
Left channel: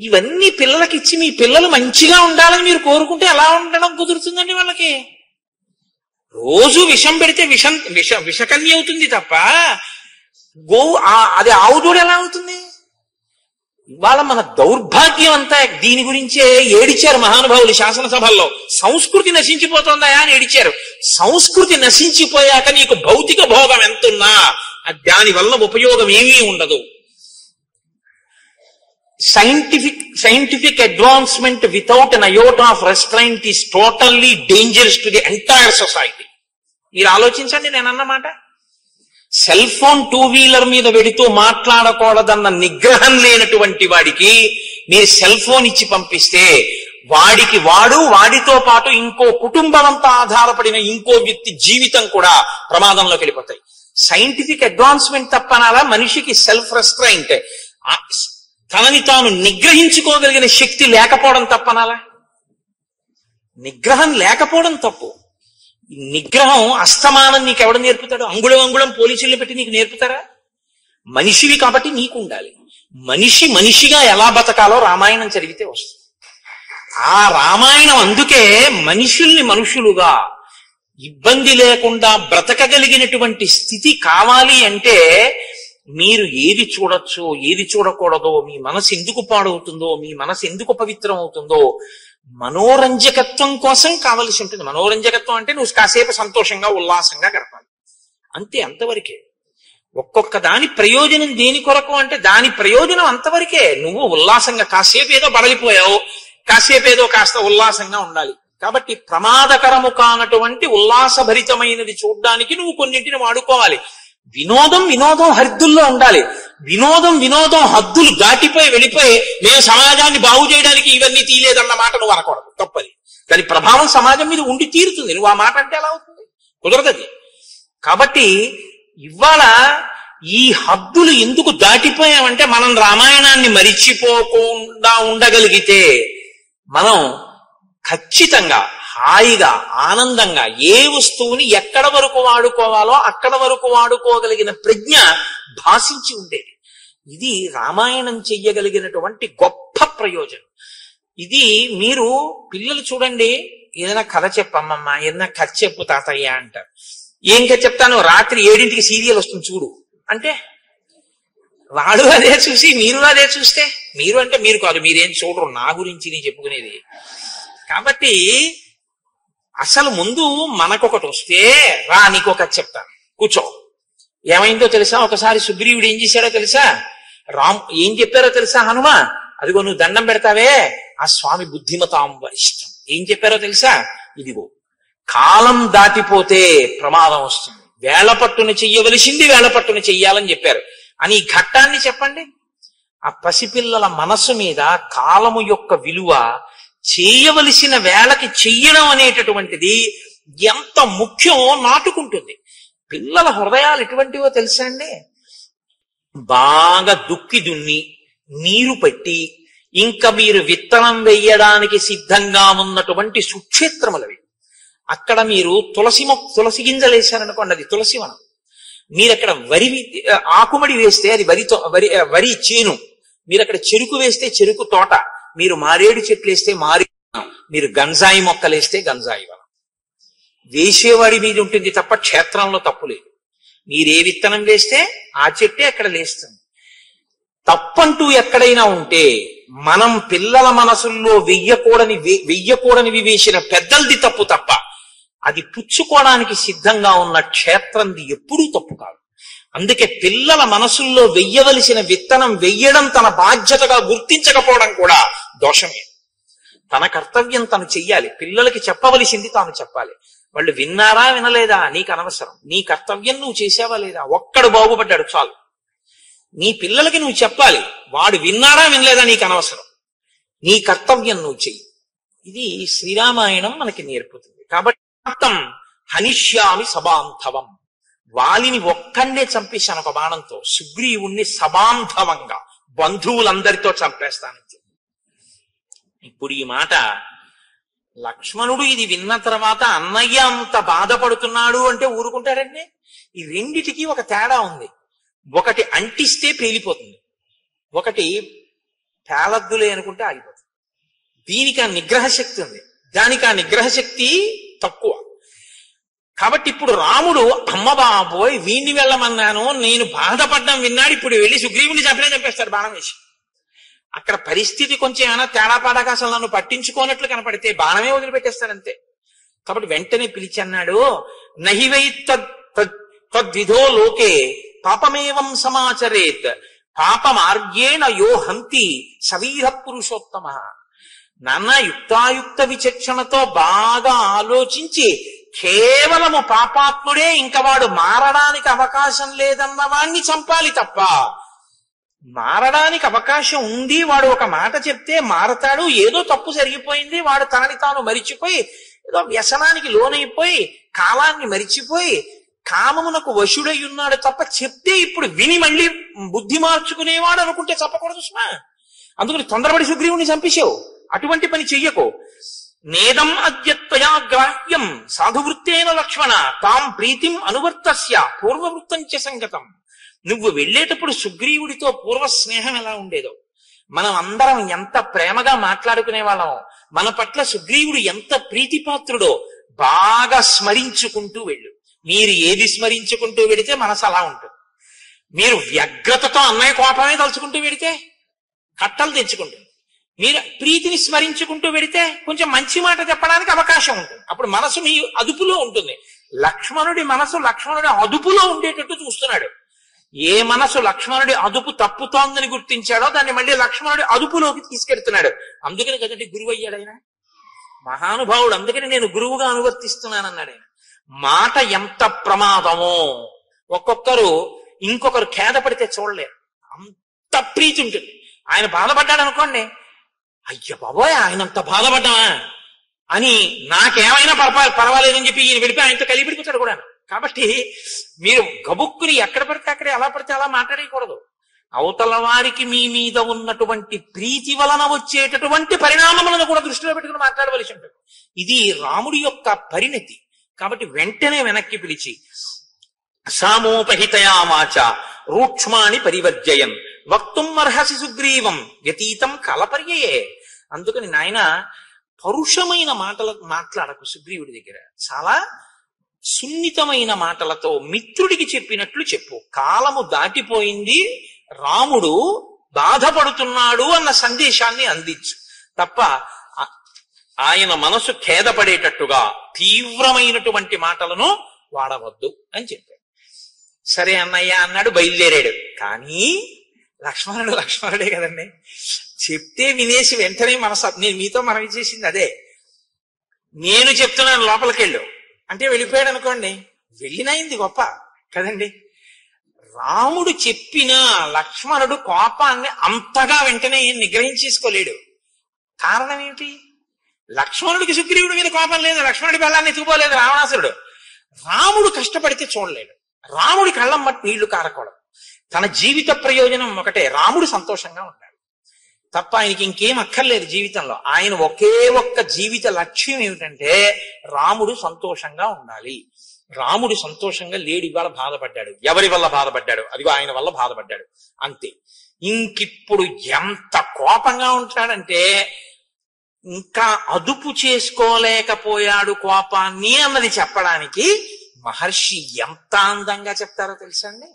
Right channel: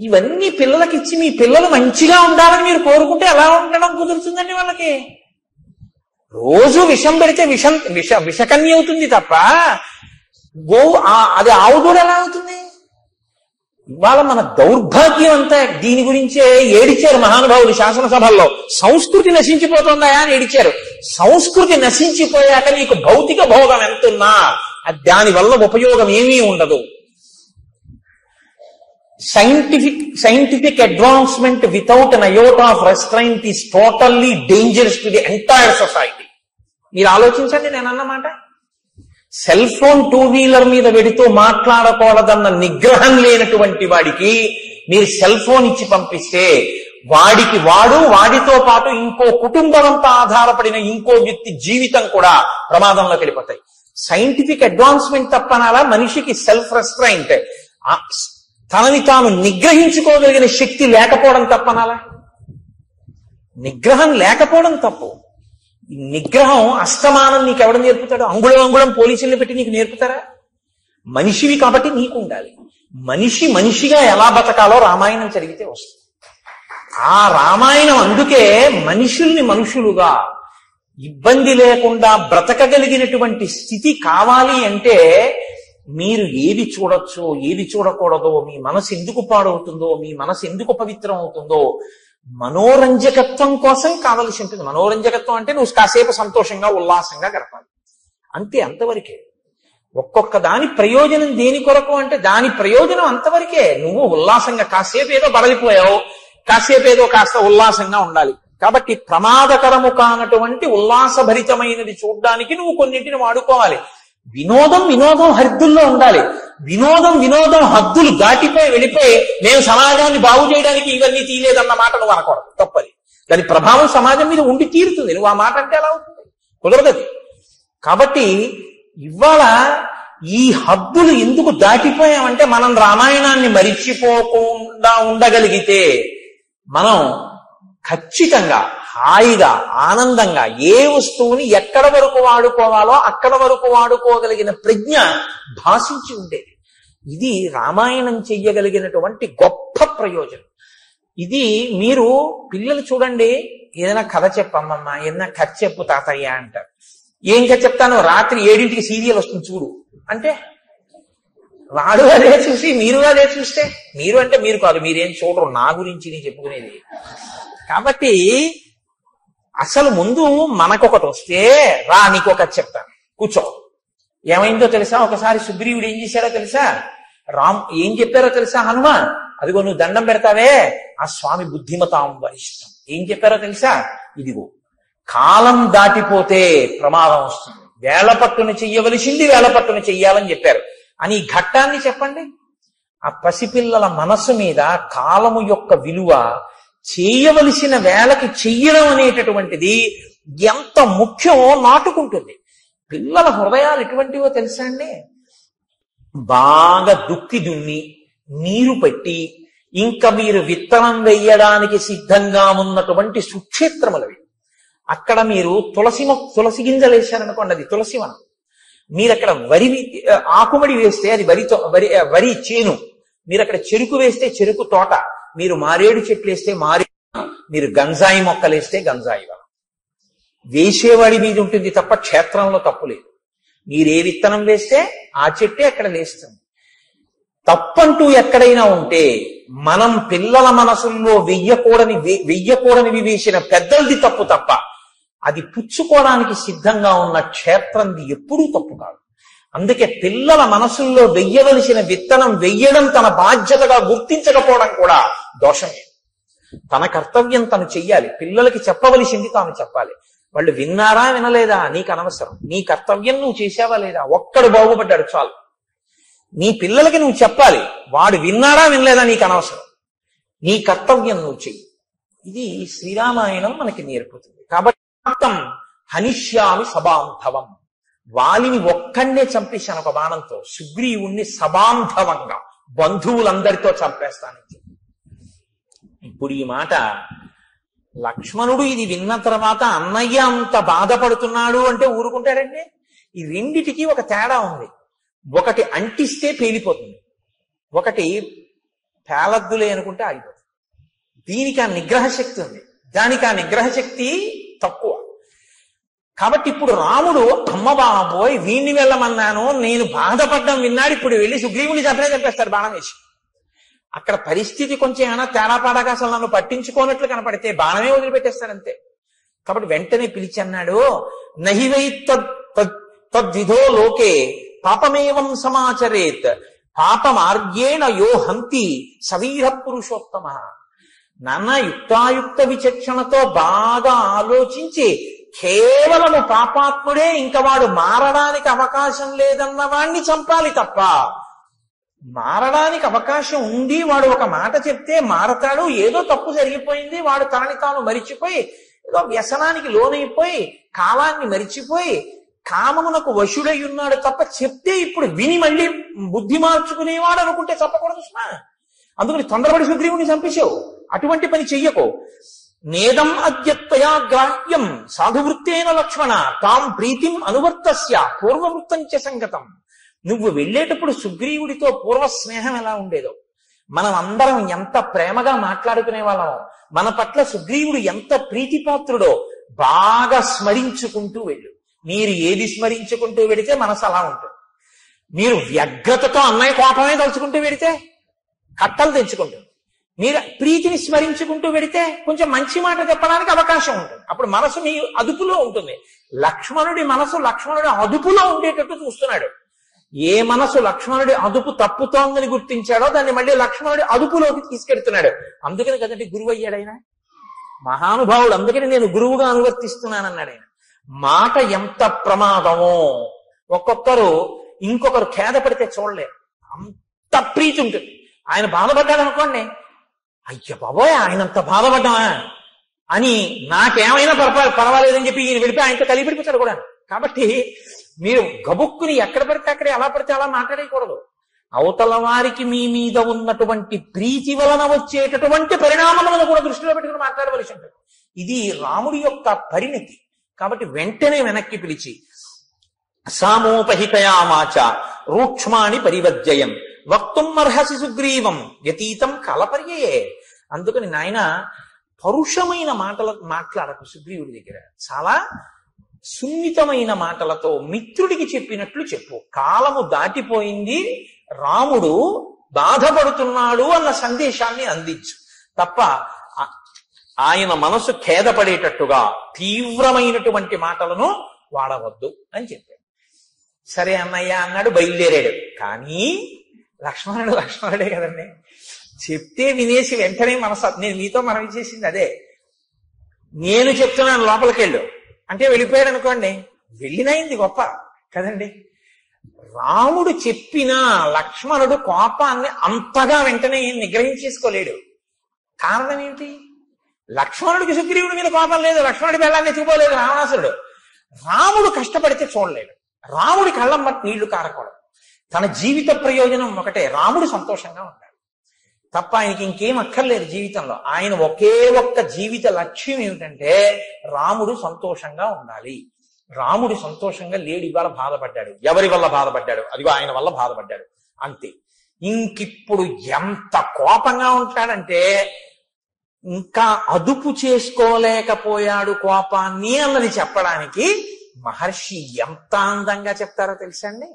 ఇవన్నీ పిల్లలకి ఇచ్చి మీ పిల్లలు మంచిగా ఉండాలని మీరు కోరుకుంటే ఎలా ఉండడం కుదురుతుందండి? వాళ్ళకి రోజు విషం పెడితే విషకన్య అవుతుంది తప్ప అది ఆవుదూడ ఎలా అవుతుంది? ఇవాళ మన దౌర్భాగ్యం అంతా దీని గురించే ఏడిచారు మహానుభావులు శాసనసభల్లో. సంస్కృతి నశించిపోతుందా అని ఏడిచారు. సంస్కృతి నశించిపోయాక నీకు భౌతిక భోగం ఎంతున్నా దాని వల్ల ఉపయోగం ఏమీ ఉండదు. Scientific advancement without an iota of restraint is totally dangerous to the entire society. మీరు ఆలోచించండి నేను అన్నమాట. సెల్ ఫోన్ 2-వీలర్ మీద పెడుతూ మాట్లాడకూడదన్న నిగ్రహం లేనటువంటి వాడికి మీరు సెల్ ఫోన్ ఇచ్చి పంపిస్తే వాడితో పాటు ఇంకో కుటుంబమంతా ఆధారపడిన ఇంకో వ్యక్తి జీవితం కూడా ప్రమాదంలోకి వెళ్ళిపోతాయి. సైంటిఫిక్ అడ్వాన్స్మెంట్ తప్పనాలా? మనిషికి సెల్ఫ్ రెస్ట్రైంట్, తనని తాను నిగ్రహించుకోగలిగిన శక్తి లేకపోవడం తప్పనాలా? నిగ్రహం లేకపోవడం తప్పు. నిగ్రహం అస్తమానం నీకు ఎవడు నేర్పుతాడు? అంగుళం పోలీసులు పెట్టి నీకు నేర్పుతారా? మనిషివి కాబట్టి నీకు ఉండాలి. మనిషిగా ఎలా బతకాలో రామాయణం చదివితే వస్తుంది. ఆ రామాయణం అందుకే మనుషుల్ని మనుషులుగా ఇబ్బంది లేకుండా బ్రతకగలిగినటువంటి స్థితి కావాలి అంటే మీరు ఏది చూడొచ్చో ఏది చూడకూడదో, మీ మనసు ఎందుకు పాడవుతుందో, మీ మనసు ఎందుకు పవిత్రం అవుతుందో మనోరంజకత్వం కోసం కావలసి ఉంటుంది. మనోరంజకత్వం అంటే నువ్వు కాసేపు సంతోషంగా ఉల్లాసంగా గడపాలి అంతే, అంతవరకే. ఒక్కొక్క దాని ప్రయోజనం దేని కొరకు అంటే దాని ప్రయోజనం అంతవరకే. నువ్వు ఉల్లాసంగా కాసేపు ఏదో బడలిపోయావు, కాసేపు ఏదో కాస్త ఉల్లాసంగా ఉండాలి. కాబట్టి ప్రమాదకరము కానటువంటి ఉల్లాసభరితమైనది చూడ్డానికి నువ్వు కొన్నింటిని వాడుకోవాలి. వినోదం హద్దుల్లో ఉండాలి. వినోదం హద్దులు దాటిపోయి వెళ్ళిపోయి మేము సమాజాన్ని బాగు చేయడానికి ఇవన్నీ తీయలేదన్న మాట నువ్వు అనకూడదు, తప్పది. దాని ప్రభావం సమాజం మీద ఉండి తీరుతుంది. నువ్వు ఆ మాట అంటే ఎలా అవుతుంది? కుదరదది. కాబట్టి ఇవాళ ఈ హద్దులు ఎందుకు దాటిపోయామంటే మనం రామాయణాన్ని మరిచిపోకుండా ఉండగలిగితే మనం ఖచ్చితంగా హాయిగా ఆనందంగా ఏ వస్తువుని ఎక్కడ వరకు వాడుకోవాలో అక్కడ వరకు వాడుకోగలిగిన ప్రజ్ఞ భాషించి ఉండేది. ఇది రామాయణం చెయ్యగలిగినటువంటి గొప్ప ప్రయోజనం. ఇది మీరు పిల్లలు చూడండి, ఏదైనా కథ చెప్పమ్మమ్మా, ఏదైనా కథ చెప్పు తాతయ్య అంటారు. ఏం కథ చెప్తాను? రాత్రి 7ంటికి సీరియల్ వస్తుంది చూడు అంటే వాడు అదే చూసి మీరు అదే చూస్తే, మీరు అంటే మీరు కాదు, మీరేం చూడరు, నా గురించి నీ చెప్పుకునేది. కాబట్టి అసలు ముందు మనకొకటి వస్తే రా నీకు ఒక చెప్తాను కూర్చో. ఏమైందో తెలుసా? ఒకసారి సుగ్రీవుడు ఏం చేశాడో తెలుసా? ఏం చెప్పారో తెలుసా? హనుమ, అదిగో నువ్వు దండం పెడతావే ఆ స్వామి బుద్ధిమతాం వరిష్టం. ఏం చెప్పారో తెలుసా? ఇదిగో కాలం దాటిపోతే ప్రమాదం వస్తుంది, వేళపట్టున చెయ్యవలసింది వేళపట్టున చెయ్యాలని చెప్పారు అని ఈ ఘట్టాన్ని చెప్పండి. ఆ పసిపిల్లల మనస్సు మీద కాలము యొక్క విలువ, చేయవలసిన వేళకి చెయ్యడం అనేటటువంటిది ఎంత ముఖ్యమో నాటుకుంటుంది. పిల్లల హృదయాలు ఎటువంటివో తెలుసా అండి? బాగా దుక్కి దున్ని నీరు పెట్టి ఇంకా మీరు విత్తనం వేయడానికి సిద్ధంగా ఉన్నటువంటి సుక్షేత్రములవి. అక్కడ మీరు తులసి గింజలు వేశారనుకోండి, అది తులసివనం. మీరు అక్కడ ఆకుమడి వేస్తే అది వరి చేను, మీరు అక్కడ చెరుకు వేస్తే చెరుకు తోట, మీరు మారేడు చెట్లు వేస్తే మీరు గంజాయి మొక్కలు వేస్తే గంజాయి వనం. వేసేవాడి మీద ఉంటుంది తప్ప క్షేత్రంలో తప్పు లేదు. మీరే విత్తనం వేస్తే ఆ చెట్టే అక్కడ లేస్తుంది. తప్పంటూ ఎక్కడైనా ఉంటే మనం పిల్లల మనసుల్లో వెయ్యకూడనివి వేసిన పెద్దలది తప్పు తప్ప అది పుచ్చుకోవడానికి సిద్ధంగా ఉన్న క్షేత్రంది ఎప్పుడూ తప్పు కాదు. అందుకే పిల్లల మనసుల్లో వెయ్యవలసిన విత్తనం వెయ్యడం తన బాధ్యతగా గుర్తించకపోవడం కూడా దోషమే. తన కర్తవ్యం తను చెయ్యాలి, పిల్లలకి చెప్పవలసింది తాను చెప్పాలి. వాళ్ళు విన్నారా వినలేదా నీకు అనవసరం, నీ కర్తవ్యం నువ్వు చేసావా లేదా, ఒక్కడు బాగుపడ్డాడు చాలు. నీ పిల్లలకి నువ్వు చెప్పాలి, వాడు విన్నాడా వినలేదా నీకు అనవసరం, నీ కర్తవ్యం నువ్వు చెయ్యి. ఇది శ్రీరామాయణం మనకి నేర్పుతుంది. కాబట్టి హనిష్యామి సబాంధవం, వాలిని ఒక్కడే చంపేశాను ఒక బాణంతో, సుగ్రీవుణ్ణి సబాంధవంగా బంధువులందరితో చంపేస్తానని చెప్పి. ఇప్పుడు ఈ మాట లక్ష్మణుడు ఇది విన్న తర్వాత అన్నయ్య అంత బాధపడుతున్నాడు అంటే ఊరుకుంటాడండి. ఈ రెండిటికి ఒక తేడా ఉంది. ఒకటి అంటిస్తే పేలిపోతుంది, ఒకటి పేలద్దులే అనుకుంటే ఆగిపోతుంది. దీనికి ఆ నిగ్రహ శక్తి ఉంది, దానికి ఆ నిగ్రహ శక్తి తక్కువ. కాబట్టి ఇప్పుడు రాముడు అమ్మ బాబోయ్ వీణ్ణి వెళ్ళమన్నాను, నేను బాధపడ్డం విన్నాడు, ఇప్పుడు వెళ్ళి సుగ్రీవుని చంపేస్తాడు బాణం వేసి. అక్కడ పరిస్థితి కొంచెం ఏమైనా తేడాపాడగా అసలు నన్ను పట్టించుకోనట్లు కనపడితే బాణమే వదిలిపెట్టేస్తాడంతే. కాబట్టి వెంటనే పిలిచి అన్నాడు, నహివై తద్విధో లోకే పాపమేవం సమాచరేత్ పాపమార్గేణ యో హంతి సవీర పురుషోత్తమ. నాన్న యుక్తాయుక్త విచక్షణతో బాగా ఆలోచించి కేవలము పాపాత్ముడే, ఇంకా వాడు మారడానికి అవకాశం లేదన్న వాణ్ణి చంపాలి తప్ప, మారడానికి అవకాశం ఉంది, వాడు ఒక మాట చెప్తే మారతాడు, ఏదో తప్పు జరిగిపోయింది, వాడు తనని తాను మరిచిపోయి ఏదో వ్యసనానికి లోనైపోయి కాలాన్ని మరిచిపోయి కామమునకు వశుడై ఉన్నాడు తప్ప, చెప్తే ఇప్పుడు విని మళ్ళీ బుద్ధి మార్చుకునేవాడు అనుకుంటే చెప్పకూడదు సుమా. అందుకని తొందరపడి సుగ్రీవుని చంపేశావు, అటువంటి పని చెయ్యకు. నేదం అద్యత్వయా గ్రాహ్యం సాధువృత్తేన లక్ష్మణ తాం ప్రీతిం అనువర్తస్య పూర్వవృత్తం చ సంగతం. నువ్వు వెళ్ళేటప్పుడు సుగ్రీవుడితో పూర్వ స్నేహం ఎలా ఉండేదో, మనం అందరం ఎంత ప్రేమగా మాట్లాడుకునే వాళ్ళమో, మన పట్ల సుగ్రీవుడు ఎంత ప్రీతిపాత్రుడో బాగా స్మరించుకుంటూ వెళ్ళు. మీరు ఏది స్మరించుకుంటూ వెడితే మనసు అలా ఉంటుంది. మీరు వ్యగ్రతతో అన్నయ్య కోపమే తలుచుకుంటూ వెడితే కట్టలు తెచ్చుకుంటుంది. మీరు ప్రీతిని స్మరించుకుంటూ వెడితే కొంచెం మంచి మాట చెప్పడానికి అవకాశం ఉంటుంది. అప్పుడు మనసు మీ అదుపులో ఉంటుంది. లక్ష్మణుడి మనసు లక్ష్మణుడి అదుపులో ఉండేటట్టు చూస్తున్నాడు. ఏ మనసు లక్ష్మణుడి అదుపు తప్పుతోందని గుర్తించాడో దాన్ని మళ్ళీ లక్ష్మణుడి అదుపులోకి తీసుకెళ్తున్నాడు. అందుకని కదండి గురువు అయ్యాడైనా. మహానుభావుడు, అందుకని నేను గురువుగా అనువర్తిస్తున్నానన్నాడు ఆయన. మాట ఎంత ప్రమాదమో ఒక్కొక్కరు ఇంకొకరు ఖేద పడితే చూడలేరు, అంత ప్రీతి ఉంటుంది. ఆయన బాధపడ్డాడు అనుకోండి, అయ్య బాబోయ్ ఆయనంత బాధపడ్డామా అని నాకేమైనా పర్వాలేదని చెప్పి ఈయన విడిపి ఆయనతో కలిపిడిపోతాడు కూడా. కాబట్టి మీరు గబుక్కుని ఎక్కడ పడితే అక్కడే ఎలా పడితే అలా మాట్లాడకూడదు. అవతల వారికి మీ మీద ఉన్నటువంటి ప్రీతి వలన వచ్చేటటువంటి పరిణామములను కూడా దృష్టిలో పెట్టుకుని మాట్లాడవలసి ఉంటుంది. ఇది రాముడి యొక్క పరిణతి. కాబట్టి వెంటనే వెనక్కి పిలిచి సామోపహితయామాచ రూక్ష్మాణి పరివర్జయన్ వక్తుం అర్హసి సుగ్రీవం వ్యతీతం కలపర్యయే. అందుకని నాయన పరుషమైన మాట్లాడకు సుగ్రీవుడి దగ్గర. చాలా సున్నితమైన మాటలతో మిత్రుడికి చెప్పినట్లు చెప్పు. కాలము దాటిపోయింది, రాముడు బాధపడుతున్నాడు అన్న సందేశాన్ని అందించు తప్ప ఆయన మనసు ఖేదపడేటట్టుగా తీవ్రమైనటువంటి మాటలను వాడవద్దు అని చెప్పాడు. సరే అన్నయ్య అన్నాడు, బయలుదేరాడు. కానీ లక్ష్మణుడే కదండి, చెప్తే వినేసి వెంటనే నేను మీతో మనవి చేసింది అదే. నేను చెప్తున్నాను లోపలికి వెళ్ళు అంటే వెళ్ళిపోయాడు అనుకోండి, వెళ్ళినైంది గొప్ప కదండి. రాముడు చెప్పినా లక్ష్మణుడు కోపాన్ని అంతగా వెంటనే నిగ్రహించేసుకోలేడు. కారణం ఏమిటి? లక్ష్మణుడికి సుగ్రీవుడి మీద కోపం లేదు, లక్ష్మణుడి బెల్లాన్ని ఎత్తుకోలేదు రావణాసురుడు. రాముడు కష్టపడితే చూడలేడు, రాముడి కళ్ళం బట్టి నీళ్లు కారకూడదు. తన జీవిత ప్రయోజనం ఒకటే, రాముడు సంతోషంగా ఉంటాడు తప్ప ఆయనకి ఇంకేం అక్కర్లేదు జీవితంలో. ఆయన ఒకే ఒక్క జీవిత లక్ష్యం ఏమిటంటే రాముడు సంతోషంగా ఉండాలి. రాముడు సంతోషంగా లేడు, ఇవాళ బాధపడ్డాడు. ఎవరి వల్ల బాధపడ్డాడు? అదిగో ఆయన వల్ల బాధపడ్డాడు, అంతే. ఇంకిప్పుడు ఎంత కోపంగా ఉంటాడంటే ఇంకా అదుపు చేసుకోలేకపోయాడు కోపాన్ని అన్నది చెప్పడానికి మహర్షి ఎంత అందంగా చెప్తారో తెలుసా అండి.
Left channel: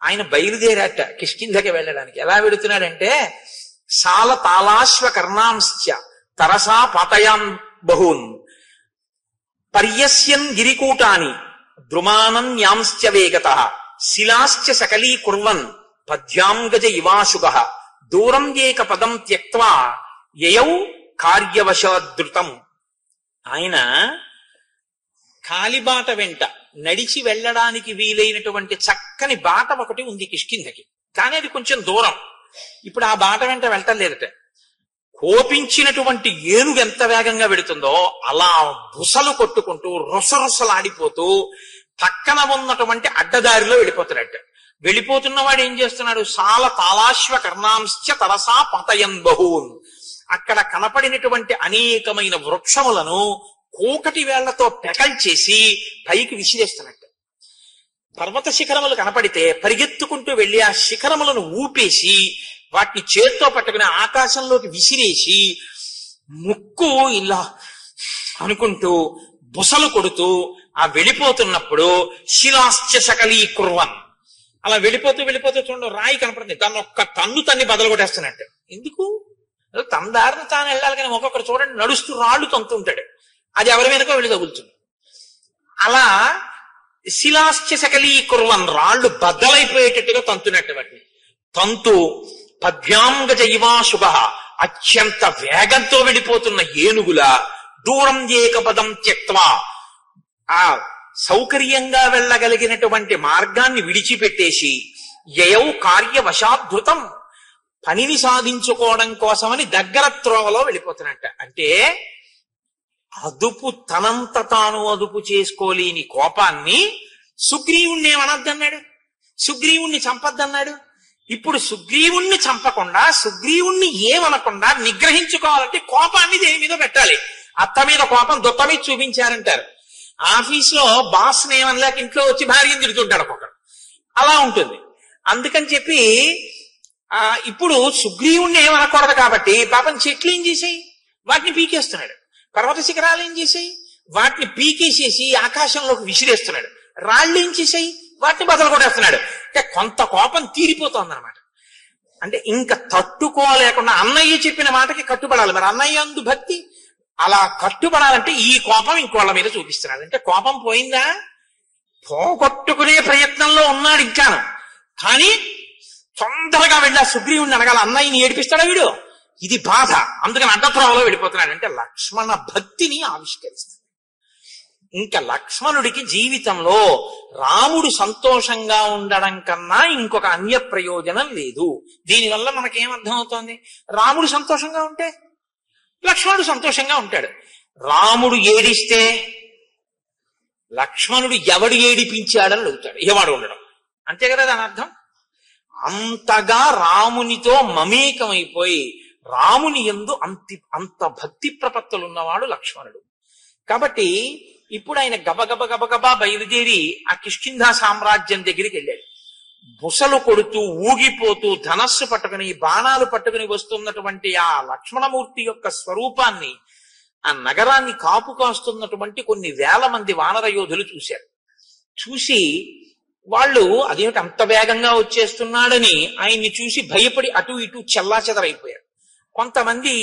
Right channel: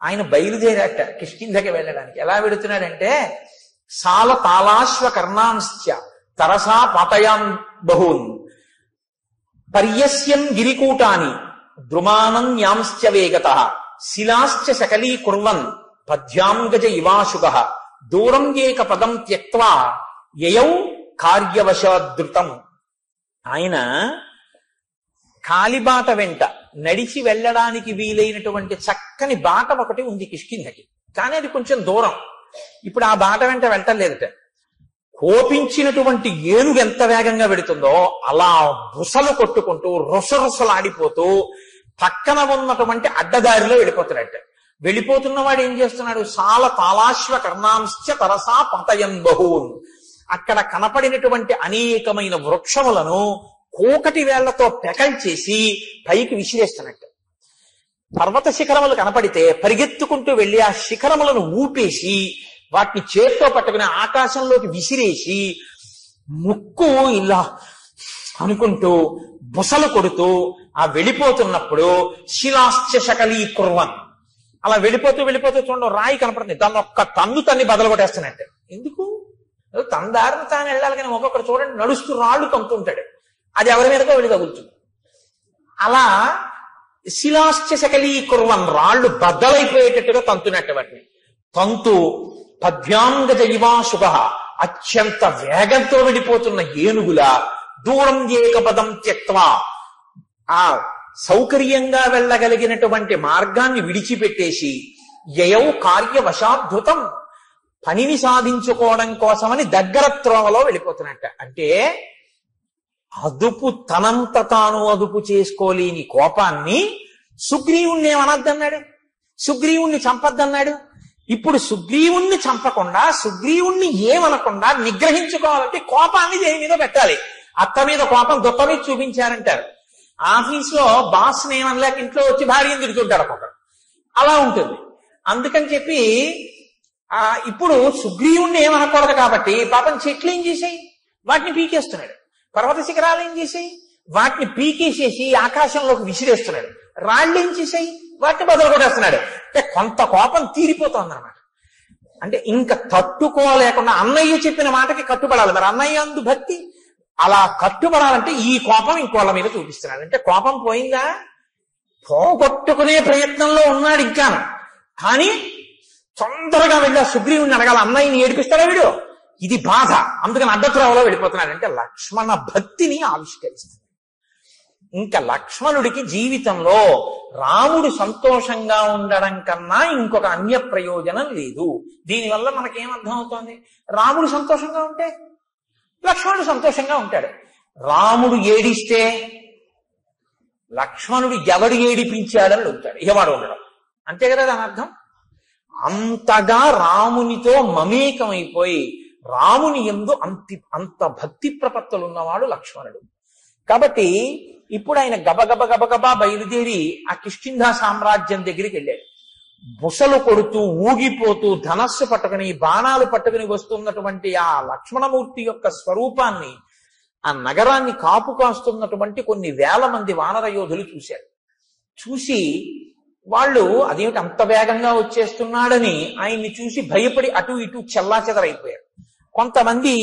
ఆయన బయలుదేరాట కిష్కింధకి వెళ్ళడానికి. ఎలా వెళుతున్నాడంటే సాల తాళాశ్వ కర్ణాంశ్చ తరసా పాతయాన్ బహూన్ పర్యస్యన్ గిరికూటాని ద్రుమానన్యాంశ్చ వేగతః శిలాశ్చ సకలీకుర్వన్ పద్యాంగజ ఇవాశుగ దూరం ఏక పదం త్యక్త్వా యయౌ కార్యవశాదృతం. ఆయన కాలిబాట వెంట నడిచి వెళ్ళడానికి వీలైనటువంటి చక్కని బాట ఒకటి ఉంది కిష్కింధకి, కానీ అది కొంచెం దూరం. ఇప్పుడు ఆ బాట వెంట వెళ్ళలేదట. కోపించినటువంటి ఏనుగు ఎంత వేగంగా వెడుతుందో అలా బుసలు కొట్టుకుంటూ రుసరుసలాడిపోతూ పక్కన ఉన్నటువంటి అడ్డదారిలో వెళ్ళిపోతున్నాడట. వెళ్ళిపోతున్నవాడు ఏం చేస్తున్నాడు? సాల తాళాశ్వ కర్ణాంశ్చ తరసా పతయన్ బహూన్. అక్కడ కనపడినటువంటి అనేకమైన వృక్షములను కోకటి వేళ్లతో పెకంచేసి పైకి విసిరేస్తున్నట్టు. పర్వత శిఖరములు కనపడితే పరిగెత్తుకుంటూ వెళ్ళి ఆ శిఖరములను ఊపేసి వాటిని చేత్తో పట్టుకుని ఆకాశంలోకి విసిరేసి ముక్కు ఇలా అనుకుంటూ బుసలు కొడుతూ ఆ వెళ్ళిపోతున్నప్పుడు శిలాశ్చ సకలీకుర్వన్ అలా వెళ్ళిపోతూ చూడండి రాయి కనపడుతుంది, దాన్ని ఒక్క తన్ను తన్ని బదలు కొట్టేస్తున్నట్టు. ఎందుకు? తన దారిని తాను వెళ్ళాలి, కానీ ఒక్కొక్కడు చూడండి నడుస్తూ రాళ్ళు తంతుంటాడు, అది ఎవరి మీదకో వెళ్ళి తగులుతుంది. అలా శిలాశ్చ సకలీకుర్వన్ రాళ్ళు బద్దలైపోయేటట్టుగా తంతున్నట్టు వాటిని తంతు పద్యాంగజ ఇవాశుభ అత్యంత వేగంతో వెళ్ళిపోతున్న ఏనుగుల దూరం ఏక పదం త్యక్త్వా ఆ సౌకర్యంగా వెళ్ళగలిగినటువంటి మార్గాన్ని విడిచిపెట్టేసి యయౌ కార్యవశాద్భుతం పనిని సాధించుకోవడం కోసమని దగ్గర త్రోవలో వెళ్ళిపోతున్నట్ట. అంటే తనంత తాను అదుపు చేసుకోలేని కోపాన్ని సుగ్రీవుణ్ణి ఏమనొద్దన్నాడు, సుగ్రీవుణ్ణి చంపద్దన్నాడు. ఇప్పుడు సుగ్రీవుణ్ణి చంపకుండా సుగ్రీవుణ్ణి ఏమనకుండా నిగ్రహించుకోవాలంటే కోపాన్ని దేని మీద పెట్టాలి. అత్త మీద కోపం దుత్త మీద చూపించారంటారు. ఆఫీస్లో బాస్ ఏమనలేక ఇంట్లో వచ్చి భార్యను తిడుతుంటాడు ఒక్కొక్కడు, అలా ఉంటుంది. అందుకని చెప్పి ఇప్పుడు సుగ్రీవుణ్ణి ఏమనకూడదు కాబట్టి పాపం చెట్లు ఏం చేసాయి, వాటిని పీకేస్తున్నాడు. పర్వత శిఖరాలు ఏం చేసాయి, వాటిని పీకేసేసి ఆకాశంలోకి విసిరేస్తున్నాడు. రాళ్ళు ఏం చేసాయి, వాటిని బదలు కొట్టేస్తున్నాడు. అంటే కొంత కోపం తీరిపోతుంది అన్నమాట. అంటే ఇంకా తట్టుకోలేకుండా అన్నయ్య చెప్పిన మాటకి కట్టుబడాలి. మరి అన్నయ్య అందు భక్తి, అలా కట్టుబడాలంటే ఈ కోపం ఇంకోళ్ళ మీద చూపిస్తున్నాడు. అంటే కోపం పోయిందా? పోగొట్టుకునే ప్రయత్నంలో ఉన్నాడు ఇంకాను. కానీ తొందరగా వెళ్ళా సుగ్రీవుని అడగాల, అన్నయ్యని ఏడిపిస్తాడా వీడు? ఇది బాధ, అందుకని అడ్డత్రోవలో వెళ్ళిపోతున్నాడు. అంటే లక్ష్మణ భక్తిని ఆవిష్కరిస్తుంది. ఇంకా లక్ష్మణుడికి జీవితంలో రాముడు సంతోషంగా ఉండడం కన్నా ఇంకొక అన్య ప్రయోజనం లేదు. దీనివల్ల మనకేమర్థం అవుతోంది? రాముడు సంతోషంగా ఉంటే లక్ష్మణుడు సంతోషంగా ఉంటాడు. రాముడు ఏడిస్తే లక్ష్మణుడు ఎవడు ఏడిపించాడని అడుగుతాడు, ఎవడు ఉండడం. అంతే కదా దాని అర్థం. అంతగా రామునితో మమేకమైపోయి రాముని యందు అంత భక్తి ప్రపత్తులు ఉన్నవాడు లక్ష్మణుడు. కాబట్టి ఇప్పుడు ఆయన గబగబ గబగబా బయలుదేరి ఆ కిష్కింధ సామ్రాజ్యం దగ్గరికి వెళ్ళాడు. బుసలు కొడుతూ ఊగిపోతూ ధనస్సు పట్టుకుని బాణాలు పట్టుకుని వస్తున్నటువంటి ఆ లక్ష్మణమూర్తి యొక్క స్వరూపాన్ని, ఆ నగరాన్ని కాపు కాస్తున్నటువంటి కొన్ని వేల మంది వానర యోధులు చూశారు. చూసి వాళ్ళు అదేమిటి అంత వేగంగా వచ్చేస్తున్నాడని ఆయన్ని చూసి భయపడి అటు ఇటు చెల్లాచెదరైపోయారు. కొంతమంది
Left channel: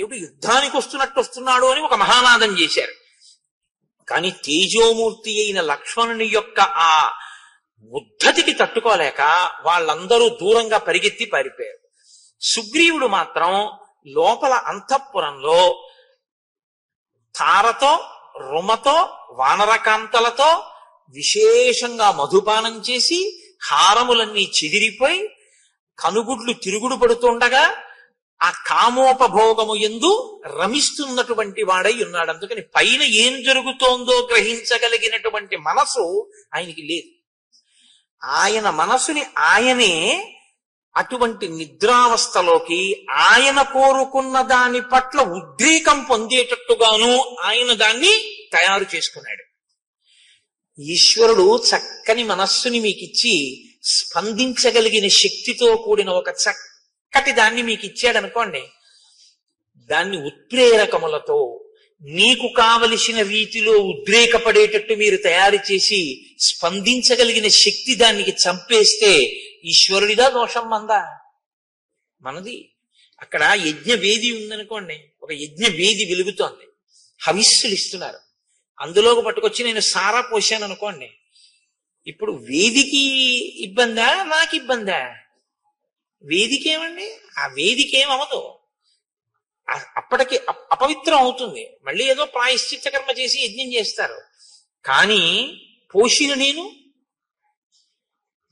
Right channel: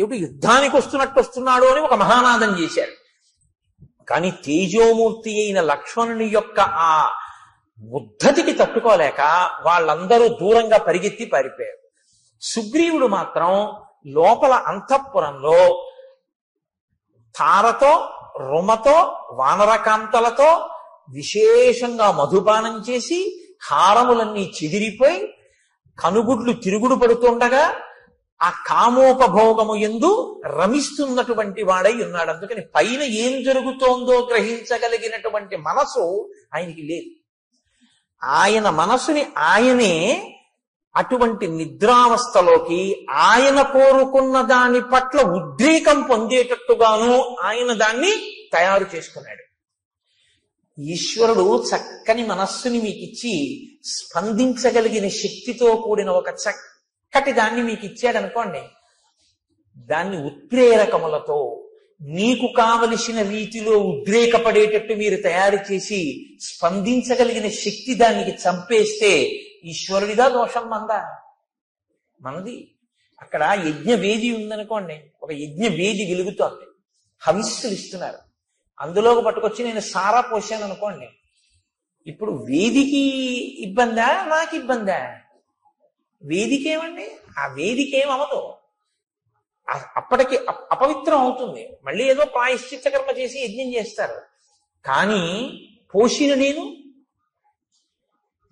ఏమిటి యుద్ధానికి వస్తున్నాడు అని ఒక మహానాదం చేశారు. కానీ తేజోమూర్తి అయిన లక్ష్మణుని యొక్క ఆ ఉద్ధతికి తట్టుకోలేక వాళ్ళందరూ దూరంగా పరిగెత్తి పారిపోయారు. సుగ్రీవుడు మాత్రం లోపల అంతఃపురంలో తారతో రుమతో వానరకాంతలతో విశేషంగా మధుపానం చేసి హారములన్నీ చెదిరిపోయి కనుగుడ్లు తిరుగుడు పడుతుండగా ఆ కామోపభోగము యందు రమిస్తున్నటువంటి వాడై ఉన్నాడు. అందుకని పైన ఏం జరుగుతోందో గ్రహించగలిగినటువంటి మనసు ఆయనకి లేదు. ఆయన మనసుని ఆయనే అటువంటి నిద్రావస్థలోకి ఆయన కోరుకున్న దాని పట్ల ఉద్రేకం పొందేటట్టుగాను ఆయన దాన్ని తయారు చేసుకున్నాడు. ఈశ్వరుడు చక్కని మనస్సుని మీకిచ్చి స్పందించగలిగిన శక్తితో కూడిన ఒక చక్కటి దాన్ని మీకు ఇచ్చాడనుకోండి, దాన్ని ఉత్ప్రేరకములతో మీకు కావలసిన రీతిలో ఉద్రేకపడేటట్టు మీరు తయారు చేసి స్పందించగలిగిన శక్తి దానికి చంపేస్తే ఈశ్వరుడిదా దోషం మందా? మనది. అక్కడ యజ్ఞవేది ఉందనుకోండి, ఒక యజ్ఞవేది వెలుగుతోంది, హవిస్సులు ఇస్తున్నారు, అందులోకి పట్టుకొచ్చి నేను సారా పోసాను అనుకోండి, ఇప్పుడు వేదికి ఇబ్బందా నాకు ఇబ్బందా? వేదికేమండి, ఆ వేదికేమవదు, అప్పటికి అపవిత్రం అవుతుంది. మళ్ళీ ఏదో ప్రాయశ్చిత్త కర్మ చేసి యజ్ఞం చేస్తారు. కానీ పోషిన నేను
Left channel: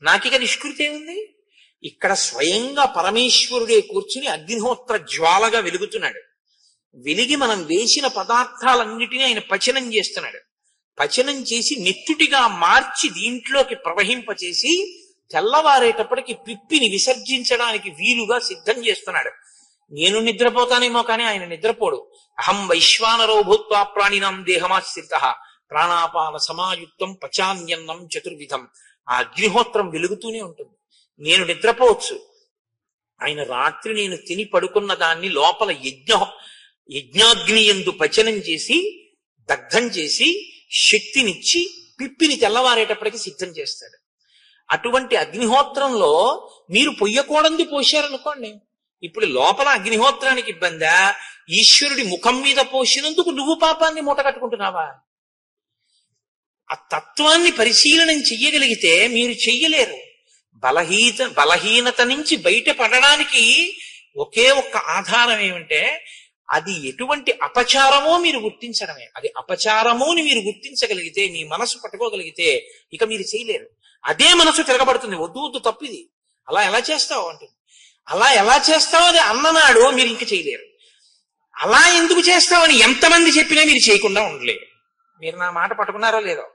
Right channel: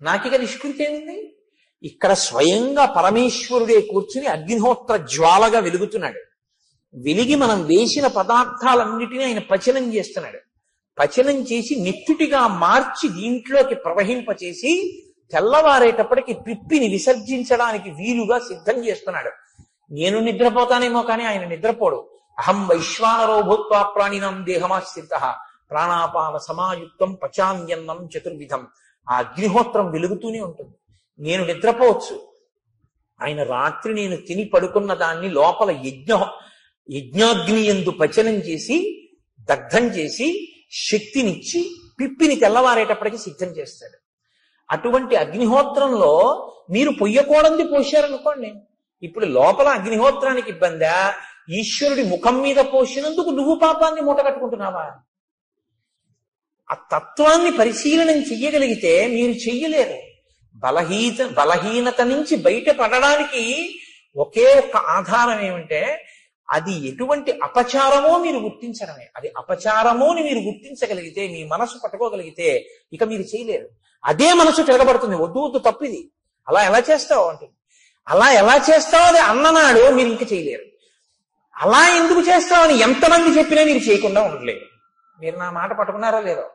నాకిక నిష్కృతి ఏముంది? ఇక్కడ స్వయంగా పరమేశ్వరుడే కూర్చుని అగ్నిహోత్ర జ్వాలగా వెలుగుతున్నాడు. వెలిగి మనం వేసిన పదార్థాలన్నిటినీ ఆయన పచనం చేస్తున్నాడు. పచనం చేసి నెత్తుటిగా మార్చి దీంట్లోకి ప్రవహింపచేసి తెల్లవారేటప్పటికి పిప్పిని విసర్జించడానికి వీలుగా సిద్ధం చేస్తున్నాడు. నేను నిద్రపోతానేమో కానీ ఆయన నిద్రపోడు. అహం వైశ్వానరో భూత్వా ప్రాణినాం దేహమాశ్రితః ప్రాణాపాన సమాయుక్తం పచాన్యన్నం చతుర్విధం. ఆ అగ్నిహోత్రం వెలుగుతూనే ఉంటుంది. నేను నిద్రపోవచ్చు, ఆయన రాత్రి నేను తిని పడుకున్న దాన్ని లోపల యజ్ఞాగ్ని యందు పచనం చేసి దగ్ధం చేసి శక్తినిచ్చి పిప్పిని తెల్లవారేటప్పటికి సిద్ధం చేస్తాడు. అటువంటి అగ్నిహోత్రంలో మీరు పొయ్యకూడంది పోశారనుకోండి, ఇప్పుడు లోపల అగ్నిహోత్రానికి ఇబ్బందా? ఈశ్వరుడి ముఖం మీద పోసినందుకు నువ్వు పాపాన్ని మూట కట్టుకుంటున్నావా? ఆ తత్వాన్ని పరిశీలనం చెయ్యగలిగితే మీరు చెయ్యలేరు. బలహీనత నుంచి బయటపడడానికి ఒకే ఒక్క ఆధారం ఏమంటే అది ఎటువంటి అపచారమో మీరు గుర్తించడమే. అది అపచారమో అని మీరు గుర్తించగలిగితే, మీ మనసు పట్టుకోగలిగితే ఇక మీరు చేయలేరు. అదే మనసు తిరగబడుతుంది, వద్దు వద్దు తప్పిది, అలా ఎలా చేస్తావు అంటుంది. అలా ఎలా చేస్తావు అని అన్ననాడు మీరు ఇంక చేయలేరు. అలా ఎందుకు చేస్తావని ఎంతమంది చెప్పినా మీరు చేయకుండా ఉండలేరు. మీరు నా మాట పట్టుకున్నారో లేదో?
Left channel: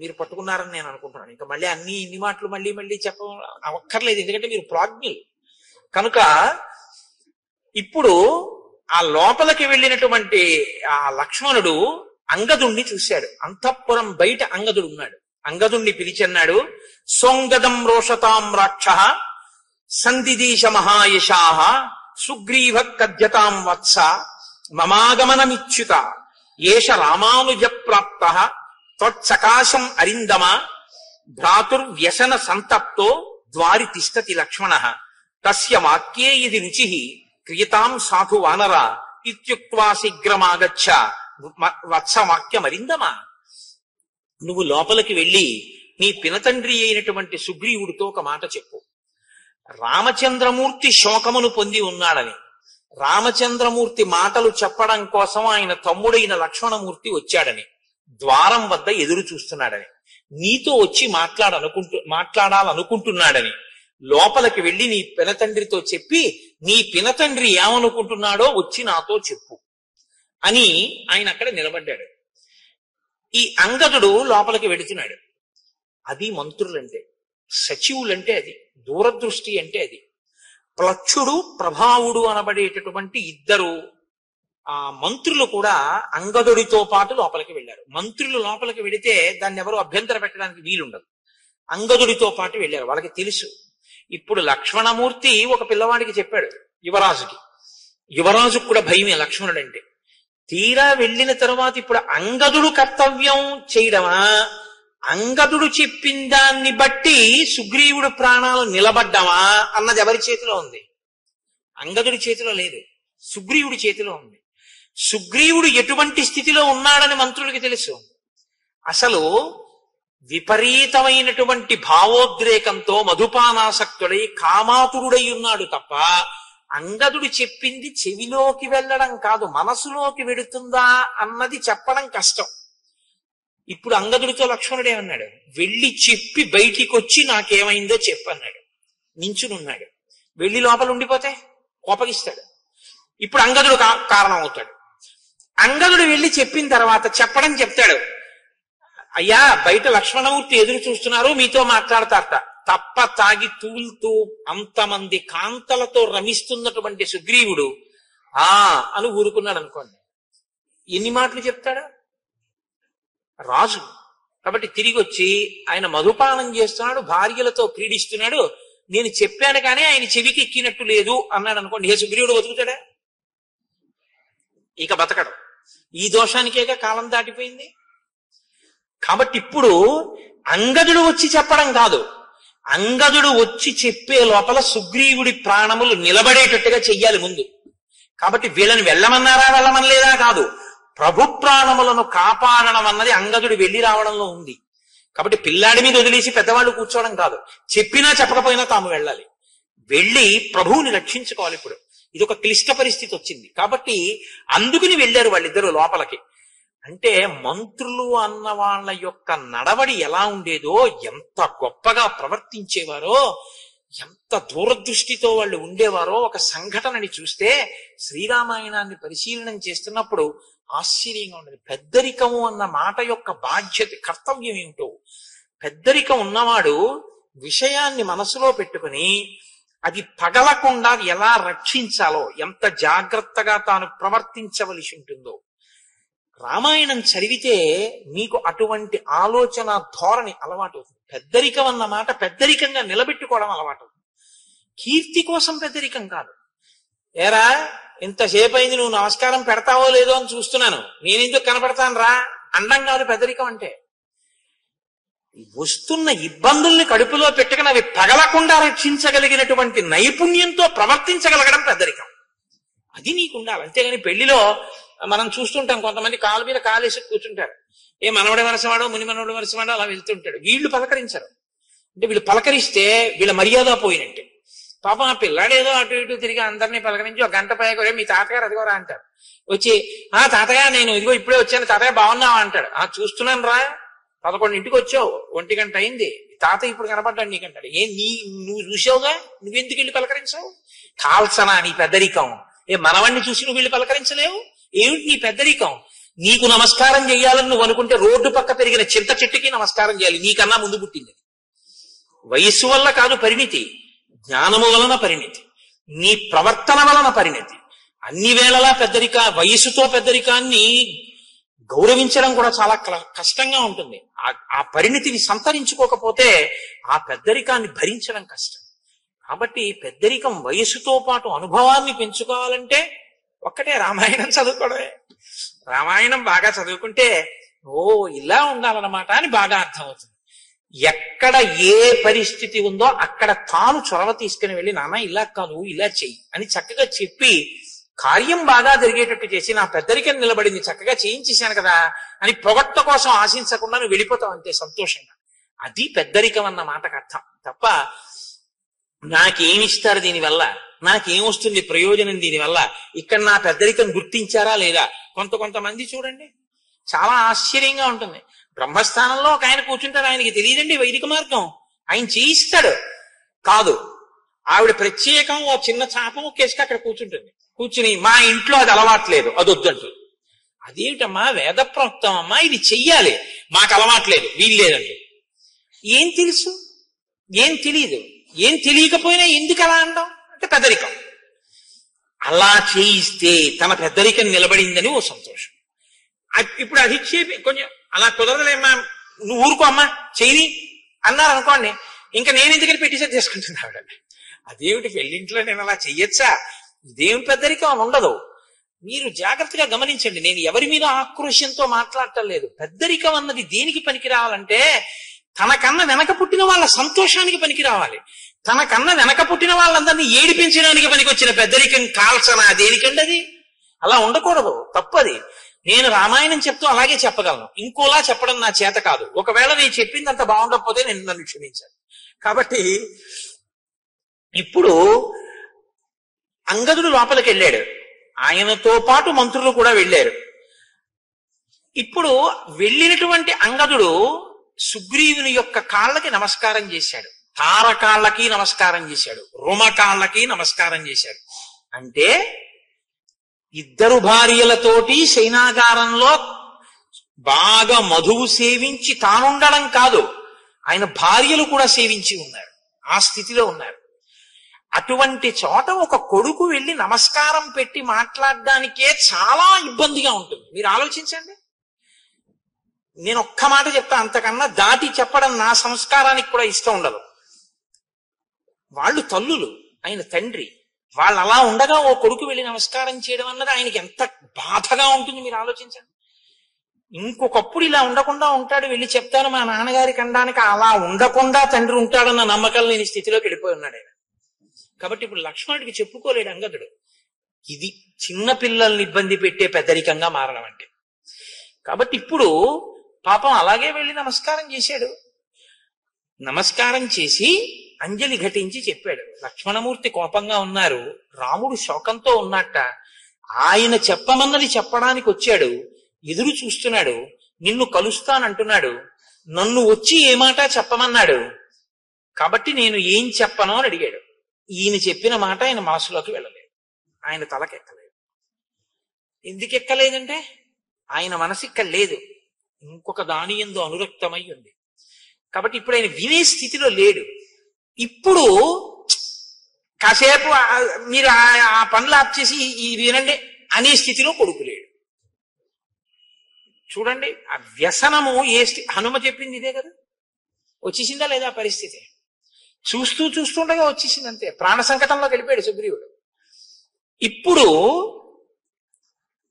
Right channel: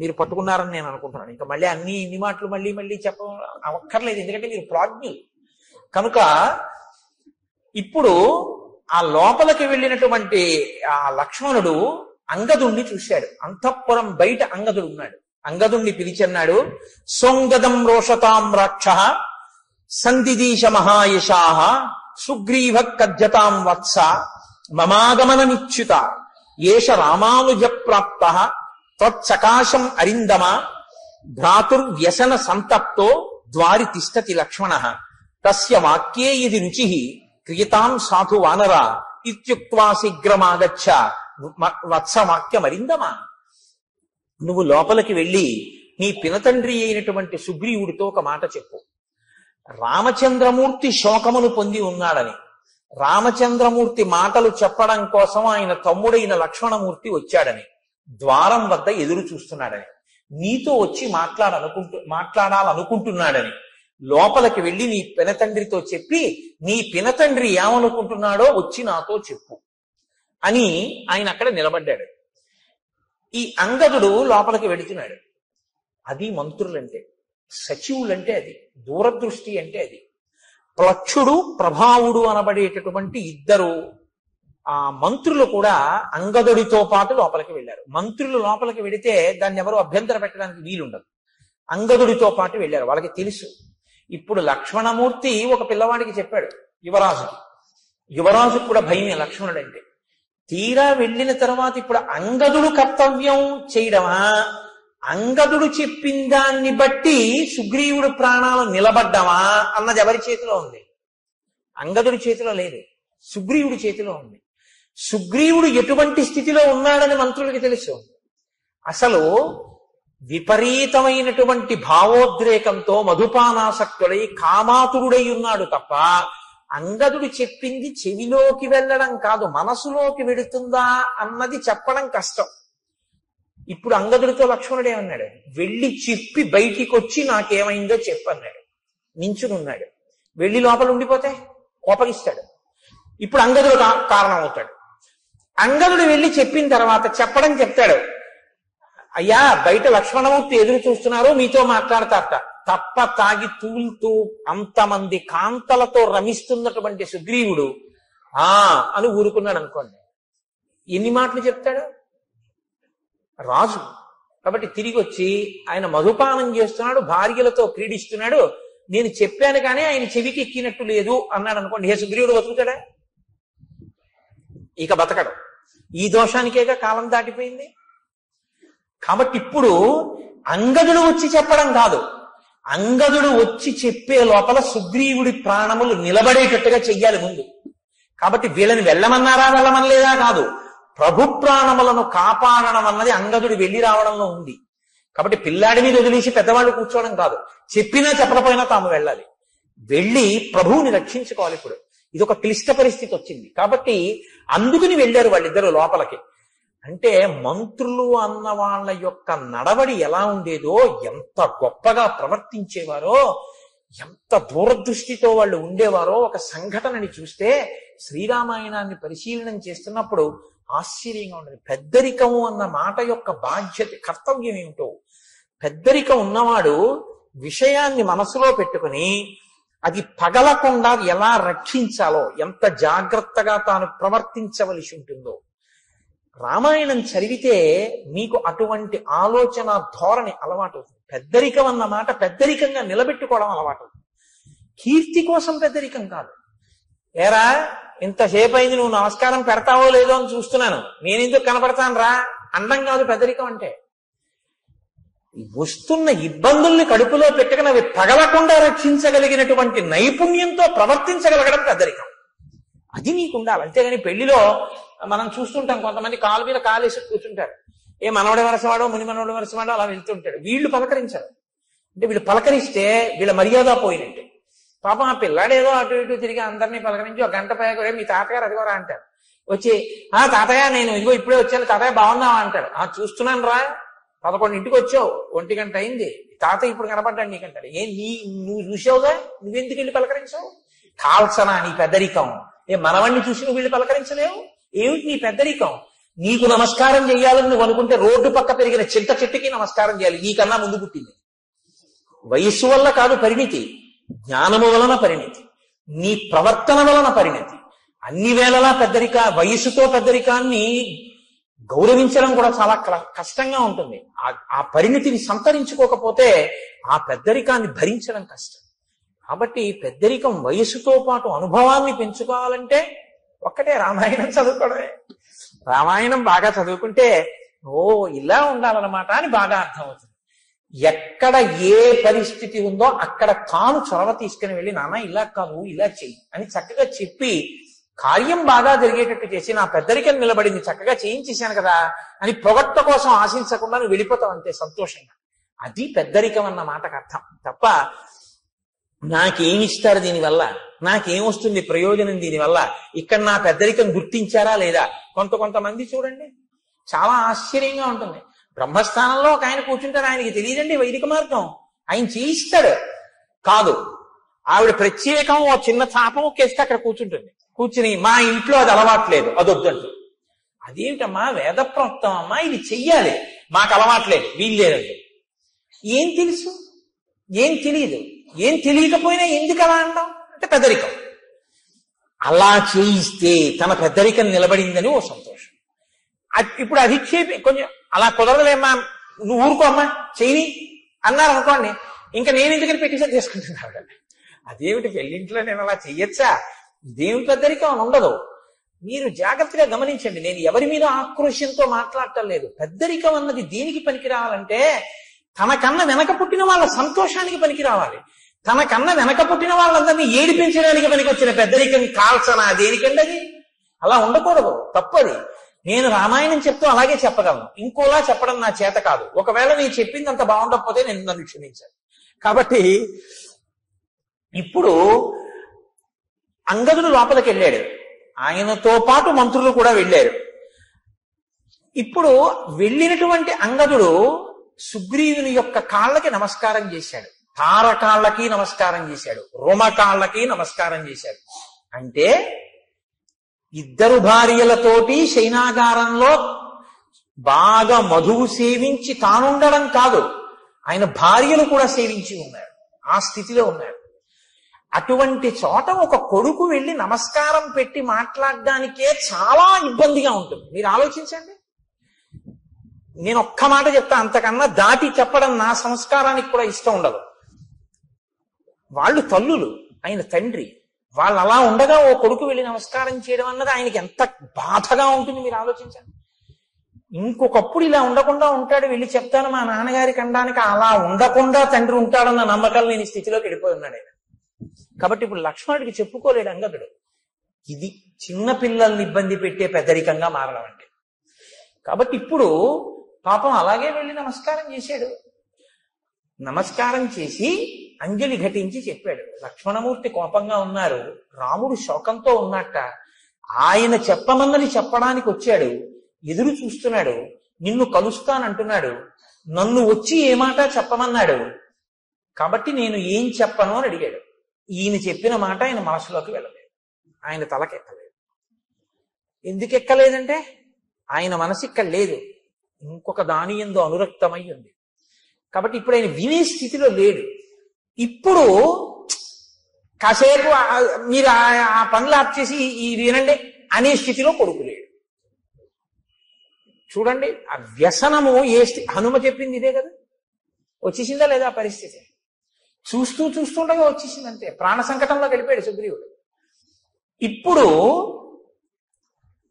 మీరు పట్టుకున్నారని నేను అనుకుంటున్నాను. ఇంకా మళ్ళీ ఇన్ని మాటలు మళ్ళీ మళ్ళీ చెప్పక్కర్లేదు, ఎందుకంటే మీరు ప్రాజ్ఞులు కనుక. ఇప్పుడు ఆ లోపలికి వెళ్ళినటువంటి ఆ లక్ష్మణుడు అంగదుణ్ణి చూశాడు. అంతఃపురం బయట అంగదుడు ఉన్నాడు. అంగదుణ్ణి పిలిచన్నాడు, సోంగదం రోషతాం రాక్షః సందిదీశ మహాయశాః సుగ్రీవ కద్యతాం వత్స మమాగమనమిచ్యుత ఏష రామానుజ ప్రాప్తః త్వత్సకాశం అరిందమ భ్రాతుర్వ్యసన సంతప్తో ద్వారి తిష్టతి లక్ష్మణః తస్య వాక్యే ఇది రుచిః క్రియతాం సాధు వానర ఇత్యుక్త్వా శీఘ్రమాగచ్చ వత్సవాక్యమరిందమ. నువ్వు లోపలికి వెళ్ళి నీ పినతండ్రి అయినటువంటి సుగ్రీవుడితో ఒక మాట చెప్పు. రామచంద్రమూర్తి శోకమును పొంది ఉన్నాడని, రామచంద్రమూర్తి మాటలు చెప్పడం కోసం ఆయన తమ్ముడైన లక్ష్మణమూర్తి వచ్చాడని, ద్వారం వద్ద ఎదురు చూస్తున్నాడని, నీతో వచ్చి మాట్లాడాలనుకుంటున్నాడని, లోపలికి వెళ్ళి నీ పినతండ్రితో చెప్పి నీ పినతండ్రి ఏమనుకుంటున్నాడో వచ్చి నాతో చెప్పు అని ఆయన అక్కడ నిలబడ్డాడు. ఈ అంగదుడు లోపలికి వెళుతున్నాడు. అది మంత్రులంటే, సచివులంటే అది, దూరదృష్టి అంటే అది. ప్లక్షుడు ప్రభావుడు అనబడేటటువంటి ఇద్దరు ఆ మంత్రులు కూడా అంగదుడితో పాటు లోపలికి వెళ్ళారు. మంత్రులు లోపలికి వెళితే దాన్ని ఎవరు అభ్యంతర పెట్టడానికి వీలుండదు. అంగదుడితో పాటు వెళ్ళారు. వాళ్ళకి తెలుసు. ఇప్పుడు లక్ష్మణమూర్తి ఒక పిల్లవాడికి చెప్పాడు, యువరాజుకి. యువరాజుకు కూడా భయమే లక్ష్మణుడు అంటే. తీరా వెళ్ళిన తర్వాత ఇప్పుడు అంగదుడు కర్తవ్యం చేయడమా, అంగదుడు చెప్పిన దాన్ని బట్టి సుగ్రీవుడు ప్రాణాలు నిలబడ్డమా అన్నది ఎవరి చేతిలో ఉంది? అంగదుడి చేతిలో లేదు, సుగ్రీవుడి చేతిలో ఉంది. సుగ్రీవుడు ఎటువంటి స్థితిలో ఉన్నాడని మంత్రులకి తెలుసు. అసలు విపరీతమైనటువంటి భావోద్రేకంతో మధుపానాసక్తుడై కామాతురుడై ఉన్నాడు తప్ప అంగదుడు చెప్పింది చెవిలోకి వెళ్ళడం కాదు, మనసులోకి వెడుతుందా అన్నది చెప్పడం కష్టం. ఇప్పుడు అంగదుడితో లక్ష్మణుడు ఏమన్నాడు? వెళ్ళి చెప్పి బయటికి వచ్చి నాకేమైందో చెప్పన్నాడు. నించునున్నాడు. వెళ్ళి లోపల ఉండిపోతే కోపగిస్తాడు. ఇప్పుడు అంగదుడు కారణం అవుతాడు. అంగదుడు వెళ్ళి చెప్పిన తర్వాత చెప్తాడు, అయ్యా బయట లక్ష్మణమూర్తి ఎదురు చూస్తున్నారు, మీతో మాట్లాడతారట. తప్ప తాగి తూలుతూ అంతమంది కాంతలతో రమిస్తున్నటువంటి సుగ్రీవుడు అని ఊరుకున్నాడు అనుకోండి. ఎన్ని మాటలు చెప్తాడు? రాజు కాబట్టి తిరిగి వచ్చి ఆయన మధుపానం చేస్తున్నాడు, భార్యలతో క్రీడిస్తున్నాడు, నేను చెప్పాను కానీ ఆయన చెవికి ఎక్కినట్టు లేదు అన్నాడు అనుకోండి. ఏ సుగ్రీవుడు బతుకుతాడా? ఇక బతకడు. ఈ దోషానికేగా కాలం దాటిపోయింది. కాబట్టి ఇప్పుడు అంగదుడు వచ్చి చెప్పడం కాదు, అంగదుడు వచ్చి చెప్పే లోపల సుగ్రీవుడి ప్రాణములు నిలబడేటట్టుగా చెయ్యాలి ముందు. కాబట్టి వీళ్ళని వెళ్ళమనలేదా కాదు, ప్రభు ప్రాణములను కాపాడడం అన్నది అంగదుడు వెళ్ళి రావడంలో ఉంది. కాబట్టి పిల్లాడి మీద వదిలేసి పెద్దవాళ్ళు కూర్చోవడం కాదు, చెప్పినా చెప్పకపోయినా తాము వెళ్ళాలి, వెళ్ళి ప్రభువుని రక్షించుకోవాలి. ఇప్పుడు ఇది ఒక క్లిష్ట పరిస్థితి వచ్చింది కాబట్టి అందుకుని వెళ్ళారు వాళ్ళిద్దరూ లోపలికి. అంటే మంత్రులు అన్న వాళ్ళ యొక్క నడవడి ఎలా ఉండేదో, ఎంత గొప్పగా ప్రవర్తించేవారో, ఎంత దూరదృష్టితో వాళ్ళు ఉండేవారో ఒక సంఘటనని చూస్తే శ్రీరామాయణాన్ని పరిశీలనం చేస్తున్నప్పుడు ఆశ్చర్యంగా ఉండదు. పెద్దరికము అన్న మాట యొక్క బాధ్యత, కర్తవ్యం ఏమిటో. పెద్దరికం ఉన్నవాడు విషయాన్ని మనసులో పెట్టుకుని అది పగలకుండా ఎలా రక్షించాలో, ఎంత జాగ్రత్తగా తాను ప్రవర్తించవలసి ఉంటుందో. రామాయణం చదివితే మీకు అటువంటి ఆలోచన ధోరణి అలవాటు అవుతుంది. పెద్దరికం అన్న మాట పెద్దరికంగా నిలబెట్టుకోవడం అలవాటు అవుతుంది. కీర్తి కోసం పెద్దరికం కాదు. ఏరా ఇంతసేపు అయింది, నువ్వు నమస్కారం పెడతావో లేదో అని చూస్తున్నాను, నేనెందుకు కనపడతాను రా అండం కాదు పెద్దరికం అంటే. వస్తున్న ఇబ్బందుల్ని కడుపులో పెట్టుకుని అవి పగలకుండా రక్షించగలిగినటువంటి నైపుణ్యంతో ప్రవర్తించగలగడం పెద్దరికం. అది నీకుండాలి. అంతేగాని పెళ్లిలో మనం చూస్తుంటాం, కొంతమంది కాలు మీద కాలేసి కూర్చుంటారు. ఏ మనవడి వరసవాడో ముని మనవడి వరసవాడో అలా వెళ్తుంటాడు. వీళ్ళు పలకరించరు. అంటే వీళ్ళు పలకరిస్తే వీళ్ళ మర్యాద పోయినట్టే. పాపం ఆ పిల్లాడేదో అటు ఇటు తిరిగి అందరినీ పలకరించి ఒక గంట పైకి మీ తాతగారు అదిగోరా అంటారు. వచ్చి తాతయ్య నేను ఇదిగో ఇప్పుడే వచ్చాను, తాతయ్య బాగున్నావా అంటాడు. చూస్తున్నాను రా, 11 వచ్చావు, 1 గంట అయింది, తాతయ్య ఇప్పుడు కనపడ్డాడు నీకంటాడు. నువ్వు చూసావుగా, నువ్వెందుకు వెళ్ళి పలకరించావు? కాల్సనా నీ పెద్దరికం? మనవాణ్ణి చూసి నువ్వు వెళ్ళి పలకరించలేవు? ఏమిటి నీ పెద్దరికం? నీకు నమస్కారం చేయాలని నువ్వు అనుకుంటే రోడ్డు పక్క పెరిగిన చింత చెట్టుకి నమస్కారం చేయాలి, నీకన్నా ముందు పుట్టింది. వయస్సు వల్ల కాదు పరిణితి, జ్ఞానము వలన పరిణితి, నీ ప్రవర్తన వలన పరిణితి. అన్ని వేళలా వయస్సుతో పెద్దరికాన్ని గౌరవించడం కూడా చాలా కష్టంగా ఉంటుంది. ఆ పరిణితిని సంతరించుకోకపోతే ఆ పెద్దరికాన్ని భరించడం కష్టం. కాబట్టి పెద్దరికం వయస్సుతో పాటు అనుభవాన్ని పెంచుకోవాలంటే ఒక్కటే రామాయణం చదువుకోవడమే. రామాయణం బాగా చదువుకుంటే ఇలా ఉండాలన్నమాట అని బాగా అర్థమవుతుంది. ఎక్కడ ఏ పరిస్థితి ఉందో అక్కడ తాను చొరవ తీసుకుని వెళ్ళి నాన్న ఇలా కాదు ఇలా చెయ్యి అని చక్కగా చెప్పి కార్యం బాగా జరిగేటట్టు చేసి నా పెద్దరికం నిలబడింది చక్కగా చేయించేశాను కదా అని పొగట్ట కోసం ఆశించకుండా నువ్వు వెళ్ళిపోతావు అంతే సంతోషంగా. అది పెద్దరికం అన్న మాటకు అర్థం తప్ప నాకేమిస్తారు దీనివల్ల, నాకేం వస్తుంది ప్రయోజనం దీనివల్ల, ఇక్కడ నా పెద్దరికం గుర్తించారా లేదా. కొంతమంది చూడండి, చాలా ఆశ్చర్యంగా ఉంటుంది. బ్రహ్మస్థానంలో ఒక ఆయన కూర్చుంటారు, ఆయనకి తెలియదండి వైదిక మార్గం, ఆయన చేయిస్తాడు. కాదు, ఆవిడ ప్రత్యేకం ఓ చిన్న చాపం కేసుకి అక్కడ కూర్చుంటుంది. కూర్చుని మా ఇంట్లో అది అలవాట్లేదు, అది వద్దంటుంది. అదేమిటమ్మా, వేద ప్రోక్తం అమ్మా, ఇది చెయ్యాలి, మాకు అలవాట్లేదు, వీలు లేదండి. ఏం తెలుసు, ఏం తెలియదు, ఏం తెలియకపోయినా ఎందుకు అలా అంటాం అంటే పెద్దరికం. అలా చేయిస్తే తన పెద్దరికం నిలబడిందని ఓ సంతోషం. ఇప్పుడు అది కొంచెం అలా కుదరలేమ్మా, నువ్వు ఊరుకో అమ్మా చెయ్యి అన్నారు అనుకోండి, ఇంకా నేను ఎందుకని పెట్టేసరి చేసుకుంటున్నాడు. అదేమిటి, పెళ్ళింట్లో నేను అలా చెయ్యొచ్చా, ఇదేమి పెద్దరికం అని ఉండదు. మీరు జాగ్రత్తగా గమనించండి, నేను ఎవరి మీద ఆక్రోశంతో మాట్లాడటం లేదు. పెద్దరికం అన్నది దేనికి పనికి రావాలంటే తనకన్నా వెనక పుట్టిన వాళ్ళ సంతోషానికి పనికి రావాలి. తనకన్నా వెనక పుట్టిన వాళ్ళందరినీ ఏడిపించడానికి పనికి వచ్చిన పెద్దరికం కాల్సనా దేనికండి అది. అలా ఉండకూడదు, తప్పది. నేను రామాయణం చెప్తూ అలాగే చెప్పగలను, ఇంకోలా చెప్పడం నా చేత కాదు. ఒకవేళ నేను చెప్పింది అంత బాగుండకపోతే నేను నన్ను క్షమించాను. కాబట్టి ఇప్పుడు అంగదుడు లోపలికి వెళ్ళాడు, ఆయనతో పాటు మంత్రులు కూడా వెళ్ళారు. ఇప్పుడు వెళ్ళినటువంటి అంగదుడు సుగ్రీవుని యొక్క కాళ్ళకి నమస్కారం చేశాడు, తారకాళ్ళకి నమస్కారం చేశాడు, రోమకాళ్ళకి నమస్కారం చేశాడు. అంటే ఇద్దరు భార్యలతోటి శయనాగారంలో బాగా మధువు సేవించి తానుండడం కాదు, ఆయన భార్యలు కూడా సేవించి ఉన్నారు, ఆ స్థితిలో ఉన్నారు. అటువంటి చోట ఒక కొడుకు వెళ్ళి నమస్కారం పెట్టి మాట్లాడడానికే చాలా ఇబ్బందిగా ఉంటుంది. మీరు ఆలోచించండి. నేను ఒక్క మాట చెప్తా, అంతకన్నా దాటి చెప్పడం నా సంస్కారానికి కూడా ఇష్టం ఉండదు. వాళ్ళు తల్లులు, ఆయన తండ్రి, వాళ్ళు అలా ఉండగా ఓ కొడుకు వెళ్ళి నమస్కారం చేయడం అన్నది ఆయనకి ఎంత బాధగా ఉంటుంది మీరు ఆలోచించండి. ఇంకొకప్పుడు ఇలా ఉండకుండా ఉంటాడు, వెళ్ళి చెప్తాను మా నాన్నగారికి అనడానికి. అలా ఉండకుండా తండ్రి ఉంటాడన్న నమ్మకం లేని స్థితిలోకి వెళ్ళిపోయి ఉన్నాడు ఆయన. కాబట్టి ఇప్పుడు లక్ష్మణుడికి చెప్పుకోలేడు అంగదుడు. ఇది చిన్న పిల్లల్ని ఇబ్బంది పెట్టే పెద్దరికంగా మారడం అంటే. కాబట్టి ఇప్పుడు పాపం అలాగే వెళ్ళి నమస్కారం చేశాడు. నమస్కారం చేసి అంజలి ఘటించి చెప్పాడు, లక్ష్మణమూర్తి కోపంగా ఉన్నారు, రాముడు శోకంతో ఉన్నట్ట, ఆయన చెప్పమన్నది చెప్పడానికి వచ్చాడు, ఎదురు చూస్తున్నాడు, నిన్ను కలుస్తానంటున్నాడు, నన్ను వచ్చి ఏ మాట చెప్పమన్నాడు, కాబట్టి నేను ఏం చెప్పను అని అడిగాడు. ఈయన చెప్పిన మాట ఆయన మనసులోకి వెళ్ళలేదు, ఆయన తలకెక్కలేదు. ఎందుకు ఎక్కలేదంటే ఆయన మనసు ఇక్కడ లేదు, ఇంకొక దాని యందు అనురక్తమై ఉంది. కాబట్టి ఇప్పుడు ఆయన వినే స్థితిలో లేడు. ఇప్పుడు కాసేపు మీరు ఆ పనులు ఆప్ చేసి ఈ వినండి అనే స్థితిలో కొడుకు లేడు. చూడండి, ఆ వ్యసనము హనుమ చెప్పింది ఇదే కదా, వచ్చేసిందా లేదా పరిస్థితి. చూస్తుండగా వచ్చేసింది అంతే, ప్రాణ సంకటంలో గడిపాడు సుగ్రీవుడు. ఇప్పుడు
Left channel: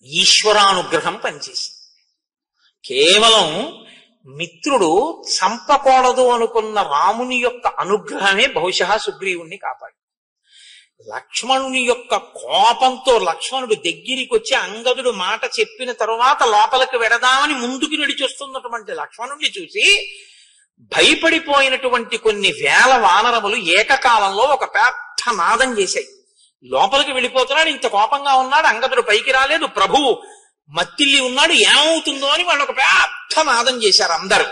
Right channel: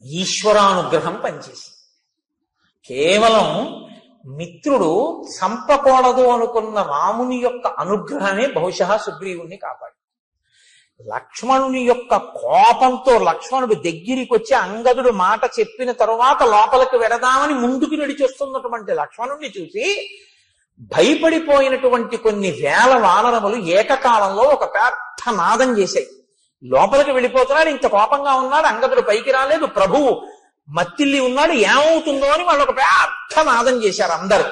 ఈశ్వరానుగ్రహం పనిచేసింది. కేవలం మిత్రుడు చంపకూడదు అనుకున్న రాముని యొక్క అనుగ్రహమే బహుశా సుగ్రీవుణ్ణి కాపాడు. లక్ష్మణుని యొక్క కోపంతో లక్ష్మణుడు దగ్గరికి వచ్చి అంగదుడు మాట చెప్పిన తరువాత లోపలికి వెడదామని ముందుకు నడిచొస్తున్నటువంటి లక్ష్మణుణ్ణి చూసి భయపడిపోయినటువంటి కొన్ని వేల వానరములు ఏకకాలంలో ఒక పెద్ద నాదం చేశాయి. లోపలికి వెళ్ళిపోతున్నాడు, ఇంత కోపంగా ఉన్నాడు, అంగదుడు పైకి రాలేదు, ప్రభువు మత్తిల్లి ఉన్నాడు, ఏమవుతుందో అని వాళ్ళు ఒక పెద్ద నాదం చేశారు అందరూ.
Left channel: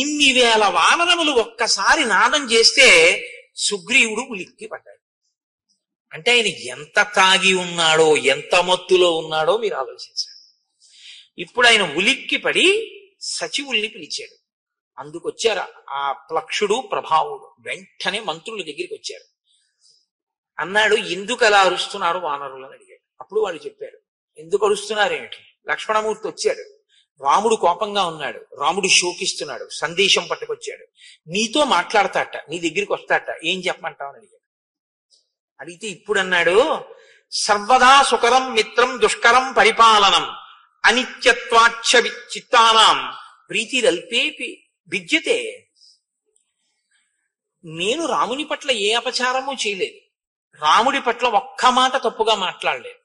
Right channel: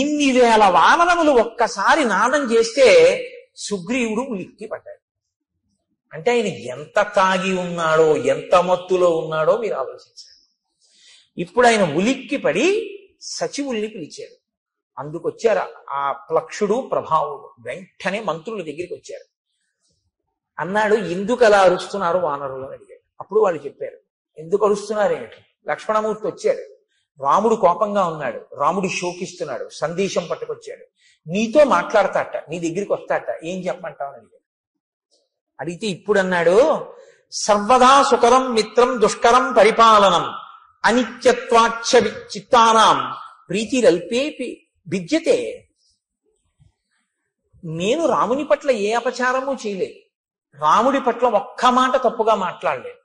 ఇన్ని వేల వానరములు ఒక్కసారి నాదం చేస్తే సుగ్రీవుడు ఉలిక్కి పడ్డాడు. అంటే ఆయన ఎంత తాగి ఉన్నాడో, ఎంత మత్తులో ఉన్నాడో మీరు ఆలోచించారు. ఇప్పుడు ఆయన ఉలిక్కి పడి సచివుల్ని పిలిచాడు. అందుకొచ్చారు ఆ ప్లక్షుడు ప్రభావుడు, వెంటనే మంత్రుల దగ్గరికి వచ్చారు. అన్నాడు, ఎందుకు అలా అరుస్తున్నారు వానరులు అని అడిగాడు. అప్పుడు వాళ్ళు చెప్పారు, ఎందుకు అరుస్తున్నారు ఏమిటి. లక్ష్మణమూర్తి వచ్చాడు, రాముడు కోపంగా ఉన్నాడు, రాముడు శోకిస్తున్నాడు, సందేశం పట్టుకొచ్చాడు, నీతో మాట్లాడతాట, నీ దగ్గరికి వస్తాట, ఏం చెప్పమంటావు అని అడిగాడు. అడిగితే ఇప్పుడు అన్నాడు, సర్వదా సుకరం మిత్రం దుష్కరం పరిపాలనం అనిత్యత్వాచ్చ చిత్తానాం ప్రీతిరల్పేపి విద్యతే. నేను రాముని పట్ల ఏ అపచారము చేయలేదు, రాముడి పట్ల ఒక్క మాట తప్పుగా మాట్లాడలేదు.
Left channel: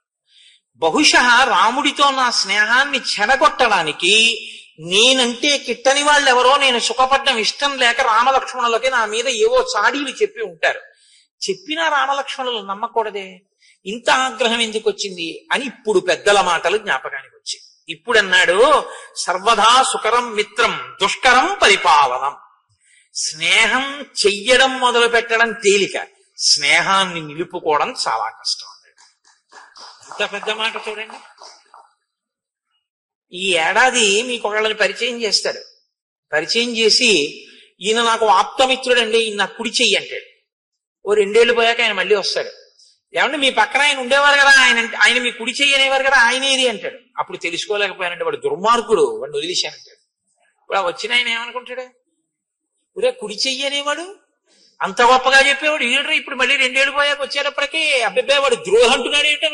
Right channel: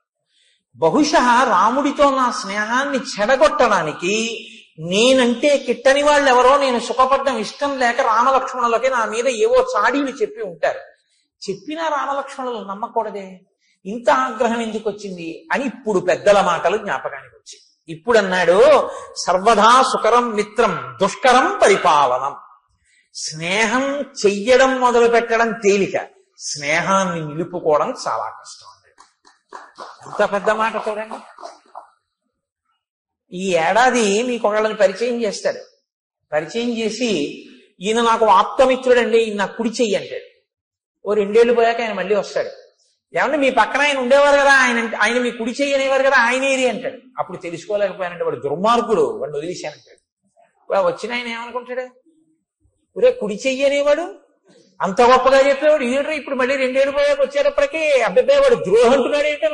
బహుశా రాముడితో నా స్నేహాన్ని చెడగొట్టడానికి నేనంటే కిట్టని వాళ్ళు ఎవరో నేను సుఖపడ్డం ఇష్టం లేక రామలక్ష్మణులకి నా మీద ఏవో చాడీలు చెప్పి ఉంటారు. చెప్పినా రామలక్ష్మణులు నమ్మకూడదే, ఇంత ఆగ్రహం ఎందుకు వచ్చింది అని ఇప్పుడు పెద్దల మాటలు జ్ఞాపకానికి వచ్చాయి. ఇప్పుడు అన్నాడు, సర్వదా సుకరం మిత్రం దుష్కరం పరిపాలనం. స్నేహం చెయ్యడం మొదలు పెట్టడం తేలిక, స్నేహాన్ని నిలుపుకోవడం చాలా కష్టం అన్నాడు. ఇంత పెద్ద మాట చూడండి. ఈ ఏడాది మీకు ఒకళ్ళని పరిచయం చేస్తాడు. పరిచయం చేసి, ఈయన నాకు ఆప్తమిత్రుడండి, ఈయన నాకు కుడి చెయ్యి అంటాడు. ఓ 2 ఏళ్ళు పోయాక ఆయన మళ్ళీ వస్తాడు. ఏమంటే మీ పక్కన ఆయన ఉండేవారు కదా, ఆయన మీ కుడి చెయ్యి అనేవారు కదా, ఆయన ఏది అంటాడు. అప్పుడు తెలుసుకోలేకపోయానంటే వాడు దుర్మార్గుడు, వాడిని వదిలేశానంటాడు. ఇప్పుడు వచ్చిన ఆయన ఏమనుకుంటాడు, ఒరే కుడి చెయ్యి అనేవాడు అంత గొప్పగా చెప్పేవాడు ఈడు ఇప్పుడు మళ్ళీ 2 ఏళ్ళు పోయాక వచ్చేటప్పటికీ అబ్బాయి వాడు ద్రోహంటున్నాడు ఏంటి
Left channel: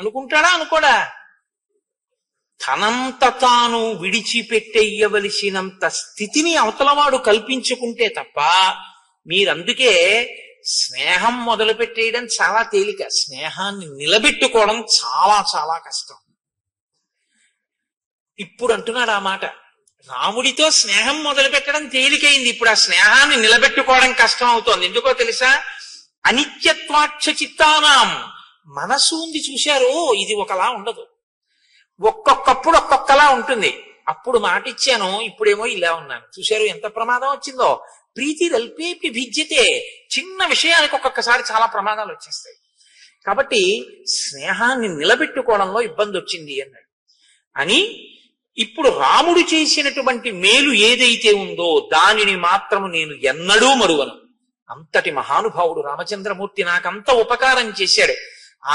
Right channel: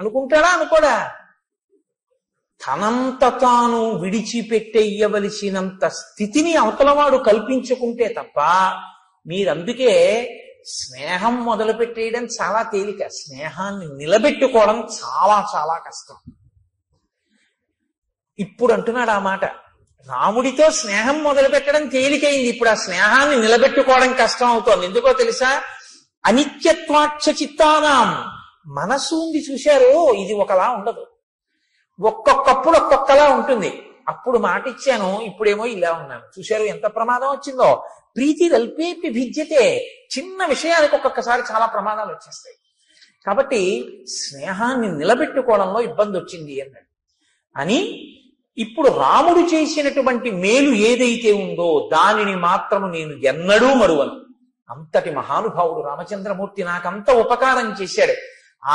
అనుకుంటాడా అనుకోడా? తనంత తాను విడిచిపెట్టేయవలసినంత స్థితిని అవతలవాడు కల్పించుకుంటే తప్ప, మీరందుకే స్నేహం మొదలు పెట్టేయడం చాలా తేలిక, స్నేహాన్ని నిలబెట్టుకోవడం చాలా చాలా కష్టం. ఇప్పుడు అంటున్నాడు ఆ మాట. రాముడితో స్నేహం మొదలు పెట్టడం తేలికైంది, ఇప్పుడు ఆ స్నేహాన్ని నిలబెట్టుకోవడం కష్టం అవుతోంది. ఎందుకో తెలుసా? అనిత్యత్వాక్ష చిత్తానాం. మనసు ఉంది చూశారు, ఇది ఒకలా ఉండదు. ఒక్కొక్కప్పుడు ఒక్కొక్కలా ఉంటుంది. అప్పుడు మాట ఇచ్చాను, ఇప్పుడేమో ఇలా ఉన్నాను. చూశారు ఎంత ప్రమాదం వచ్చిందో? ప్రీతి రల్పేపి భిద్యతే. చిన్న విషయానికి ఒక్కొక్కసారి చాలా ప్రమాదాలు వచ్చేస్తాయి. కాబట్టి స్నేహాన్ని నిలబెట్టుకోవడంలో ఇబ్బంది వచ్చింది అన్నాడు. అని ఇప్పుడు రాముడు చేసినటువంటి మేలు ఏదైతే ఉందో దానిని మాత్రము నేను ఎన్నడూ మరువను. అంతటి మహానుభావుడు రామచంద్రమూర్తి నాకంత ఉపకారం చేశాడు.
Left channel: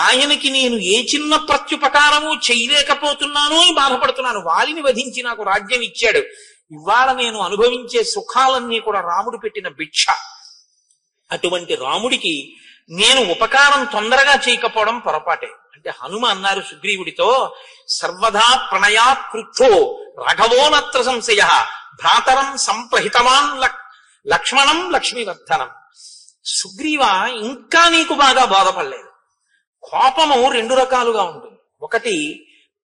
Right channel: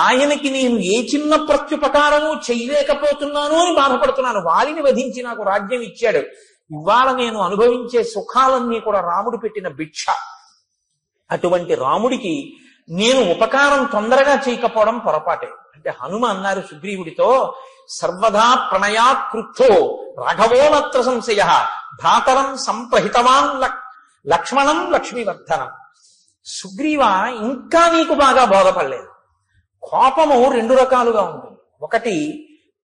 ఆయనకి నేను ఏ చిన్న ప్రత్యుపకారము చేయలేకపోతున్నానో అని బాధపడుతున్నాను. వాలిని వధించి నాకు రాజ్యం ఇచ్చాడు. ఇవాళ నేను అనుభవించే సుఖాలన్నీ కూడా రాముడు పెట్టిన భిక్ష. అటువంటి రాముడికి నేను ఉపకారం తొందరగా చేయకపోవడం పొరపాటే. అంటే హనుమ అన్నారు సుగ్రీవుడితో, సర్వదా ప్రణయాత్ క్రుద్ధో రాఘవోనత్ర సంశయ భ్రాతరం సంప్రహితవాన్ లక్ష్మణం లక్ష్మీవర్ధనం. సుగ్రీవ, ఇంకా నీకు బాగా బోధపడలేదు. కోపము 2 రకాలుగా ఉంటుంది. ఒకటి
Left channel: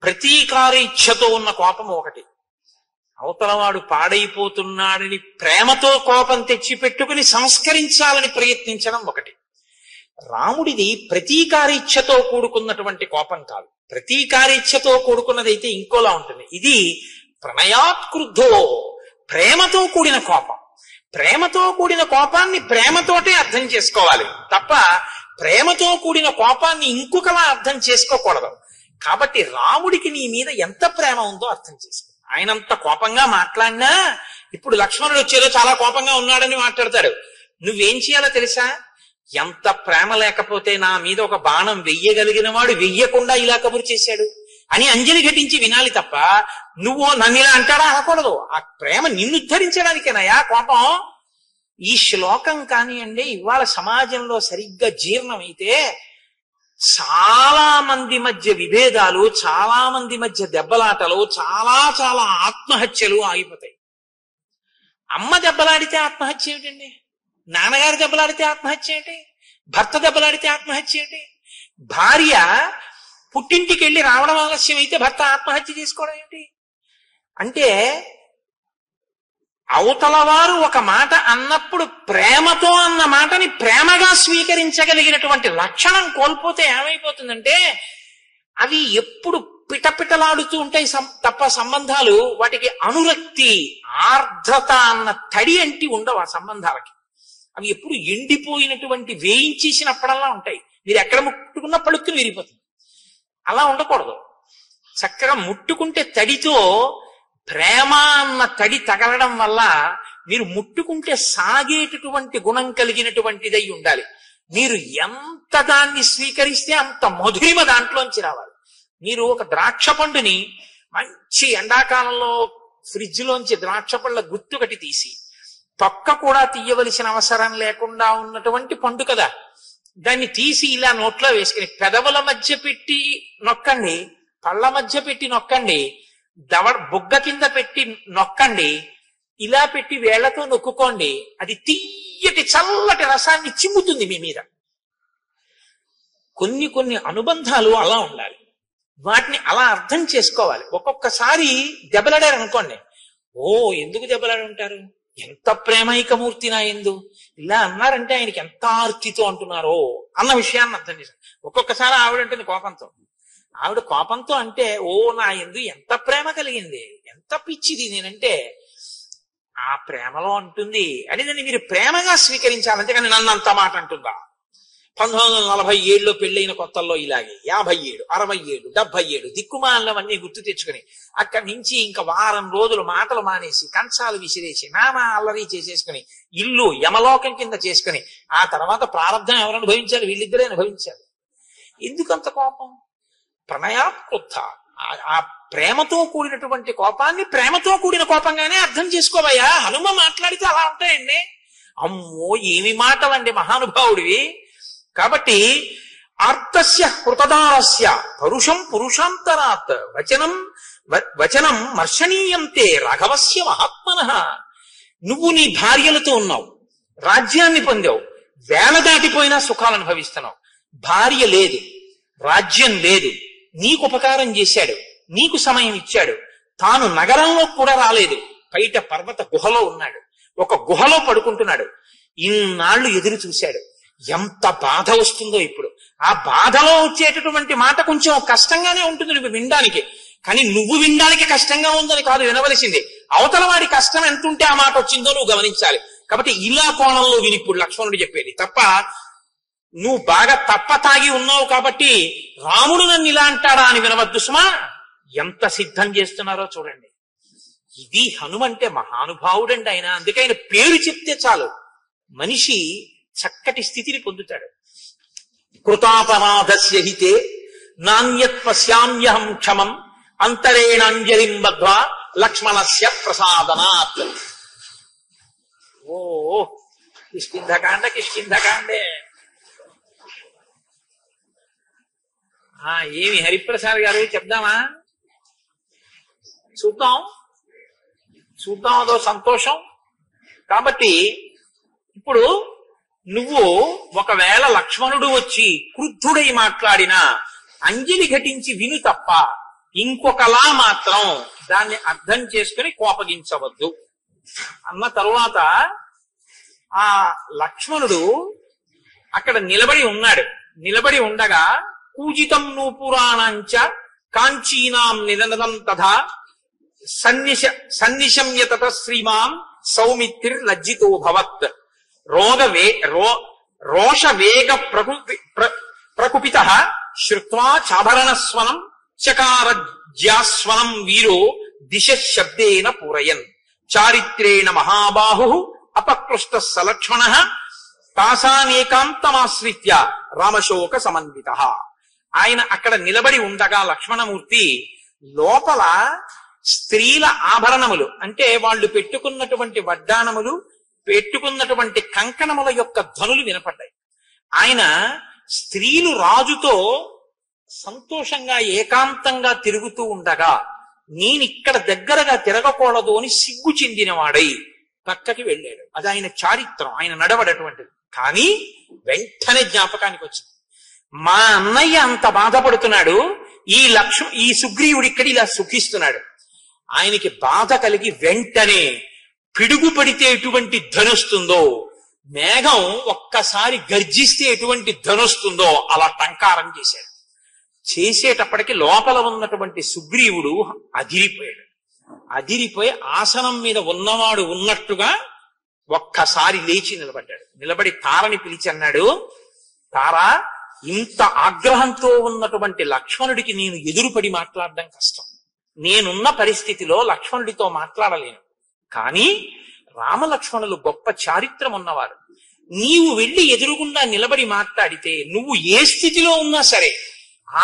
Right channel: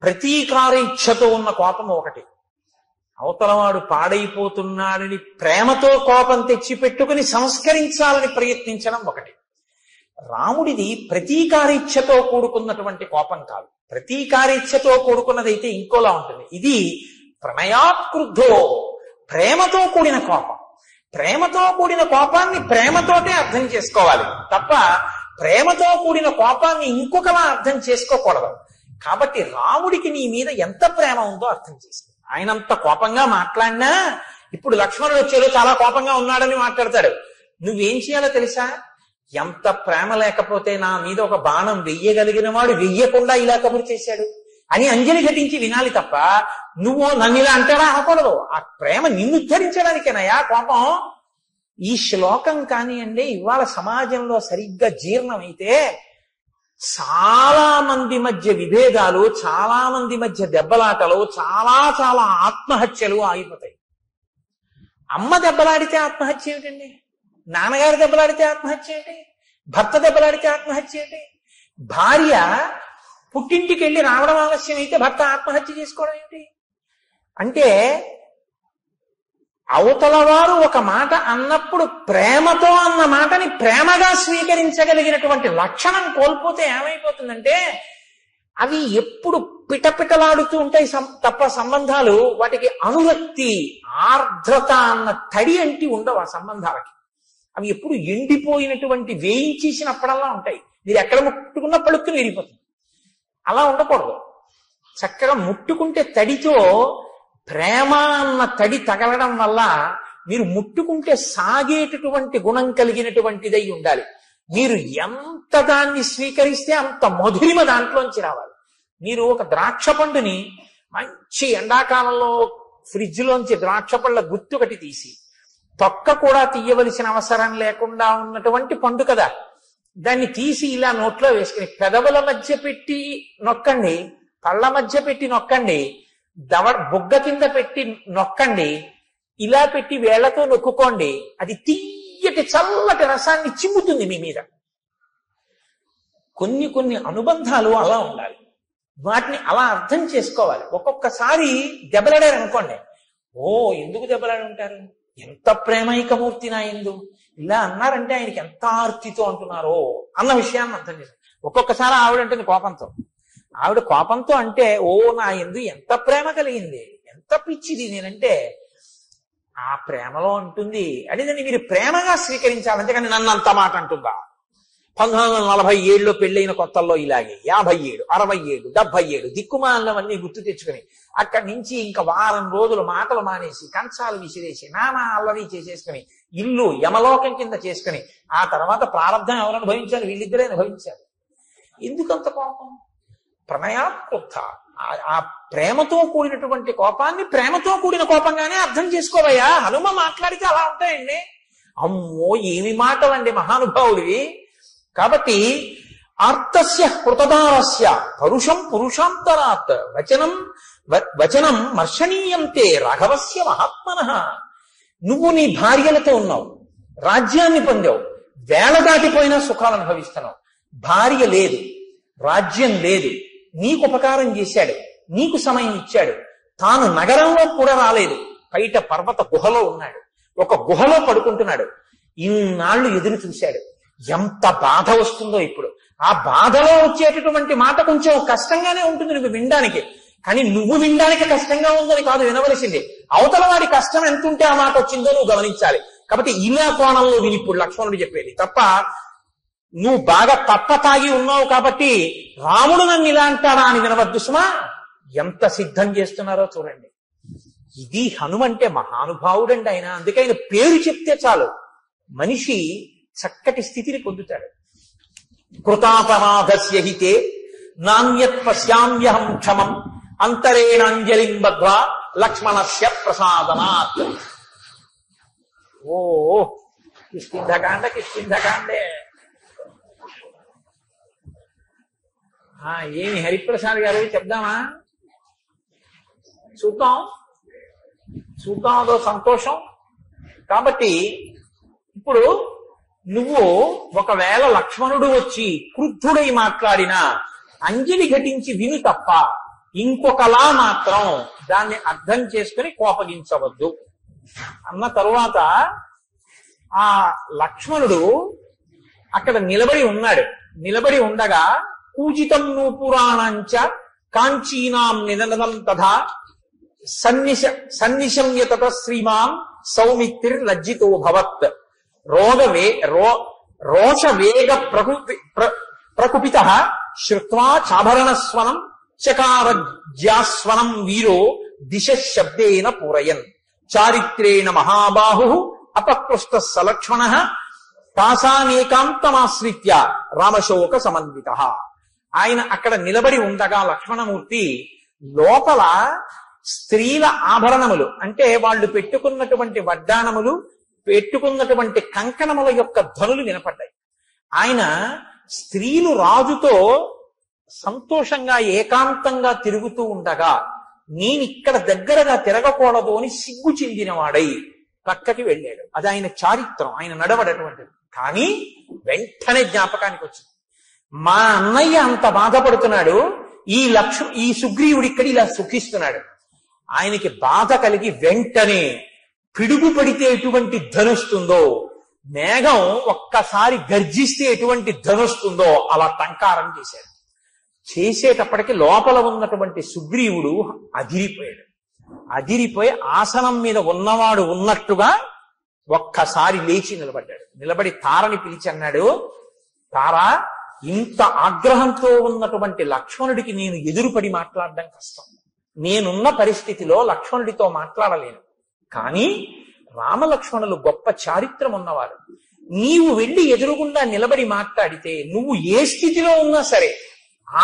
ప్రతీకారేచ్ఛతో ఉన్న కోపము ఒకటి, అవతలవాడు పాడైపోతున్నాడని ప్రేమతో కోపం తెచ్చిపెట్టుకుని సంస్కరించాలని ప్రయత్నించడం ఒకటి. రాముడిది ప్రతీకారేచ్ఛతో కూడుకున్నటువంటి కోపం కాదు. ప్రతీకారేచ్ఛతో కూడుకున్నదైతే ఇంకోలా ఉంటుంది. ఇది ప్రణయాత్ క్రుద్ధో, ప్రేమతో కూడిన కోపం. ప్రేమతో కూడిన కోపాన్ని ప్రేమతోటే అర్థం చేసుకోవాలి తప్ప ప్రేమతో కూడిన కోపాన్ని ఇంకొకలా అర్థం చేసుకోకూడదు. కాబట్టి రాముడికి నీ మీద ఎంత ప్రేమ ఉందో అర్థం చేసుకో. ఆయన అంత కోపంగా మాట్లాడినా ఇప్పుడు లక్ష్మణుడు వచ్చేదో చాలా కోపంగా ఉన్నాడని మాట్లాడతాడు. నువ్వేం చేయాలో తెలుసా? ఎంత ప్రేమ లేకపోతే నా మీద ఒక బాణం వెయ్యగలిగిన వాడు వెయ్యకుండా ఇలా కబురు చేశాడు అని అంజలి ఘటించి వినాలి తప్ప నువ్వు నన్ను ఇలా అంటాడా అనకూడదు. ఆ ప్రేమ నిన్ను ఉద్ధరించడానికేనాయా కోపం. ఈ శ్లోకం కానివ్వండి ఇవాళ సమాజంలో సరిగ్గా జీర్ణమైతే చాలా మంది మధ్య విభేదాలు, చాలా మంది మధ్య దెబ్బలాటలు, చాలా చాలా ఆత్మహత్యలు ఆగిపోతాయి. అమ్మ దెబ్బలాడితే ఆత్మహత్య ఏమిటండి? నాన్నగారు దెబ్బలాడితే ఆత్మహత్య ఏంటి? భర్త దెబ్బలాడితే ఆత్మహత్య ఏంటి? భార్య పుట్టింటికి వెళ్ళి రావడం ఆలస్యం అయితే భర్త ఆత్మహత్య చేసుకోవడం ఏంటి? అంటే అవతల వారు ఒక మాట అన్నప్పుడు ప్రేమతో అన్న మాటని ప్రేమగా స్వీకరించగలిగినటువంటి లక్షణం కోల్పోతే ఏమైపోతుందంటే అవి ఎప్పుడు పిటపిటలాడుతూ ఉంటాయి తప్ప సంబంధాలు వాటికి అనురక్తి, ఆర్ద్రత అన్న తడి అంటి ఉండవు ఆ సంబంధాలకి. అవి ఎప్పుడు ఎండిపోయినటువంటి వేయించేసినప్పుడల్లా ఉంటాయి. మీరు ఎక్కడ ముట్టుకున్నా పడుక్కుని విరిగిపోతుంది. అలా ఉండకూడదు. చక్కగా ముట్టుకుంటే తడితో ప్రేమ అన్న తడి తగలడం వల్ల మీరు ముట్టుకుంటే సాగేటటువంటి గుణం కలిగినటువంటిదై ఉండాలి. మీరు ఎంత దాన్ని స్వీకరిస్తే అంత మధురిమ దాంట్లోంచి రావాలి. మీరు ఒక ద్రాక్ష పండుని మంచి ఎండాకాలంలో ఫ్రిడ్జ్ లోంచి ద్రాక్ష పండ్ల గుత్తుకటి తీసి తొక్క కూడా తీయవలసిన అవసరం లేకుండా ఉన్నటువంటి పండు కదా, దాన్ని తీసి ఇలా నోట్లో వేసుకుని పెదవుల మధ్య పెట్టి నొక్కండి, కళ్ళ మధ్య పెట్టి నొక్కండి, బొగ్గ కింద పెట్టి నొక్కండి, ఇలా పెట్టి వేళ్లతో నొక్కుకోండి. అది తీయటి చల్లటి రసాన్ని చిమ్ముతుంది మీ మీద. కొన్ని కొన్ని అనుబంధాలు అలా ఉండాలి. వాటిని అలా అర్థం చేసుకోవాలి. ఒక్కొక్కసారి దెబ్బలాడారు అనుకోండి, ఓ ఎందుకు దెబ్బలాడి ఉంటారు, ఎంత ప్రేమైకమూర్తి నా యందు, ఇలా అన్నారంటే ఆయనకి ఎంత ఆర్తితో అంటున్నారో అన్న విషయాన్ని అర్థం చేశాను. ఒక్కొక్కసారి ఆవిడ అంటుంది కోపంతో, ఆవిడ కోపంతో అంటే ఓ నా యందు ఎంత ప్రేమ కలిగింది, ఎంత పిచ్చిది నేనంటే, ఆ ప్రేమలో అంటుంది అని దాన్ని మీరు ప్రేమగా స్వీకరించాలి. అంతేకాని నన్ను అంత మాట అంటుందా. 1947లో పెళ్ళైన కొత్తల్లో ఇలాగే 57, 67, 77 దిక్కుమాలవన్నీ గుర్తు తెచ్చుకుని అక్కడి నుంచి ఇంకా వారం రోజులు మాటలు మానేసి కంచాలు విసిరేసి నానా అల్లరి చేసేసుకుని ఇల్లు యమలోకం కింద చేసుకుని ఆ తర్వాత ప్రారంభం ఎవరు అనుభవించాలి? వీళ్ళిద్దరే అనుభవించాలి. ఎందుకంత కోపం? ప్రణయాత్కృత. ఆ ప్రేమతో కూడినటువంటి కోపాన్ని ప్రేమతో కూడిన కోపంగానే అర్థం చేసుకోవయ్యా. హనుమ మాట్లాడితే అలా ఉంటాయండి. అమ్మో ఏమి మాటలండి మహానుభావుడివి. కాబట్టి ఆర్తస్య కృతదారస్య పరుషం పురుషాంతరాత్ వచనం మర్షణీయంతే రాఘవస్య మహాత్మనః. నువ్వు నీ భార్యలతో ఉన్నావు, రాజ్యాన్ని పొందావు, వేల దాటిపోయినా సుఖాలు అనుభవిస్తున్నావు. భార్య లేదు, రాజ్యం లేదు, నీకు ఉపకారం చేశాడు, నీకు సమయం ఇచ్చాడు, తాను నగరంలో కూడా రాలేదు, బయట పర్వత గుహలో ఉన్నాడు, ఒక గుహలో పడుకుంటున్నాడు. ఇన్నాళ్ళు ఎదురు చూశాడు. ఎంత బాధ వస్తుందో ఇప్పుడు. ఆ బాధలో వచ్చేటటువంటి మాట కొంచెం కష్టంగానే ఉంటుంది నువ్వు వినడానికి, కానీ నువ్వు వినడానికి కష్టంగా ఉందని కాదు వినవలసింది. అవతల వాడి కష్టం ఎంత ఉంటే ఆ మాట వచ్చిందో నువ్వు గమనించాలి. కాబట్టి ఇలా కోణంలో విని ఇప్పుడు లక్ష్మణుడు చెప్పేది తప్ప, నువ్వు బాగా తప్ప తాగి ఉన్నావు కాబట్టి రాముడు నన్ను ఇలా అంటాడా అని వినవద్దు సుమా. ఎంత సిద్ధం చేస్తున్నారో చూడండి. ఇది హనుమంటే మహానుభావుడండి ఆయన. అందుకే ఆయన పేరు చెప్తే చాలు మనిషి చక్కటి స్థితిని పొందుతాడు. కృతాపరాధస్య హితే నాణ్యత్ పశ్యామ్యహం క్షమం అంతరేణాంజలిం బద్ధ్వా లక్ష్మణస్య ప్రసాదనాత్. ఓ కిష్కింధకాండే. ఏమి హరిప్రసాద్ గారు చెప్దామా? చూద్దాం అదో సంతోషం. కాబట్టి ఇప్పుడు నువ్వు ఒకవేళ లక్ష్మణుడు వచ్చి క్రుద్ధుడై మాట్లాడినా అంజలి ఘటించి విను తప్ప ఇంకొకలా మాత్రం దాన్ని అర్థం చేసుకుని కోపగించవద్దు అన్న తరువాత ఆ లక్ష్మణుడు అక్కడ నిలబడి ఉన్నాడు. నిలబడి ఉండగా పూజితం నూపురాణంచ కాంచీనాం నినదం తథా సన్నిశమ్యత శ్రీమాన్ సౌమిత్రి లజ్జితో భవత్ రోష వేగ ప్రకుపిత శ్రుత్వా చాభరణస్వనం చకారజ్యాస్వనం వీరో దిశ శబ్దేన పూరయన్ చారిత్రేణ మహాబాహు అపకృష్ట సలక్ష్మణ కాసానేకాంతమాశ్రిత్య రామశోక సమన్విత. ఆయన అక్కడ నిలబడి ఉండగా లక్ష్మణమూర్తి లోపల స్త్రీల ఆభరణములు అంటే వాళ్ళు పెట్టుకున్నటువంటి వడ్డానములు, పెట్టుకున్నటువంటి కంకణముల యొక్క ధ్వనులు వినపడ్డాయి. ఆయన స్త్రీలు రాజుతో సంతోషంగా ఏకాంతంగా తిరుగుతూ ఉండగా నేనిక్కడ దగ్గరగా తిరగకూడదు అని సిగ్గు చెందినవాడై పక్కకి వెళ్ళాడు. అది ఆయన చారిత్రం, ఆయన నడవడటువంటిది. కానీ వెంటనే జ్ఞాపకానికి వచ్చింది, మా అన్నయ్య అంత బాధపడుతున్నాడు, ఈ సుగ్రీవుడు ఇక్కడ ఇలా సుఖిస్తున్నాడు. ఆయనకి బాధ కలిగి వెంటనే పిడుగు పడితే ఎటువంటి ధనుస్తుందో, మేఘం ఒక్కసారి గర్జిస్తే ఎటువంటి ధనుస్తుందో అలా టంకారం చేశాడు. చేసేటప్పటికి లోపల ఉన్నటువంటి సుగ్రీవుడు అదిరిపోయాడు. అదిరిపోయి ఆసనం మీద ఉన్నవాడు ఉన్నట్టుగా ఒక్కసారి లేచి నిలబడ్డాడు. నిలబడి తారని పిలిచి అన్నాడు, తారా, ఇంత ఆగ్రహంతో ఉన్నటువంటి లక్ష్మణుడికి నేను ఎదురుపడి మాట్లాడడం కష్టం. నేనున్న పరిస్థితిలో లక్ష్మణుడితో మాట్లాడలేను. కానీ రామలక్ష్మణులు గొప్ప చారిత్రం ఉన్నవారు. నీవు వెళ్ళి ఎదురుగుండా నిలబడి మాట్లాడితే నువ్వు ఏ స్థితిలో ఉన్నా సరే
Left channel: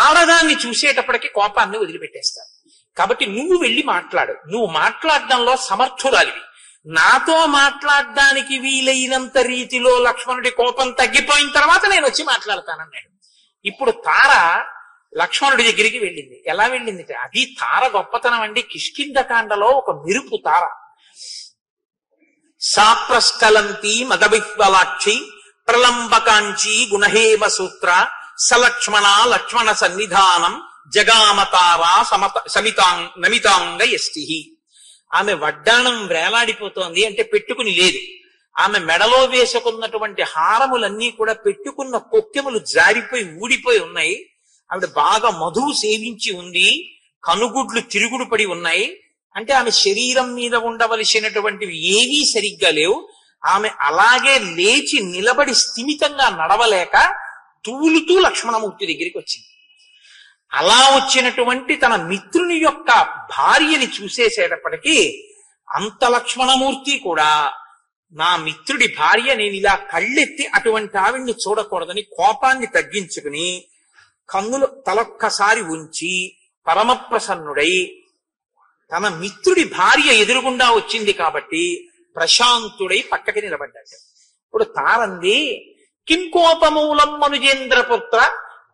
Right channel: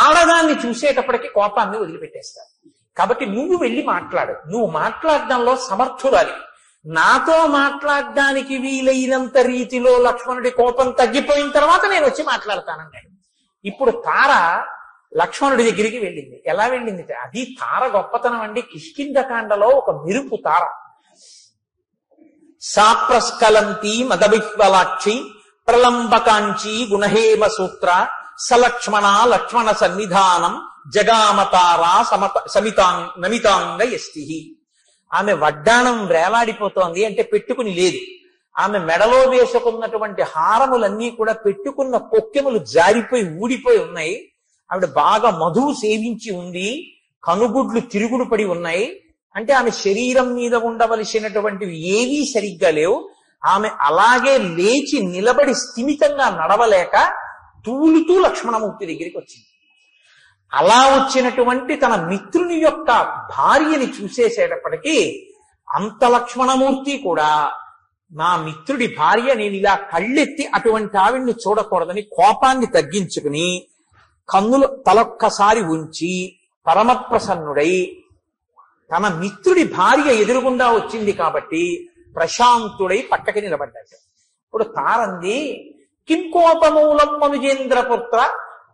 ఆడదాన్ని చూసేటప్పటికి కోపాన్ని వదిలిపెట్టేస్తారు. కాబట్టి నువ్వు వెళ్ళి మాట్లాడు. నువ్వు మాట్లాడడంలో సమర్థురాలివి. నాతో మాట్లాడడానికి వీలైనంత రీతిలో లక్ష్మణుడి కోపం తగ్గిపోయిన తర్వాత నేను వచ్చి మాట్లాడతానన్నాడు. ఇప్పుడు తార లక్ష్మణుడి దగ్గరికి వెళ్ళింది. ఎలా వెళ్ళింది? అది తార గొప్పతనం అండి. కిష్కింధకాండలో ఒక మెరుపు తార. సాప్రస్కలంతి మదబిహ్వలాక్షి ప్రలంబకాంచి గుణహేమ సూత్ర సలక్ష్మణ లక్ష్మణ సన్నిధానం జగామతారా నమితాంగ యష్టి. ఆమె వడ్డాణం వేలాడిపోతోంది అంటే పెట్టుకుని లేదు. ఆమె మెడలో వేసుకున్నటువంటి హారములన్నీ కూడా పెట్టుకున్న కొక్కెములు జారిపోయి ఊడిపోయి ఉన్నాయి. ఆవిడ బాగా మధువు సేవించి ఉంది, కనుగుడ్లు తిరుగుడు పడి ఉన్నాయి. అంటే ఆమె శరీరం మీద ఉండవలసినటువంటివి ఏవీ సరిగ్గా లేవు. ఆమె అలాగే లేచి నిలబడి స్థిమితంగా నడవలేక తూలుతూ లక్ష్మణమూర్తి దగ్గరికి వచ్చింది. అలా వచ్చినటువంటి తన మిత్రుని యొక్క భార్యని చూసేసేటప్పటికీ అంత లక్ష్మణమూర్తి కూడా నా మిత్రుడి భార్య, నేను ఇలా కళ్ళెత్తి అటువంటి ఆవిడ్ని చూడకూడదని కోపాన్ని తగ్గించుకుని కన్నులు తలొక్కసారి ఉంచి పరమప్రసన్నుడై తన మిత్రుడి భార్య ఎదురుగుండా వచ్చింది కాబట్టి ప్రశాంతుడై పక్కకి నిలబడ్డాడు. ఇప్పుడు తారంది, కిం కోపమూలం మనుజేంద్రపుత్ర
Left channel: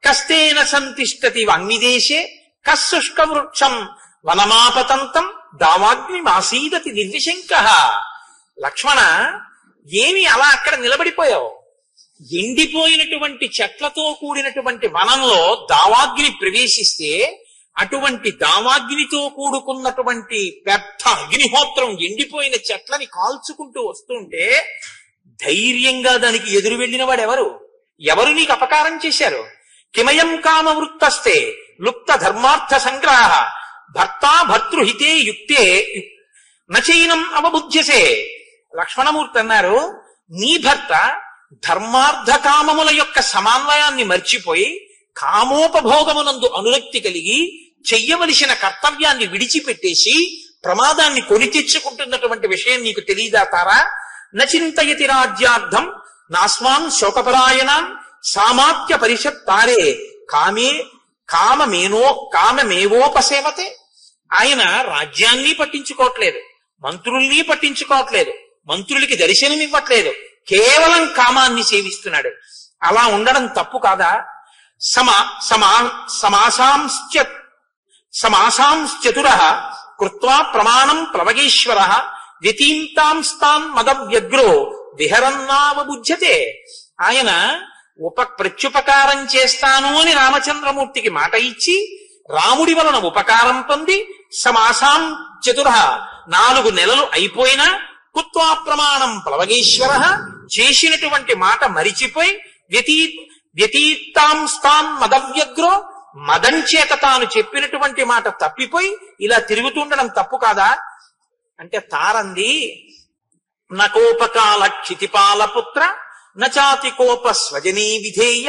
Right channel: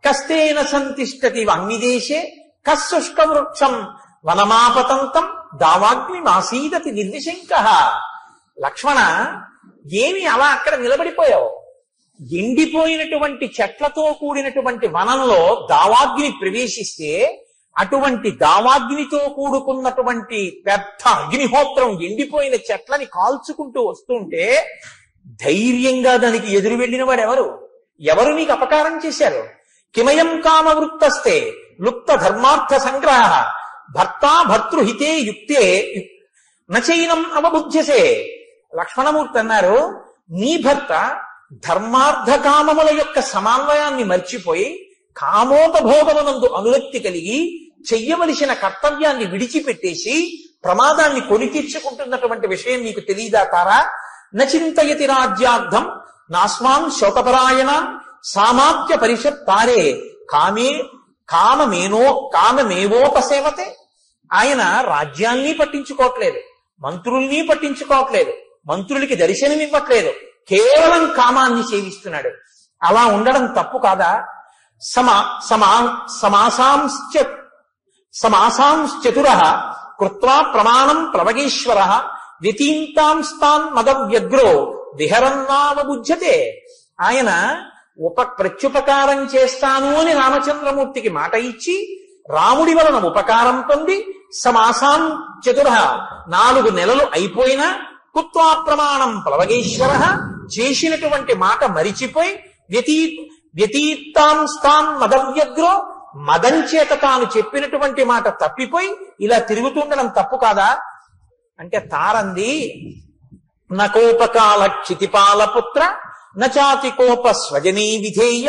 కస్తేన సంతిష్టతి అగ్నిదేశే కశుష్క వృక్షం వనమాపతంతం దావాగ్ని మాసీదతి నిర్విశంక. లక్ష్మణ, ఏమి అలా అక్కడ నిలబడిపోయావు? ఎండిపోయినటువంటి చెట్లతో కూడినటువంటి వనంలో దావాగ్ని ప్రవేశిస్తే అటువంటి దావాగ్నితో కూడుకున్నటువంటి పెద్ద అగ్నిహోత్రం ఎండిపోయిన చెట్లని కాల్చుకుంటూ వస్తుంటే ధైర్యంగా దానికి ఎదురు వెళ్ళిన వాడు ఎవరు? ఎవరు నీకు అపకారం చేశారు? కిమయం కామ వృత్తస్తే లుప్త ధర్మార్థ సంగ్రహ భర్తా భర్తృహితే యుక్తే నచైనం అవబుధ్యసే. లక్ష్మణమూర్తి అన్నారు, నీ భర్త ధర్మార్థ కామముల యొక్క సమన్వయాన్ని మర్చిపోయి కామోపభోగమునందు అనురక్తి కలిగి చెయ్యవలసిన కర్తవ్యాన్ని విడిచిపెట్టేసి ప్రమాదాన్ని కొని తెచ్చుకుంటున్నటువంటి విషయం నీకు తెలియదా తారా? నచింతయతి రాజ్యార్థం నాస్మాన్ శోకపరాయణం సామాత్య పరిషత్ తారే కామమేవోపసేవతే. ఆయన రాజ్యాన్ని పట్టించుకోవట్లేదు, మంత్రుల్ని పట్టించుకోవట్లేదు, మంత్రులకి దర్శనం ఇవ్వట్లేదు, కేవలం కామాన్ని సేవిస్తున్నాడు. అలా ఉండడం తప్పు కాదా? సమాసాంశ్చతుర కృత్వా ప్రమాణం ప్లవగేశ్వర వ్యతీంతాంస్తాన్ మదవ్యగ్రో విహరన్నామబుధ్యతే. ఆయన ప్రత్యుపకారం చేస్తాను అని రామచంద్రమూర్తికి మాట ఇచ్చి రాముడి వలన ఉపకారం పొంది సమాసాం చతుర 4 నెలలు అయిపోయినా కుత్వా ప్రమాణం ప్లవగేశ్వర చేసినటువంటి మాట మరిచిపోయి వ్యతీతాంస్తాన్ మదవ్యగ్రో మదం చేత తాను చెప్పినటువంటి మాట తప్పిపోయి ఇలా తిరుగుతుండడం తప్పు కాదా? అంటే తారంది, నకోపకాల క్షితిపాలపుత్ర నచాతి కోప స్వజనీ విధేయ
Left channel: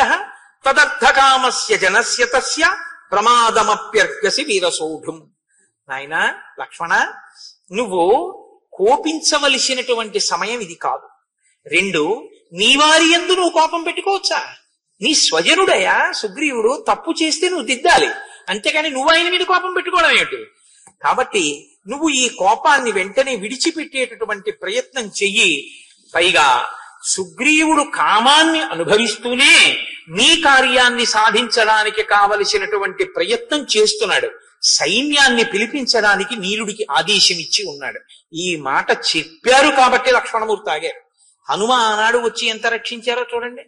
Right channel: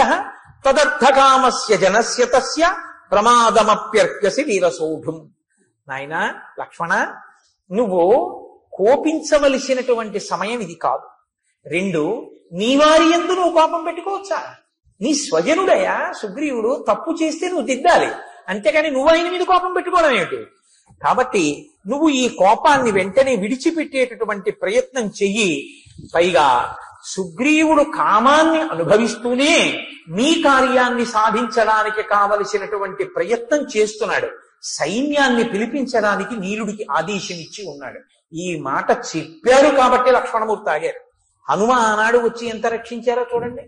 తదర్థకామస్య జనస్య తస్య ప్రమాదమప్యర్హసి వీరసౌఢుం. నాయన లక్ష్మణ, నువ్వు కోపించవలసినటువంటి సమయం ఇది కాదు. 2, నీ వారి యందు నువ్వు కోపం పెట్టుకోవచ్చా? నీ స్వజనుడయా సుగ్రీవుడు, తప్పు చేస్తే నువ్వు దిద్దాలి, అంతేగాని నువ్వు ఆయన మీద కోపం పెట్టుకోవడం ఏమిటి? కాబట్టి నువ్వు ఈ కోపాన్ని వెంటనే విడిచిపెట్టేటటువంటి ప్రయత్నం చెయ్యి. పైగా సుగ్రీవుడు కామాన్ని అనుభవిస్తూనే నీ కార్యాన్ని సాధించడానికి కావలసినటువంటి ప్రయత్నం చేస్తున్నాడు. సైన్యాన్ని పిలిపించడానికి నీలుడికి ఆదేశం ఇచ్చి ఉన్నాడు. ఈ మాట చెప్పారు కాబట్టి లక్ష్మణమూర్తి ఆగారు. హనుమ ఆనాడు వచ్చి ఎంత రక్షించారో చూడండి.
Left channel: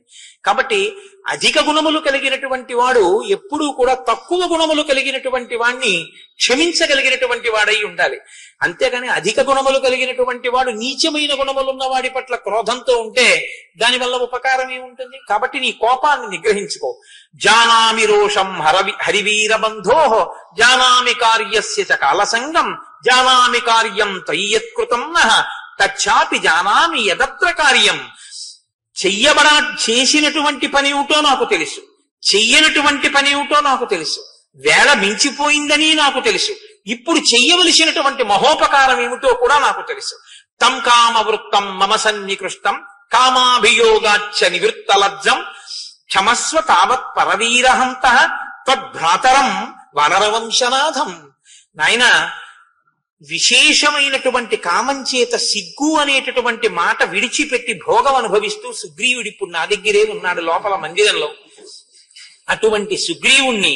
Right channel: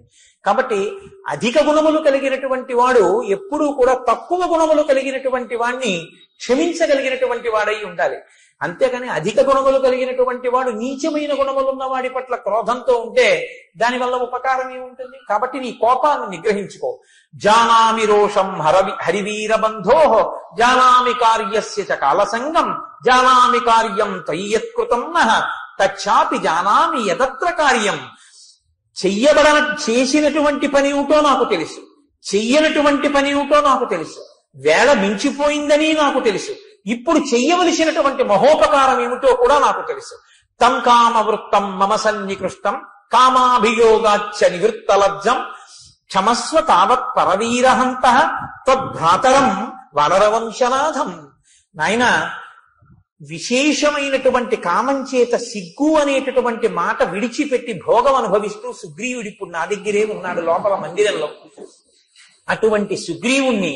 కాబట్టి అధిక గుణములు కలిగినటువంటి వాడు ఎప్పుడూ కూడా తక్కువ గుణములు కలిగినటువంటి వాడిని క్షమించగలిగినటువంటి వాడై ఉండాలి. అంతేగాని అధిక గుణములు కలిగినటువంటి వాడు నీచమైన గుణములున్న వాడి పట్ల క్రోధంతో ఉంటే దానివల్ల ఉపకారం ఏముంటుంది? కాబట్టి నీ కోపాన్ని నిగ్రహించుకో. జానామి రోషం హరివీర బంధో జానామి కార్యస్య చ కాలసంగం జానామి కార్యం తయ్యత్కృతం నః తచ్చాపి జానామి యదత్ర కార్యం. చేసినటువంటి పని ఏమిటో నాకు తెలుసు, చెయ్యనటువంటి పని ఏమిటో నాకు తెలుసు, వేళ మించిపోయిందని నాకు తెలుసు, ఇప్పుడు చెయ్యవలసినటువంటి మహోపకారం ఏమిటో కూడా నాకు తెలుసు. తం కామవృత్తం మమ సన్నికృష్టం కామాభియోగాచ్చ నివృత్తలజ్జం క్షమస్వ తావత్ పరవీరహంత తద్భ్రాతరం వనరవంశనాథం. నాయన, విశేషమైనటువంటి కామం చేత సిగ్గు అనేటటువంటి మాట విడిచిపెట్టి భోగం అనుభవిస్తూ సుగ్రీవుడు ఇప్పుడు నా దగ్గరే ఉన్నాడు లోపల మందిరంలో. అటువంటి సుగ్రీవుణ్ణి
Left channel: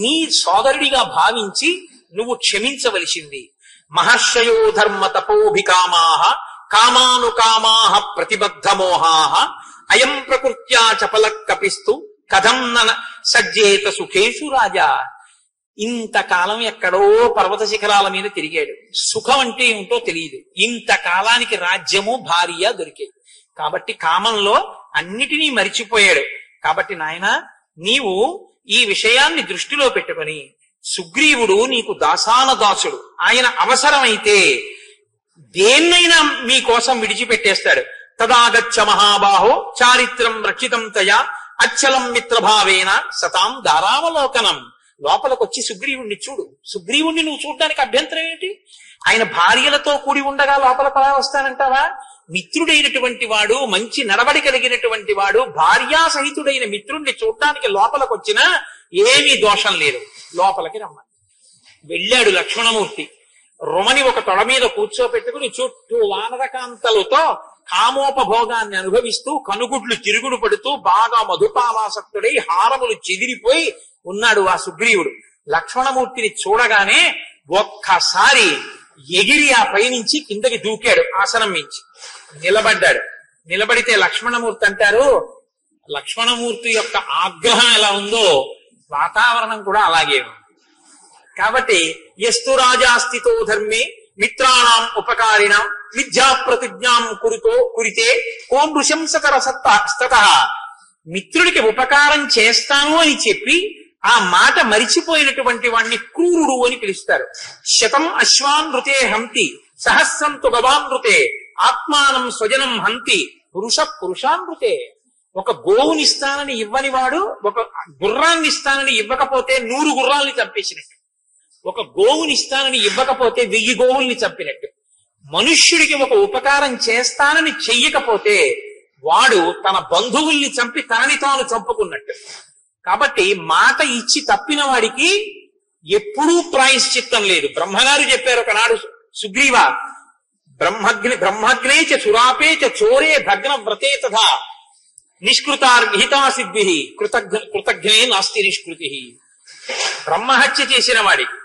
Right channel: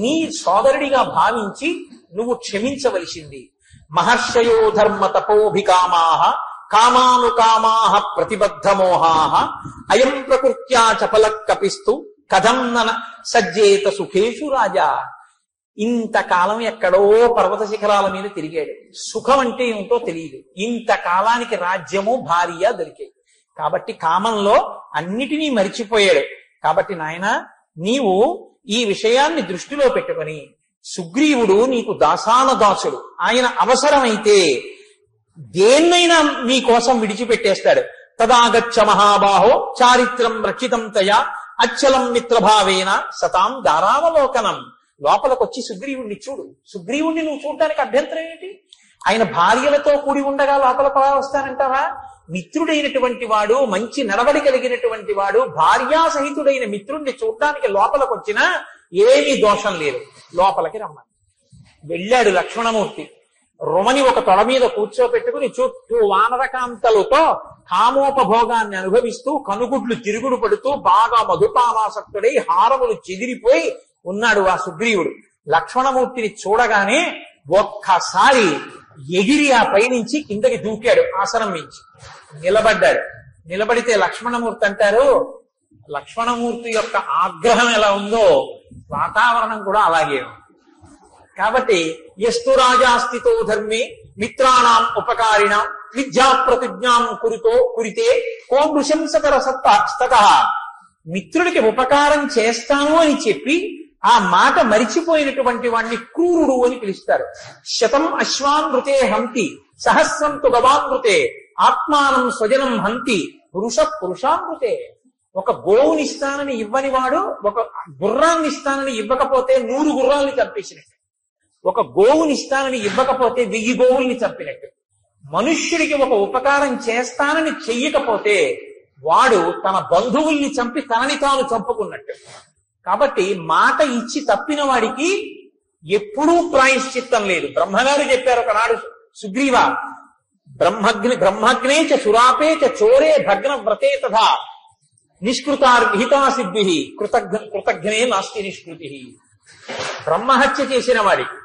నీ సోదరుడిగా భావించి నువ్వు క్షమించవలసింది. మహర్షయో ధర్మ తపోభికామాః కామానుకామాః ప్రతిబద్ధమోహాః అయం ప్రకృత్యా చపల కపిస్తు కథం నన సజ్జేత సుఖేషు రాజా. ఇంతకాలం ఎక్కడో పర్వత శిఖరాల మీద తిరిగాడు. సుఖం అంటే ఏమిటో తెలియదు. ఇంతకాలానికి రాజ్యము భార్య దొరికాయి. కాబట్టి కామంలో అన్నిటినీ మరిచిపోయాడు. కాబట్టి నాయన నీవు ఈ విషయాన్ని దృష్టిలో పెట్టుకొని, సుగ్రీవుడు నీకు దాసానుదాసుడు, ఆయన అవసరమైతే దేన్నైనా మీకోసం విడిచిపెట్టేస్తాడు. తదాగచ్చ మహాబాహో చారిత్రం రక్షితం తయా అచ్చలం మిత్రభావేన సతాం దారావలోకనం. లోపలికొచ్చి సుగ్రీవుణ్ణి చూడు. సుగ్రీవుణ్ణి నువ్వు చూడటానికి అభ్యంతరం ఏంటి? ఆయన భార్యలతో కూడి ఉండగా లోపలికి అలా వస్తానంటావా? మిత్రుడైనటువంటి వాడు, మంచి నడవడి కలిగినటువంటి వాడు, భార్యా సహితుడైన మిత్రుణ్ణి చూడటానికి లోపలికి వచ్చినా ఏమీ దోషం లేదు. లోపలికి రమ్మని వెళ్ళాడు లక్ష్మణమూర్తి. రుమని ఒక తొడ మీద కూర్చోపెట్టుకుని చుట్టూ వానరకాంతలతో కామోపభోగాన్ని అనుభవిస్తూ కనుగుడ్లు తిరుగుడు పడుతూ బాగా మధుపాలాసక్తుడై హారములు చెదిరిపోయి ఉన్నాడు ఆ సుగ్రీవుడు. లక్ష్మణమూర్తిని చూడగానే ఒక్కసారి ఎగిరి ఆ పైనుంచి కిందకి దూకాడు. ఆసనం మించి నిలబడ్డాడు. నిలబడితే లక్ష్మణమూర్తి అంటారు, లక్ష్మణమూర్తి యొక్క ఆగ్రహం ఎలా ఉందో వాతావరణం కూడా అలాగే ఉంది. కాబట్టి ఎస్తు రాజాస్థితో ధర్మే మిత్రాణం ఉపకారిణ విద్యా ప్రతిజ్ఞాం కురితే కో నృశంసకర సత్త. మిత్రుడికి ఉపకారం చేస్తాను అని చెప్పి ఆ మాట మరిచిపోయినటువంటి వాణ్ణి క్రూరుడు అని పిలుస్తారు. శతం అశ్వానృతే హంతి సహస్రంతు గవానృతే ఆత్మానం స్వజనం హంతి పురుషానృతే. ఒక గోవుని ఇస్తానని ఇవ్వని వాడు ఒక గుర్రాన్ని ఇస్తానని ఇవ్వకపోతే 100 గుర్రాల్ని చంపేసినట్టు, ఒక గోవుని ఇస్తానని ఇవ్వకపోతే 1000 గోవుల్ని చంపినట్టు. మనుష్యుడికి ఒక ఉపకారం చేస్తానని చెయ్యకపోతే వాడు తన బంధువుల్ని చంపి తనని తాను చంపుకున్నట్టు. కాబట్టి మాట ఇచ్చి తప్పిన వాడికి ఎప్పుడూ ప్రాయశ్చిత్తం లేదు. బ్రహ్మగారు చెప్పారు ఒకనాడు, సుగ్రీవ బ్రహ్మగ్నే చ సురాపే చ చోరే భగ్న వ్రతే తథా నిష్కృతార్ విహితా సిద్భి కృతజ్ఞే నాస్తి నిష్కృతి. బ్రహ్మహత్య చేసిన వాడికి,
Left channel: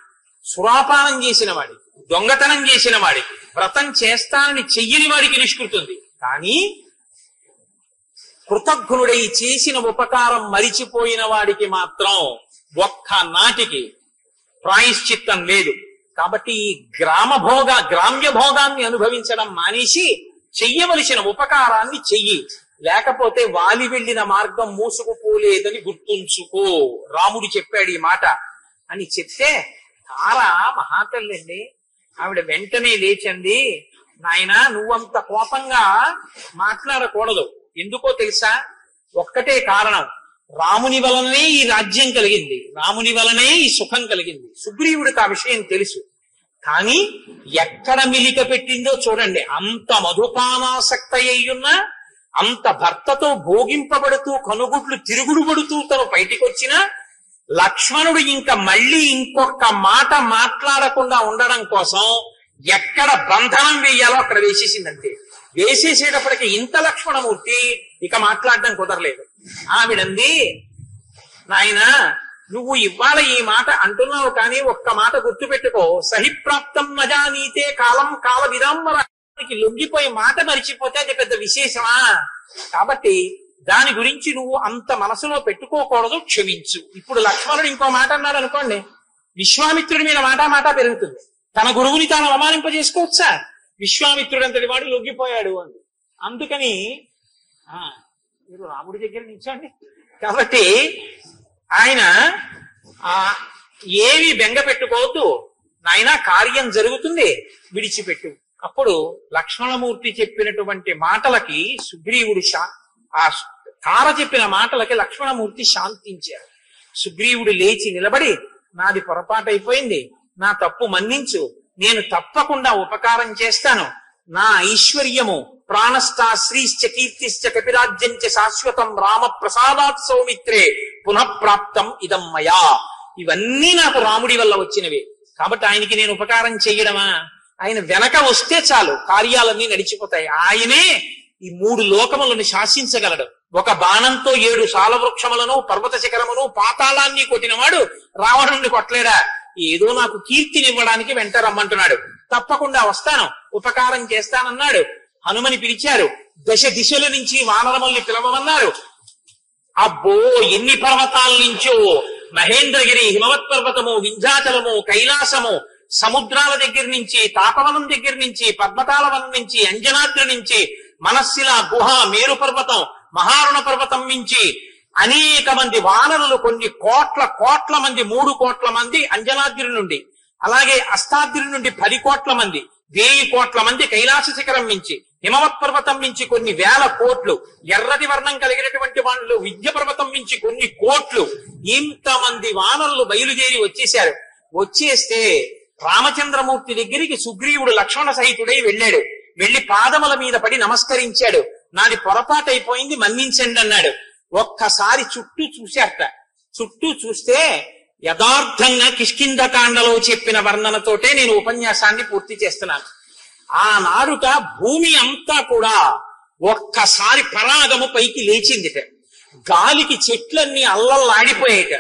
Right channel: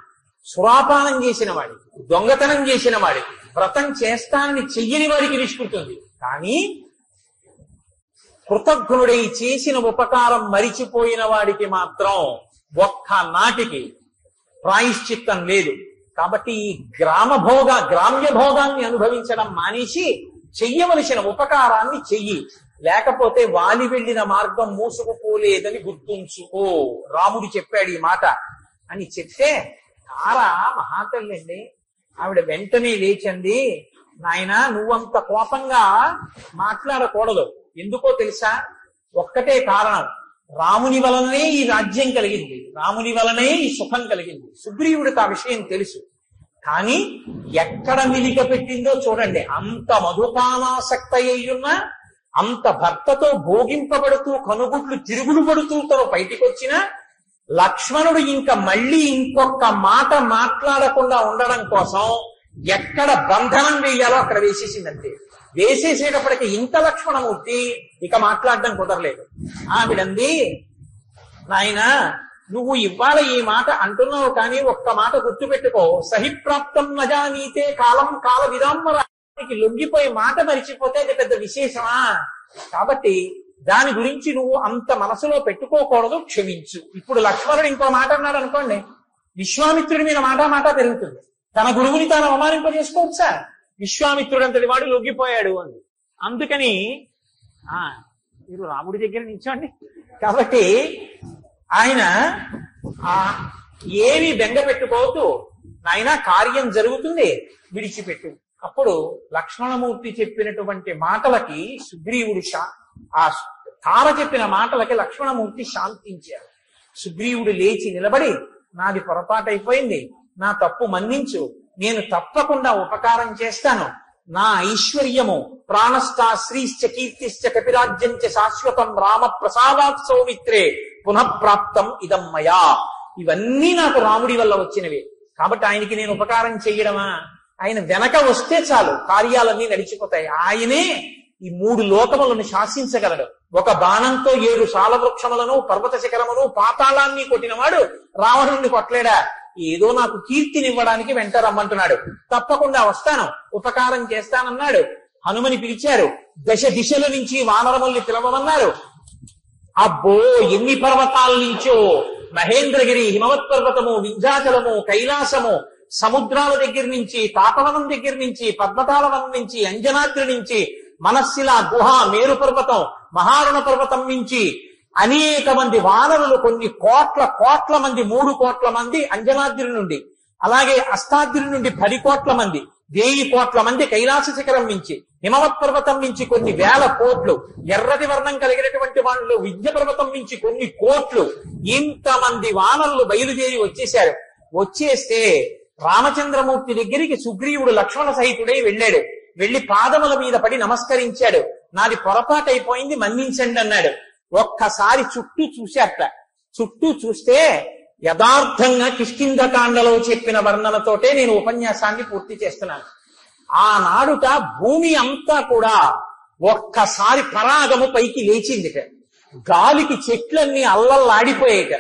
సురాపానం చేసిన వాడికి, దొంగతనం చేసిన వాడికి, వ్రతం చేస్తానని చెయ్యని వాడికి నిష్కృతుంది. కానీ కృతజ్ఞుడై చేసిన ఉపకారం మరిచిపోయిన వాడికి మాత్రం ఒక్క నాటికి ప్రాయశ్చిత్తం లేదు. కాబట్టి ఈ గ్రామ్య భోగాన్ని అనుభవించడం మానేసి చెయ్యవలసిన ఉపకారాన్ని చెయ్యి. లేకపోతే వాలి వెళ్లిన మార్గం మూసుకుపోలేదని గుర్తుంచుకో. రాముడు చెప్పాడు ఈ మాట అని చెప్తే తారా మహాతల్లండి, ఆవిడ వెంటనే లేచండి, నాయనా నువ్వంత కోపంగా మాట్లాడకూడదు. ఎందుకో తెలుసా? ఒక్కటే కారణం, రాముని వలనే ఈ రాజ్యం కలిగింది, రాముని వలనే ఈ సుఖం కలిగింది. సుగ్రీవుడికి ఆ విషయం తెలుసు. కానీ ఎక్కడ మిలిక పెట్టిందో చూడండి. అంత మధుపానాసక్త అయ్యున్న, అంత భర్తతో భోగింపబడుతూ కనుగుడ్లు తిరుగుడు పడుతూ తను బయటికి వచ్చిన లక్ష్మణుడు ఇంకా మళ్ళీ ఇంకొక మాట మాట్లాడకుండా ఉండడం కోసం ఎక్కడ బంధనం వేయాలో అక్కడ వేసేసిందంటే, వేసేసేటప్పటికి ఇంత లక్ష్మణమూర్తి ఇక మాట్లాడడం కుదరలేదు. ఆవిడంది, నాయన నువ్వు ఇవాళ ఈ మాట అంటున్నావు, కానీ ఒక్క మాట గుర్తుపెట్టుకో, సహిప్రాప్తం నజానీతే కాలం కాల విదాంబరానికి లొంగిపోయి మాట మరిచిపోతే అది పెద్ద విశేషమా? కాబట్టి దాని గురించి నువ్వు అంత మనసులో పెట్టుకోకూడదు, క్షమించు. ఇప్పుడు లక్ష్మణుడు ఇంకో మాట అన్నాడు అనుకోండి, విశ్వామిత్రుడి మీద మాట పెరుగుతుంది. తన గురువుని తాను అవమానింపజేసుకోవచ్చా? విశ్వామిత్రుడు అంతటి వాడు లొంగిపోయాడు అని. అందుకని మీరు రాముడి దగ్గర నిల్చోండి. కాబట్టి ఆయన ఏవి బెంగ పెట్టుకోవద్దు, నాయన కార్యం జరుగుతుంది, విడిచిపెట్టు. అప్పుడు లక్ష్మణమూర్తి చెప్పినటువంటి మాటలకి సుగ్రీవుడు ఆ తార చెప్పిన మాటలకి లక్ష్మణమూర్తి శాంతించారు. సుగ్రీవుడు లేచి నిలబడి, నాది పొరపాటైపోయింది, నా తప్పు మన్నించు, నేను తప్పకుండా ఉపకారం చేస్తాను. నా ఐశ్వర్యము ప్రాణస్థా శ్రీశ్చ కీర్తిశ్చ కపిరాజ్యంచ శాశ్వతం రామ ప్రసాదాత్ సౌమిత్రే పునఃప్రాప్తం ఇదం మయా. ఇవన్నీ నాకు రాముడి వల్ల వచ్చినవి. కాబట్టి ఆయనకి నేను ఉపకారం చెయ్యడమా? ఆయన వెనక వస్తే చాలు, కార్యాలన్నీ నడిచిపోతాయి. ఆయనే ఈ 3 లోకములను శాసించగలడు. ఒక బాణంతో 7 సాలవృక్షములను, పర్వత శిఖరమును, పాతాళాన్ని కొట్టినవాడు రావణుణ్ణి కొట్టలేడా? ఏదో నాకు కీర్తినివ్వడానికి వెంట రమ్మంటున్నాడు. తప్పకుండా వస్తాను, ఉపకారం చేస్తానన్నాడు. హనుమని పిలిచారు, దశ దిశల నుంచి వానరముల్ని పిలవమన్నారు. అబ్బో ఎన్ని పర్వతాల నుంచో మహేంద్రగిరి, హిమవత్ పర్వతము, వింధ్యాచలము, కైలాసము, సముద్రాల దగ్గర నుంచి, తాపవనం దగ్గర నుంచి, పద్మతాల వనం నుంచి, అంజనాద్రి నుంచి, మనస్సిల గుహ, మేరు పర్వతం, మహారుణ పర్వతం నుంచి అనేక మంది వానరులు, కొన్ని కోట్ల మంది, 3 కోట్ల మంది అంజనాద్రి నుండి, అలాగే అష్టాద్రి నుండి 10 కోట్ల మంది, 1000 కోట్ల మంది కైలాస శిఖరం నుంచి, హిమవత్ పర్వతం నుంచి కొన్ని 1000 కోట్లు, ఎర్రటి వర్ణం కలిగినటువంటి వాళ్ళు విద్య పర్వతం నుంచి కొన్ని కోట్లు, ఇంతమంది వానరులు బయలుదేరి వచ్చేశారు. వచ్చేస్తే రామచంద్రమూర్తి దగ్గరికి సుగ్రీవుడు లక్ష్మణ సహితుడై వెళ్ళాడు. వెళ్లి పాదముల మీద పడి నమస్కరించాడు. నాది పొరపాటు అయిపోయింది, మన్నించండి అన్నాడు. ఒక్కసారి చుట్టూ చూశారట. చుట్టూ చూస్తే యథార్థంగా కిష్కింధకాండలో చెప్పిన వర్ణనతోటే నేను ఉపన్యాసాన్ని పూర్తి చేస్తున్నాను. ఆనాడుట భూమి అంతా కూడా ఒక్కసారి పరాగము పైకి లేచిందిట. గాలికి చెట్లన్నీ అల్లల్లాడిపోయేట.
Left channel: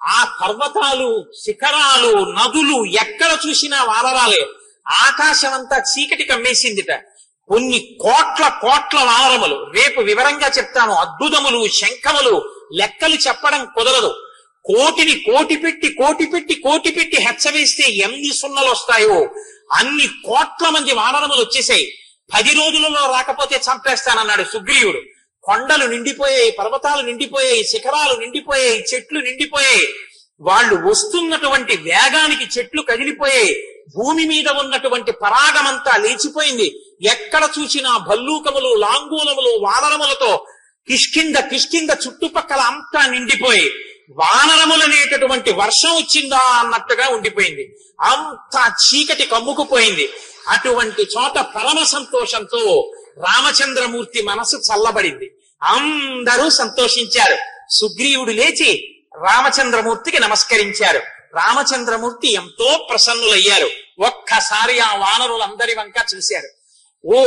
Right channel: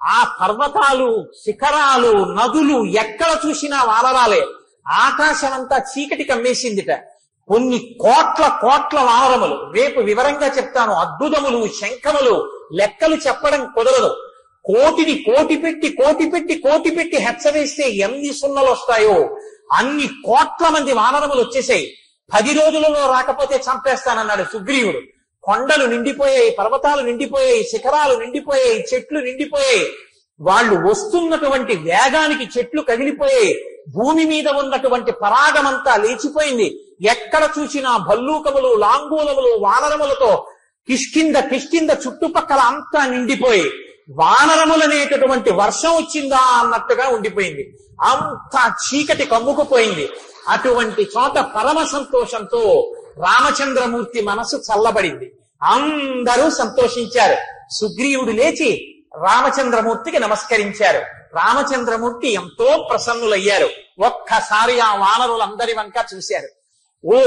ఆ పర్వతాలు, శిఖరాలు, నదులు ఎక్కడ చూసినా వానరాలే. ఆకాశం అంతా చీకటి కమ్మేసిందిట. కొన్ని కోట్ల వానరములు, రేపు వివరంగా చెప్తాను. అద్భుతములు, శంఖములు, లెక్కలు చెప్పడం కుదరదు. కోటిని కోటి పెట్టి హెచ్చవేస్తే ఎన్ని సున్నలు వస్తాయో అన్ని కోట్ల మంది వానరములు వచ్చేసాయి. 10 రోజులలో రాకపోతే చంపేస్తానన్నాడు సుగ్రీవుడు. కొండలు నిండిపోయాయి, పర్వతాలు నిండిపోయాయి, శిఖరాలు నిండిపోయాయి, చెట్లు నిండిపోయాయి. వాళ్ళు వస్తున్నటువంటి వేగానికి చెట్లు కదిలిపోయాయి. భూమి మీద ఉన్నటువంటి పరాగమంతా లేచిపోయింది. ఎక్కడ చూసినా భల్లూకములు, లాంగూలములు, వానరములతో కిష్కింద చుట్టుపక్కల అంతా నిండిపోయి వానరములనేటటువంటి వర్షం వచ్చిందా అన్నట్టుగా ఉండిపోయింది. అంతా చీకటి కమ్ముకుపోయింది. అటువంటి చోట పరమ సంతోషంతో రామచంద్రమూర్తి మనసు చల్లబడింది. అందరూ సంతోషించారు. సుగ్రీవుడు లేచి రామచంద్రమూర్తికి నమస్కరించారు. రామచంద్రమూర్తి ఎంతో ప్రసన్నులయ్యారు. ఒక్కసారి ఆ వానరులందరి వంక చూశారు. ఓ,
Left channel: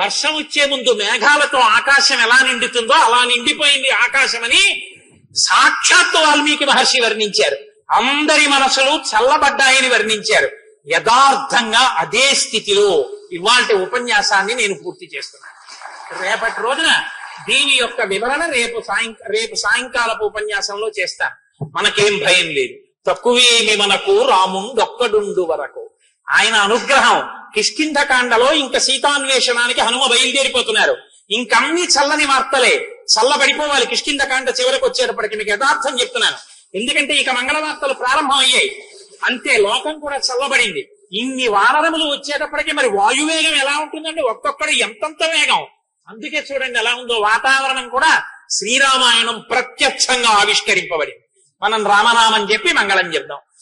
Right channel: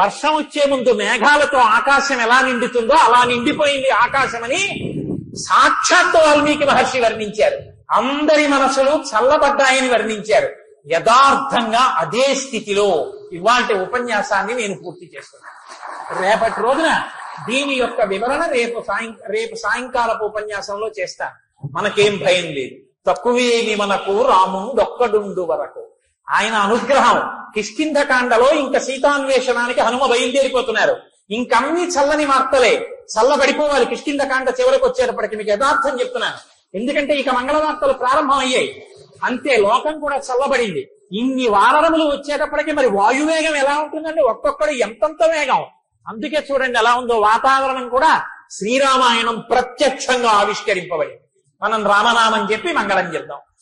వర్షం వచ్చే ముందు మేఘాలతో ఆకాశం ఎలా నిండుతుందో అలా నిండిపోయింది ఆకాశమని సాక్షాత్తు వాల్మీకి మహర్షి వర్ణించారు. అందరి మనసులు చల్లబడ్డాయని వర్ణించారు. యథార్థంగా అదే స్థితిలో ఇవాల్టి ఉపన్యాసాన్ని నేను పూర్తి చేస్తున్నాను. రేపటి రోజున దీని యొక్క వివరణ రేపు సాయంకాలపు ఉపన్యాసంలో చేస్తాను. మనకేం భయం లేదు. తక్కువేమి మనకు రాముండొక్కడుండు వరకు. ఆయన అనుగ్రహం కిష్కింధకాండలో ఇంకా సీతాన్వేషణానికి హనుమ బయలుదేరిపోతున్నారు. ఇంకన్నీ చల్లని వార్తలే, చల్లబడిపోవాలి. కిష్కింధకాండ చివరికి వచ్చేటప్పటికి మీకు యథార్థం చెప్తున్నాను. ఎందుకంటే ఇక మంగళ వార్తలు ప్రారంభం అయ్యాయి. అంతే, లోకం కూడా చల్లబడింది. ఇన్ని వానరములు వచ్చేటప్పటికి మరి వాయువేగం ఎలా ఉంటుందండి? ఒక్కొక్కడు ఎంతంత వేగం. అందుకే చూడండి ఎలా ఉందో వాతావరణం కూడా. శ్రీరామాయణం ప్రత్యక్షంగా ఆవిష్కరింపబడింది. మనం రామనామం చెప్పి మంగళం చెప్దాం.